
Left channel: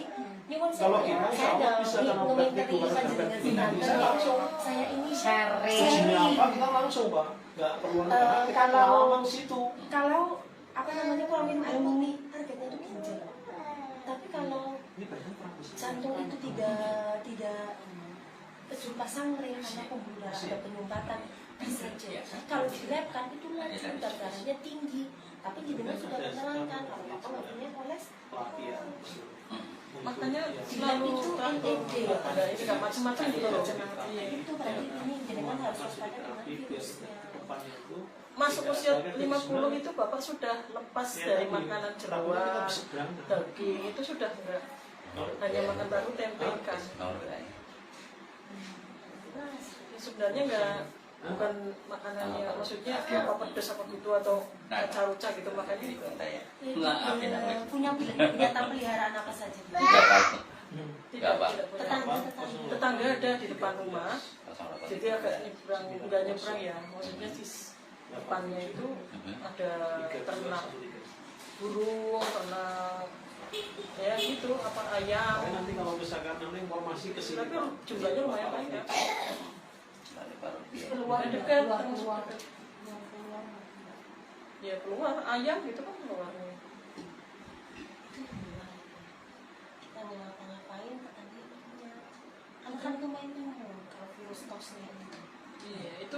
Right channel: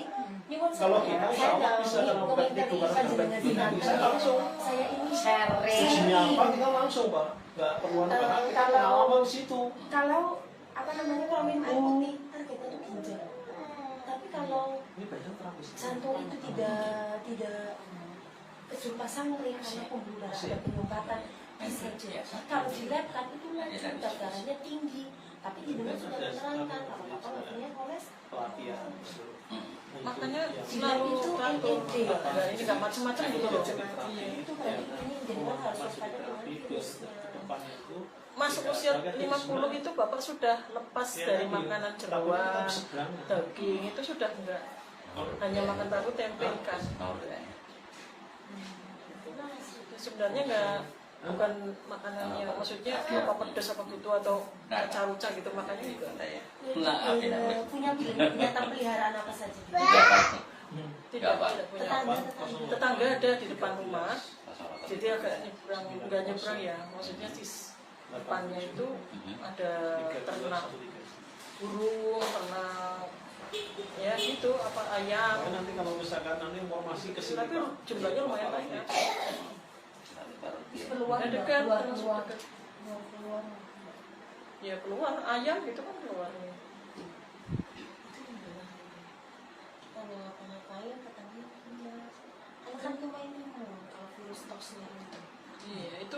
Kalau kita saya bisa ada dalam komentari vertigo, panjenengan saya Sinanta, langsung saya ini ujinya apa kita langsung, Pak. Nggak perlu kita ngomong situ. kalau apa namanya kalau minum air putih targetnya itu ginjal. Tapi kalau Ini badan terapus. jantung itu tidak terjun pasang ring karena pembuluh darah ada penyumbatan bisa aja. Kalau di lab kan itu lancar darahnya tinggi, tapi jenengan sudah menerangkan kalau bapak waktunya kolesterol. Pelatihan. Makanya Di lab itu NED ya, ini nggak macam-macam gitu loh. Iya. itu berarti ini jenengan harus waspada dengan virusnya. Depannya itu Masuk usia 50 itu bapak sudah lepas dari makanan jeruan, daging itu sudah enggak. Hanya makan tahu tempe ikan. Jadi sebenarnya enggak bukan makanannya maksudnya apa pedas apa gitu atau caruca gitu makanya juga Punya binatang peliharaan apa saja? tidak punya. Tetangga ada di depan rumah. Jadi agak nyebrang ya, maksudnya di depannya itu ada ternak burung, ternak ya gitu apa ayam. nanti kalau misalkan nanti informasi ke sini, Tapi Pak. jumlahnya lumayan banyak. Keluar Dekat, keluar. Ya keluar ayam gitu kan keluarnya. Kita nggak ngapa-ngapain, tetangga anak-anak tuh main kalau virus tosnya itu. Iya itu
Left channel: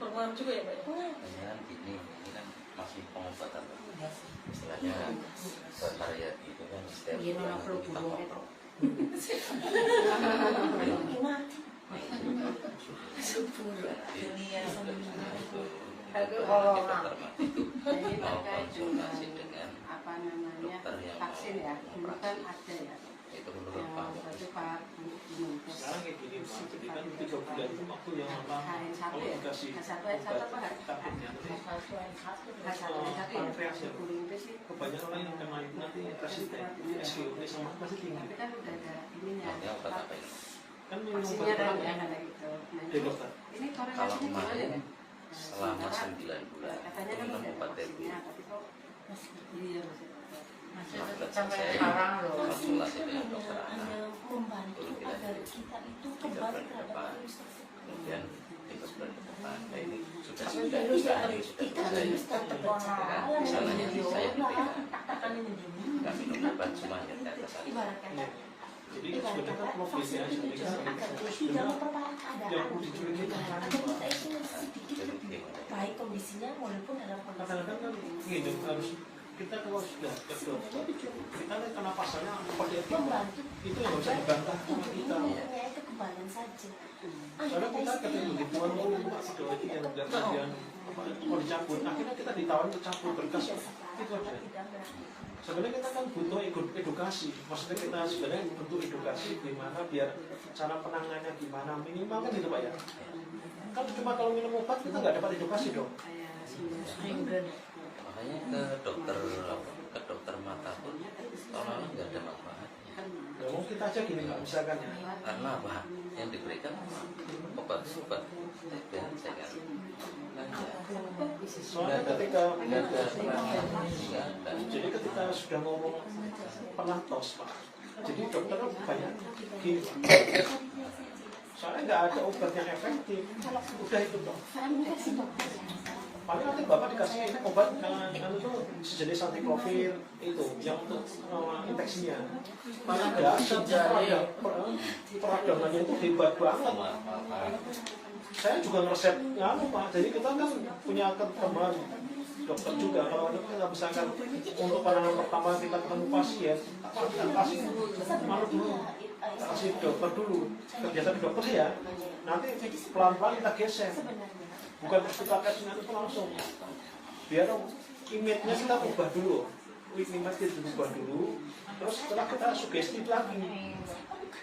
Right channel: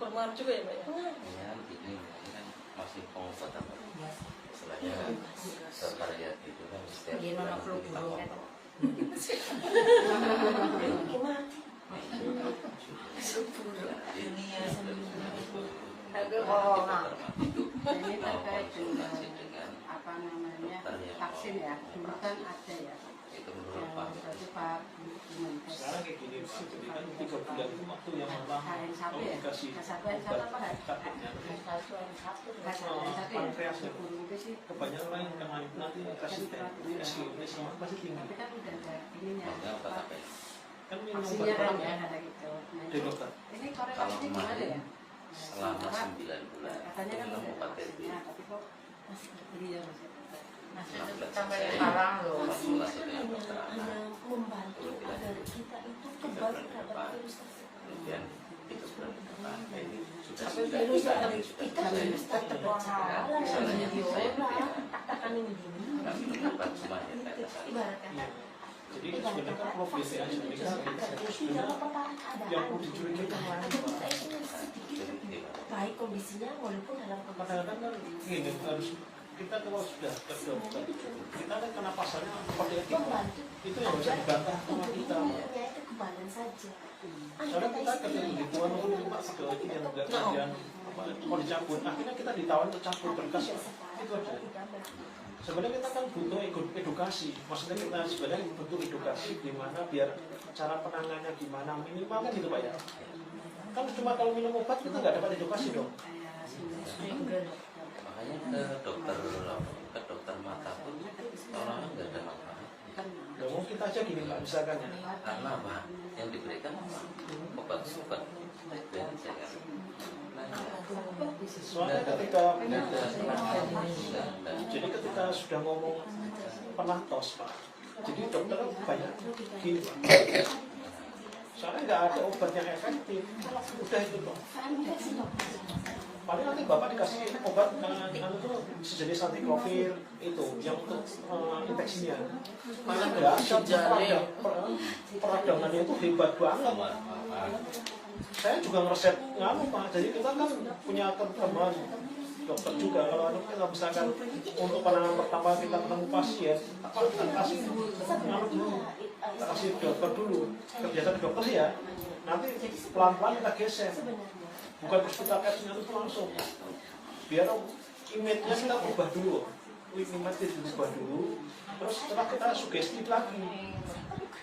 berpengaruh juga ya Pak ya. Kayaknya kan gini, ini kan masih pengobatan istilahnya kan berkarya itu kan setiap bulan itu kita kontrol. Konsultasi dengan apa namanya vaksin ya, dulu kan ada ya. itu menurut Pak Berarti Pak Menkes Sekarang kayak gini, Pak. Jadi kan 3 bulan itu waktu yang lama. H1 Kalau ya, dikasih H1 obat apa H1? sakitnya nanti H1 ya, guru itu sih. kebanyakan orang yang kena itu nanti kasih SPOP sama pasti tinggi. Tapi kan udah ada ininya, Maksudnya obat apa ya? Kan minum vaksinnya obat kan kan ya ada gitu. Nah, di dokter. ini Kalau korelasinya gimana ya? kemarin selama 9 bulan Katanya kan minum udah ada obat TB. vaksinnya, tapi kok iya maksudnya. Vaksin itu hanya membantu agar kita itu kebal terhadap virus tersebut. Kemudian itu nah ini sudah Tapi sudah virus yang sudah kita harus tetap berjalan akan ini nggak minum obat semuanya di atas sana. ibaratkan Jadi sebenarnya kan progresnya vaksin itu kita tujuannya agar tidak memperparah yang keadaan. perlu dicurigai itu Agar kita itu sedikit Jadi lebih gimana? baik kondisinya walaupun dalam kondisi kadang-kadang kan gini harus kita kalau sudah ke dokter kita kan kena pasalnya seperti itu membantu itu yang bisa dibantah sama kita. tujuannya itu kebalan saja. Karena kita ketika di tuan rumah Pak Sidoarjo yang nggak kemudian mau dicabut, akhirnya kita ditawar untuk cabut berkas itu aja. Sebenarnya kita kan butuh edukasi, maksudnya kita sebenarnya butuh edukasi gimana biar cara penanganannya gimana minimal kan gitu Pak ya. Kan cuma kalau minum obat kita nggak dapat edukasi dong. Makanya ke dokter mata pun orangnya nggak ada manfaatnya. Ya mau kita aja gini nggak misalkan ya. Karena apa? Yang diberikan obat suka dan saya Soalnya ketika jadi ketika sudah ngomong pernah tos Pak, jadi dokter banyak gini Pak. Soalnya nggak ada obat yang efektif, udah itu Pak. Paling nanti Bapak dikasih obat itu sejenis antiprofil itu yang untuk infeksinya. Nggak ada peradangannya itu hebat banget. Saya juga ngeresep Pak. Jadi kita kan punya teman dokter juga. Kalau kita misalkan untuk penanganan pertama kita ketemu pasien, kasih dokter dulu. Kebiasaan dokter ya. Nanti pelan-pelan kita geser. Bukan terus kita kasihnya itu langsung. Biar image-nya kita ubah dulu. Image kita ubah dulu. Terus setelah kita sugesti lagi.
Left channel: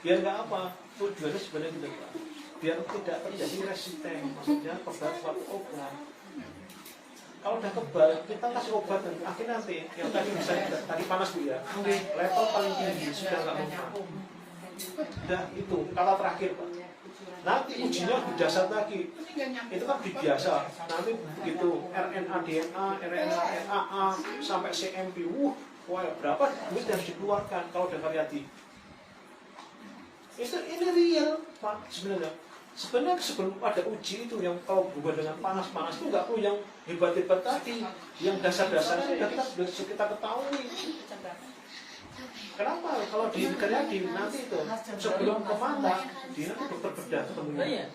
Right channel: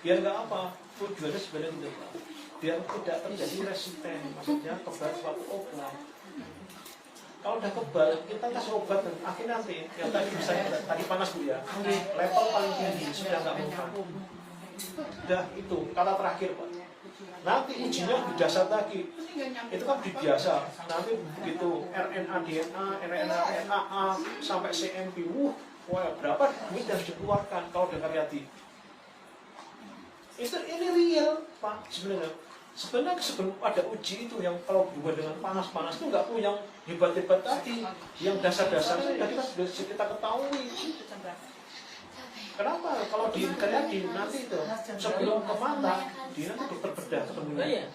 Biar nggak apa? Tujuannya sebenarnya tidak Pak. Biar tidak terjadi resisten, maksudnya kebal suatu obat. Kalau udah kebal, kita kasih obat dan akhirnya nanti yang tadi misalnya tadi panas Bu ya, level paling tinggi sudah nggak mau. Udah itu kata terakhir Pak. Nanti ujinya lebih dasar lagi. Itu kan biasa. Nanti begitu RNA DNA, RNA RNA sampai CMV, wah berapa duit yang dikeluarkan kalau udah karyati. Ini real Pak sebenarnya. Sebenarnya sebelum ada uji itu yang kalau berhubungan dengan panas-panas itu nggak perlu yang hebat-hebat tadi, yang dasar-dasarnya sudah kita ketahui. Kenapa? Kalau di karyati nanti itu sebelum ke mata dia nanti dokter bedah ketemunya.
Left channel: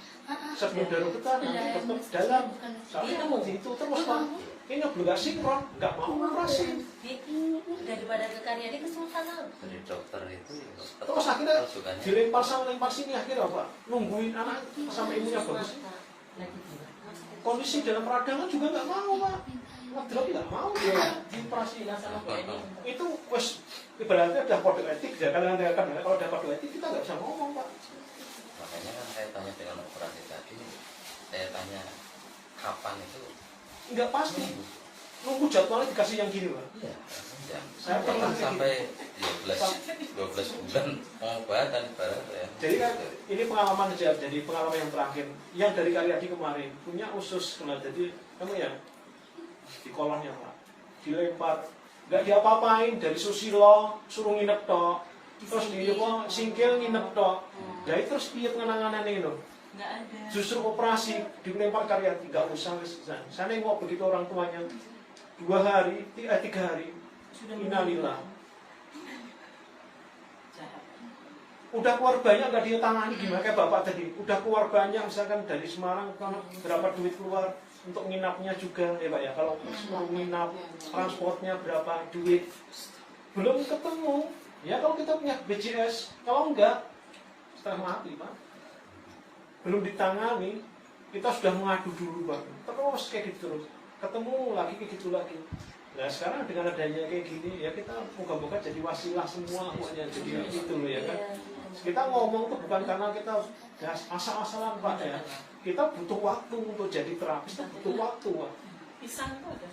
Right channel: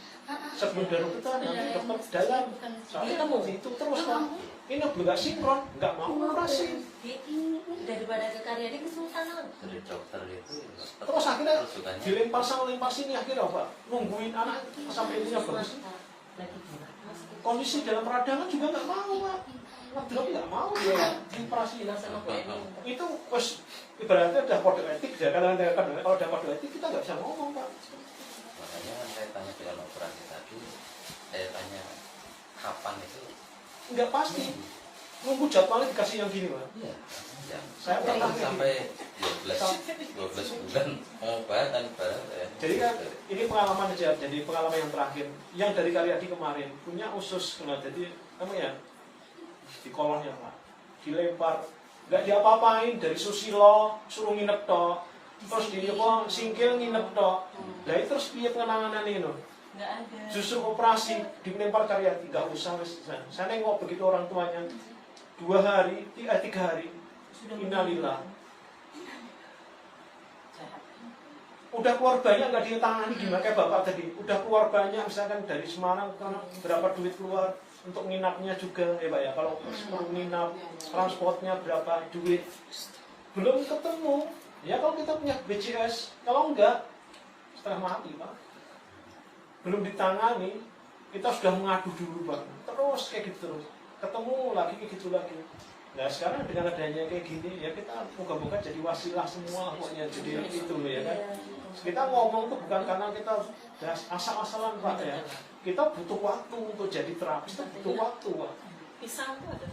Sebelum dari kita nanti dokter dalam. Tapi itu terus kan. Ini belum sinkron, nggak mau operasi. Daripada ke karyanya kesultanan. dari dokter itu Terus akhirnya dilempar sana lempar sini akhirnya apa? Nungguin anak sampai ibunya bagus. Kondisi dalam peradangan juga nggak mau Pak. Wadrop nggak mau dia dioperasi. Itu wes ibaratnya udah kode etik ya. Kalau udah kode etik kita nggak bisa ngomong Pak. makanya kan saya tanya dengan operasi tadi, saya tanya kapan itu Nggak pasti. Nunggu jadwalnya dikasih yang gini Pak. iya ya. Saya pernah sampai 12 bulan obat dan ya. Jadi kan ini pengalaman aja, jadi pengalaman yang terakhir yang dari Karyadi kemarin punya usus kena jadi apa ya di kolonnya Pak dilempar nggak diapa-apain dari Susilo suruh nginep tok terus di apa singkil nginep tok dari terus piye penanganan ini loh Nggak ada. justru operasi dilempar Karyadi nggak usah saya nengok begitu orang tuanya 2 hari 3 hari innalillah udah keluar banyak nggak ditangani gimana kayak bapak tadi udah keluar banyak misalkan dari Semarang berapa duit keluar untuk nginapnya juga ya Pak ya kalau perlu nginap transportnya berapa duit belum ketemu ya kalau kita punya BPJS kalau enggak setengah mati Pak belum ditangani kita sudah mengadu dulu Pak terus kayak gitu ketemu lagi kayak gitu lagi. Nah sekarang dengan adanya kayak gini ya kita moga-moga jadi wasilah semua pokoknya jadi itu ya kan. Kita ngomong tuh bukan karena kita asal-asalan Pak ya. Kita butuh waktu untuk jadi terapis itu butuh waktu Pak. Pisang tuh ada.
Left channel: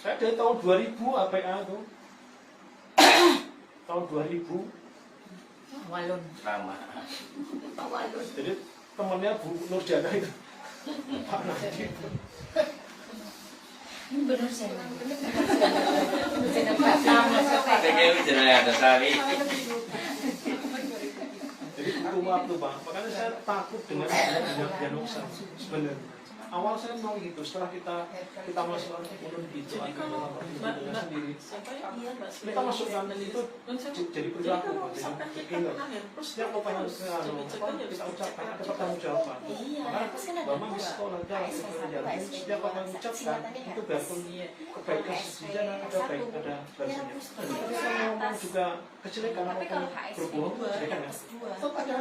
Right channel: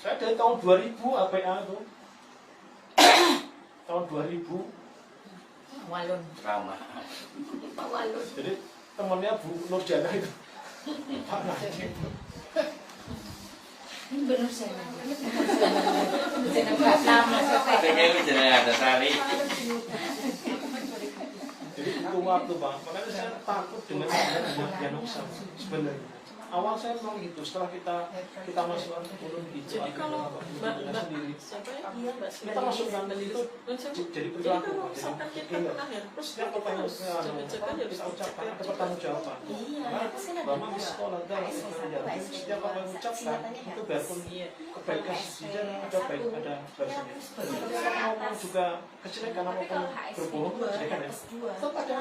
Saya dari tahun 2000 APA itu tahun 2000 Walun. Ramah. jadi temannya Bu Nurjana itu Pak Najib Bener sih. Pengen bicara ada tali. jadi butuh waktu Pak makanya saya takut dengan diagnosa sebenarnya awal saya mau gitu setelah kita masuk ulun gitu akhirnya sendiri kita masuk yang itu jadi perilaku Pak jadi killer setiap apa yang kita ucapkan ada pertanggungjawaban karena di sekolah setiap apa yang ucapkan itu biarpun kebaikan sejujurnya ada baik ada baiknya kita ngomong juga kejelekan apapun berbohong itu kejelekan ya tetap ada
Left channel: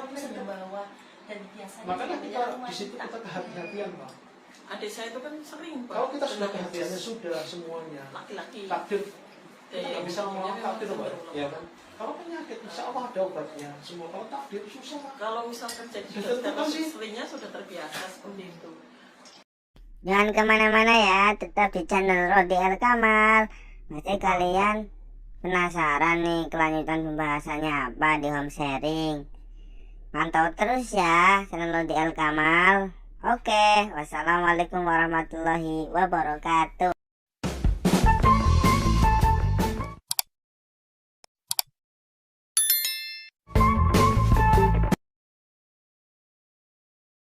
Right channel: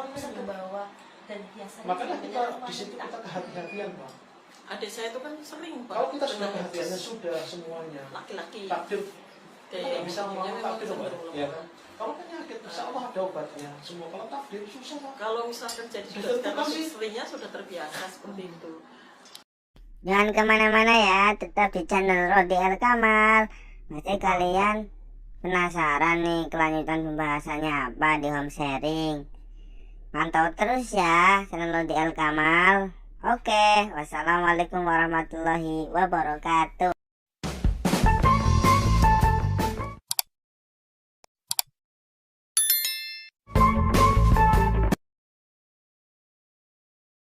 makanya kita di situ kita kehati-hatian Pak. Adik saya itu kan sering Pak. Kalau kita sudah kehati-hatiannya sudah semuanya. Laki-laki. Takdir kita nggak bisa ngomong takdir Pak. Ya kan? Kalau penyakit insya Allah ada obatnya. Semua kalau takdir susah Pak. Kalau misalkan jadi Sudah karena kasih. istrinya sudah terbiasa seperti itu. Jangan kemana-mana ya, tetap di channel Rodi Al Kamal. Nanti kalian penasaran nih kelanjutan pembahasannya apa di home sharing? Pantau terus ya channel Lodi El Kamal. Oke, wassalamualaikum warahmatullahi wabarakatuh.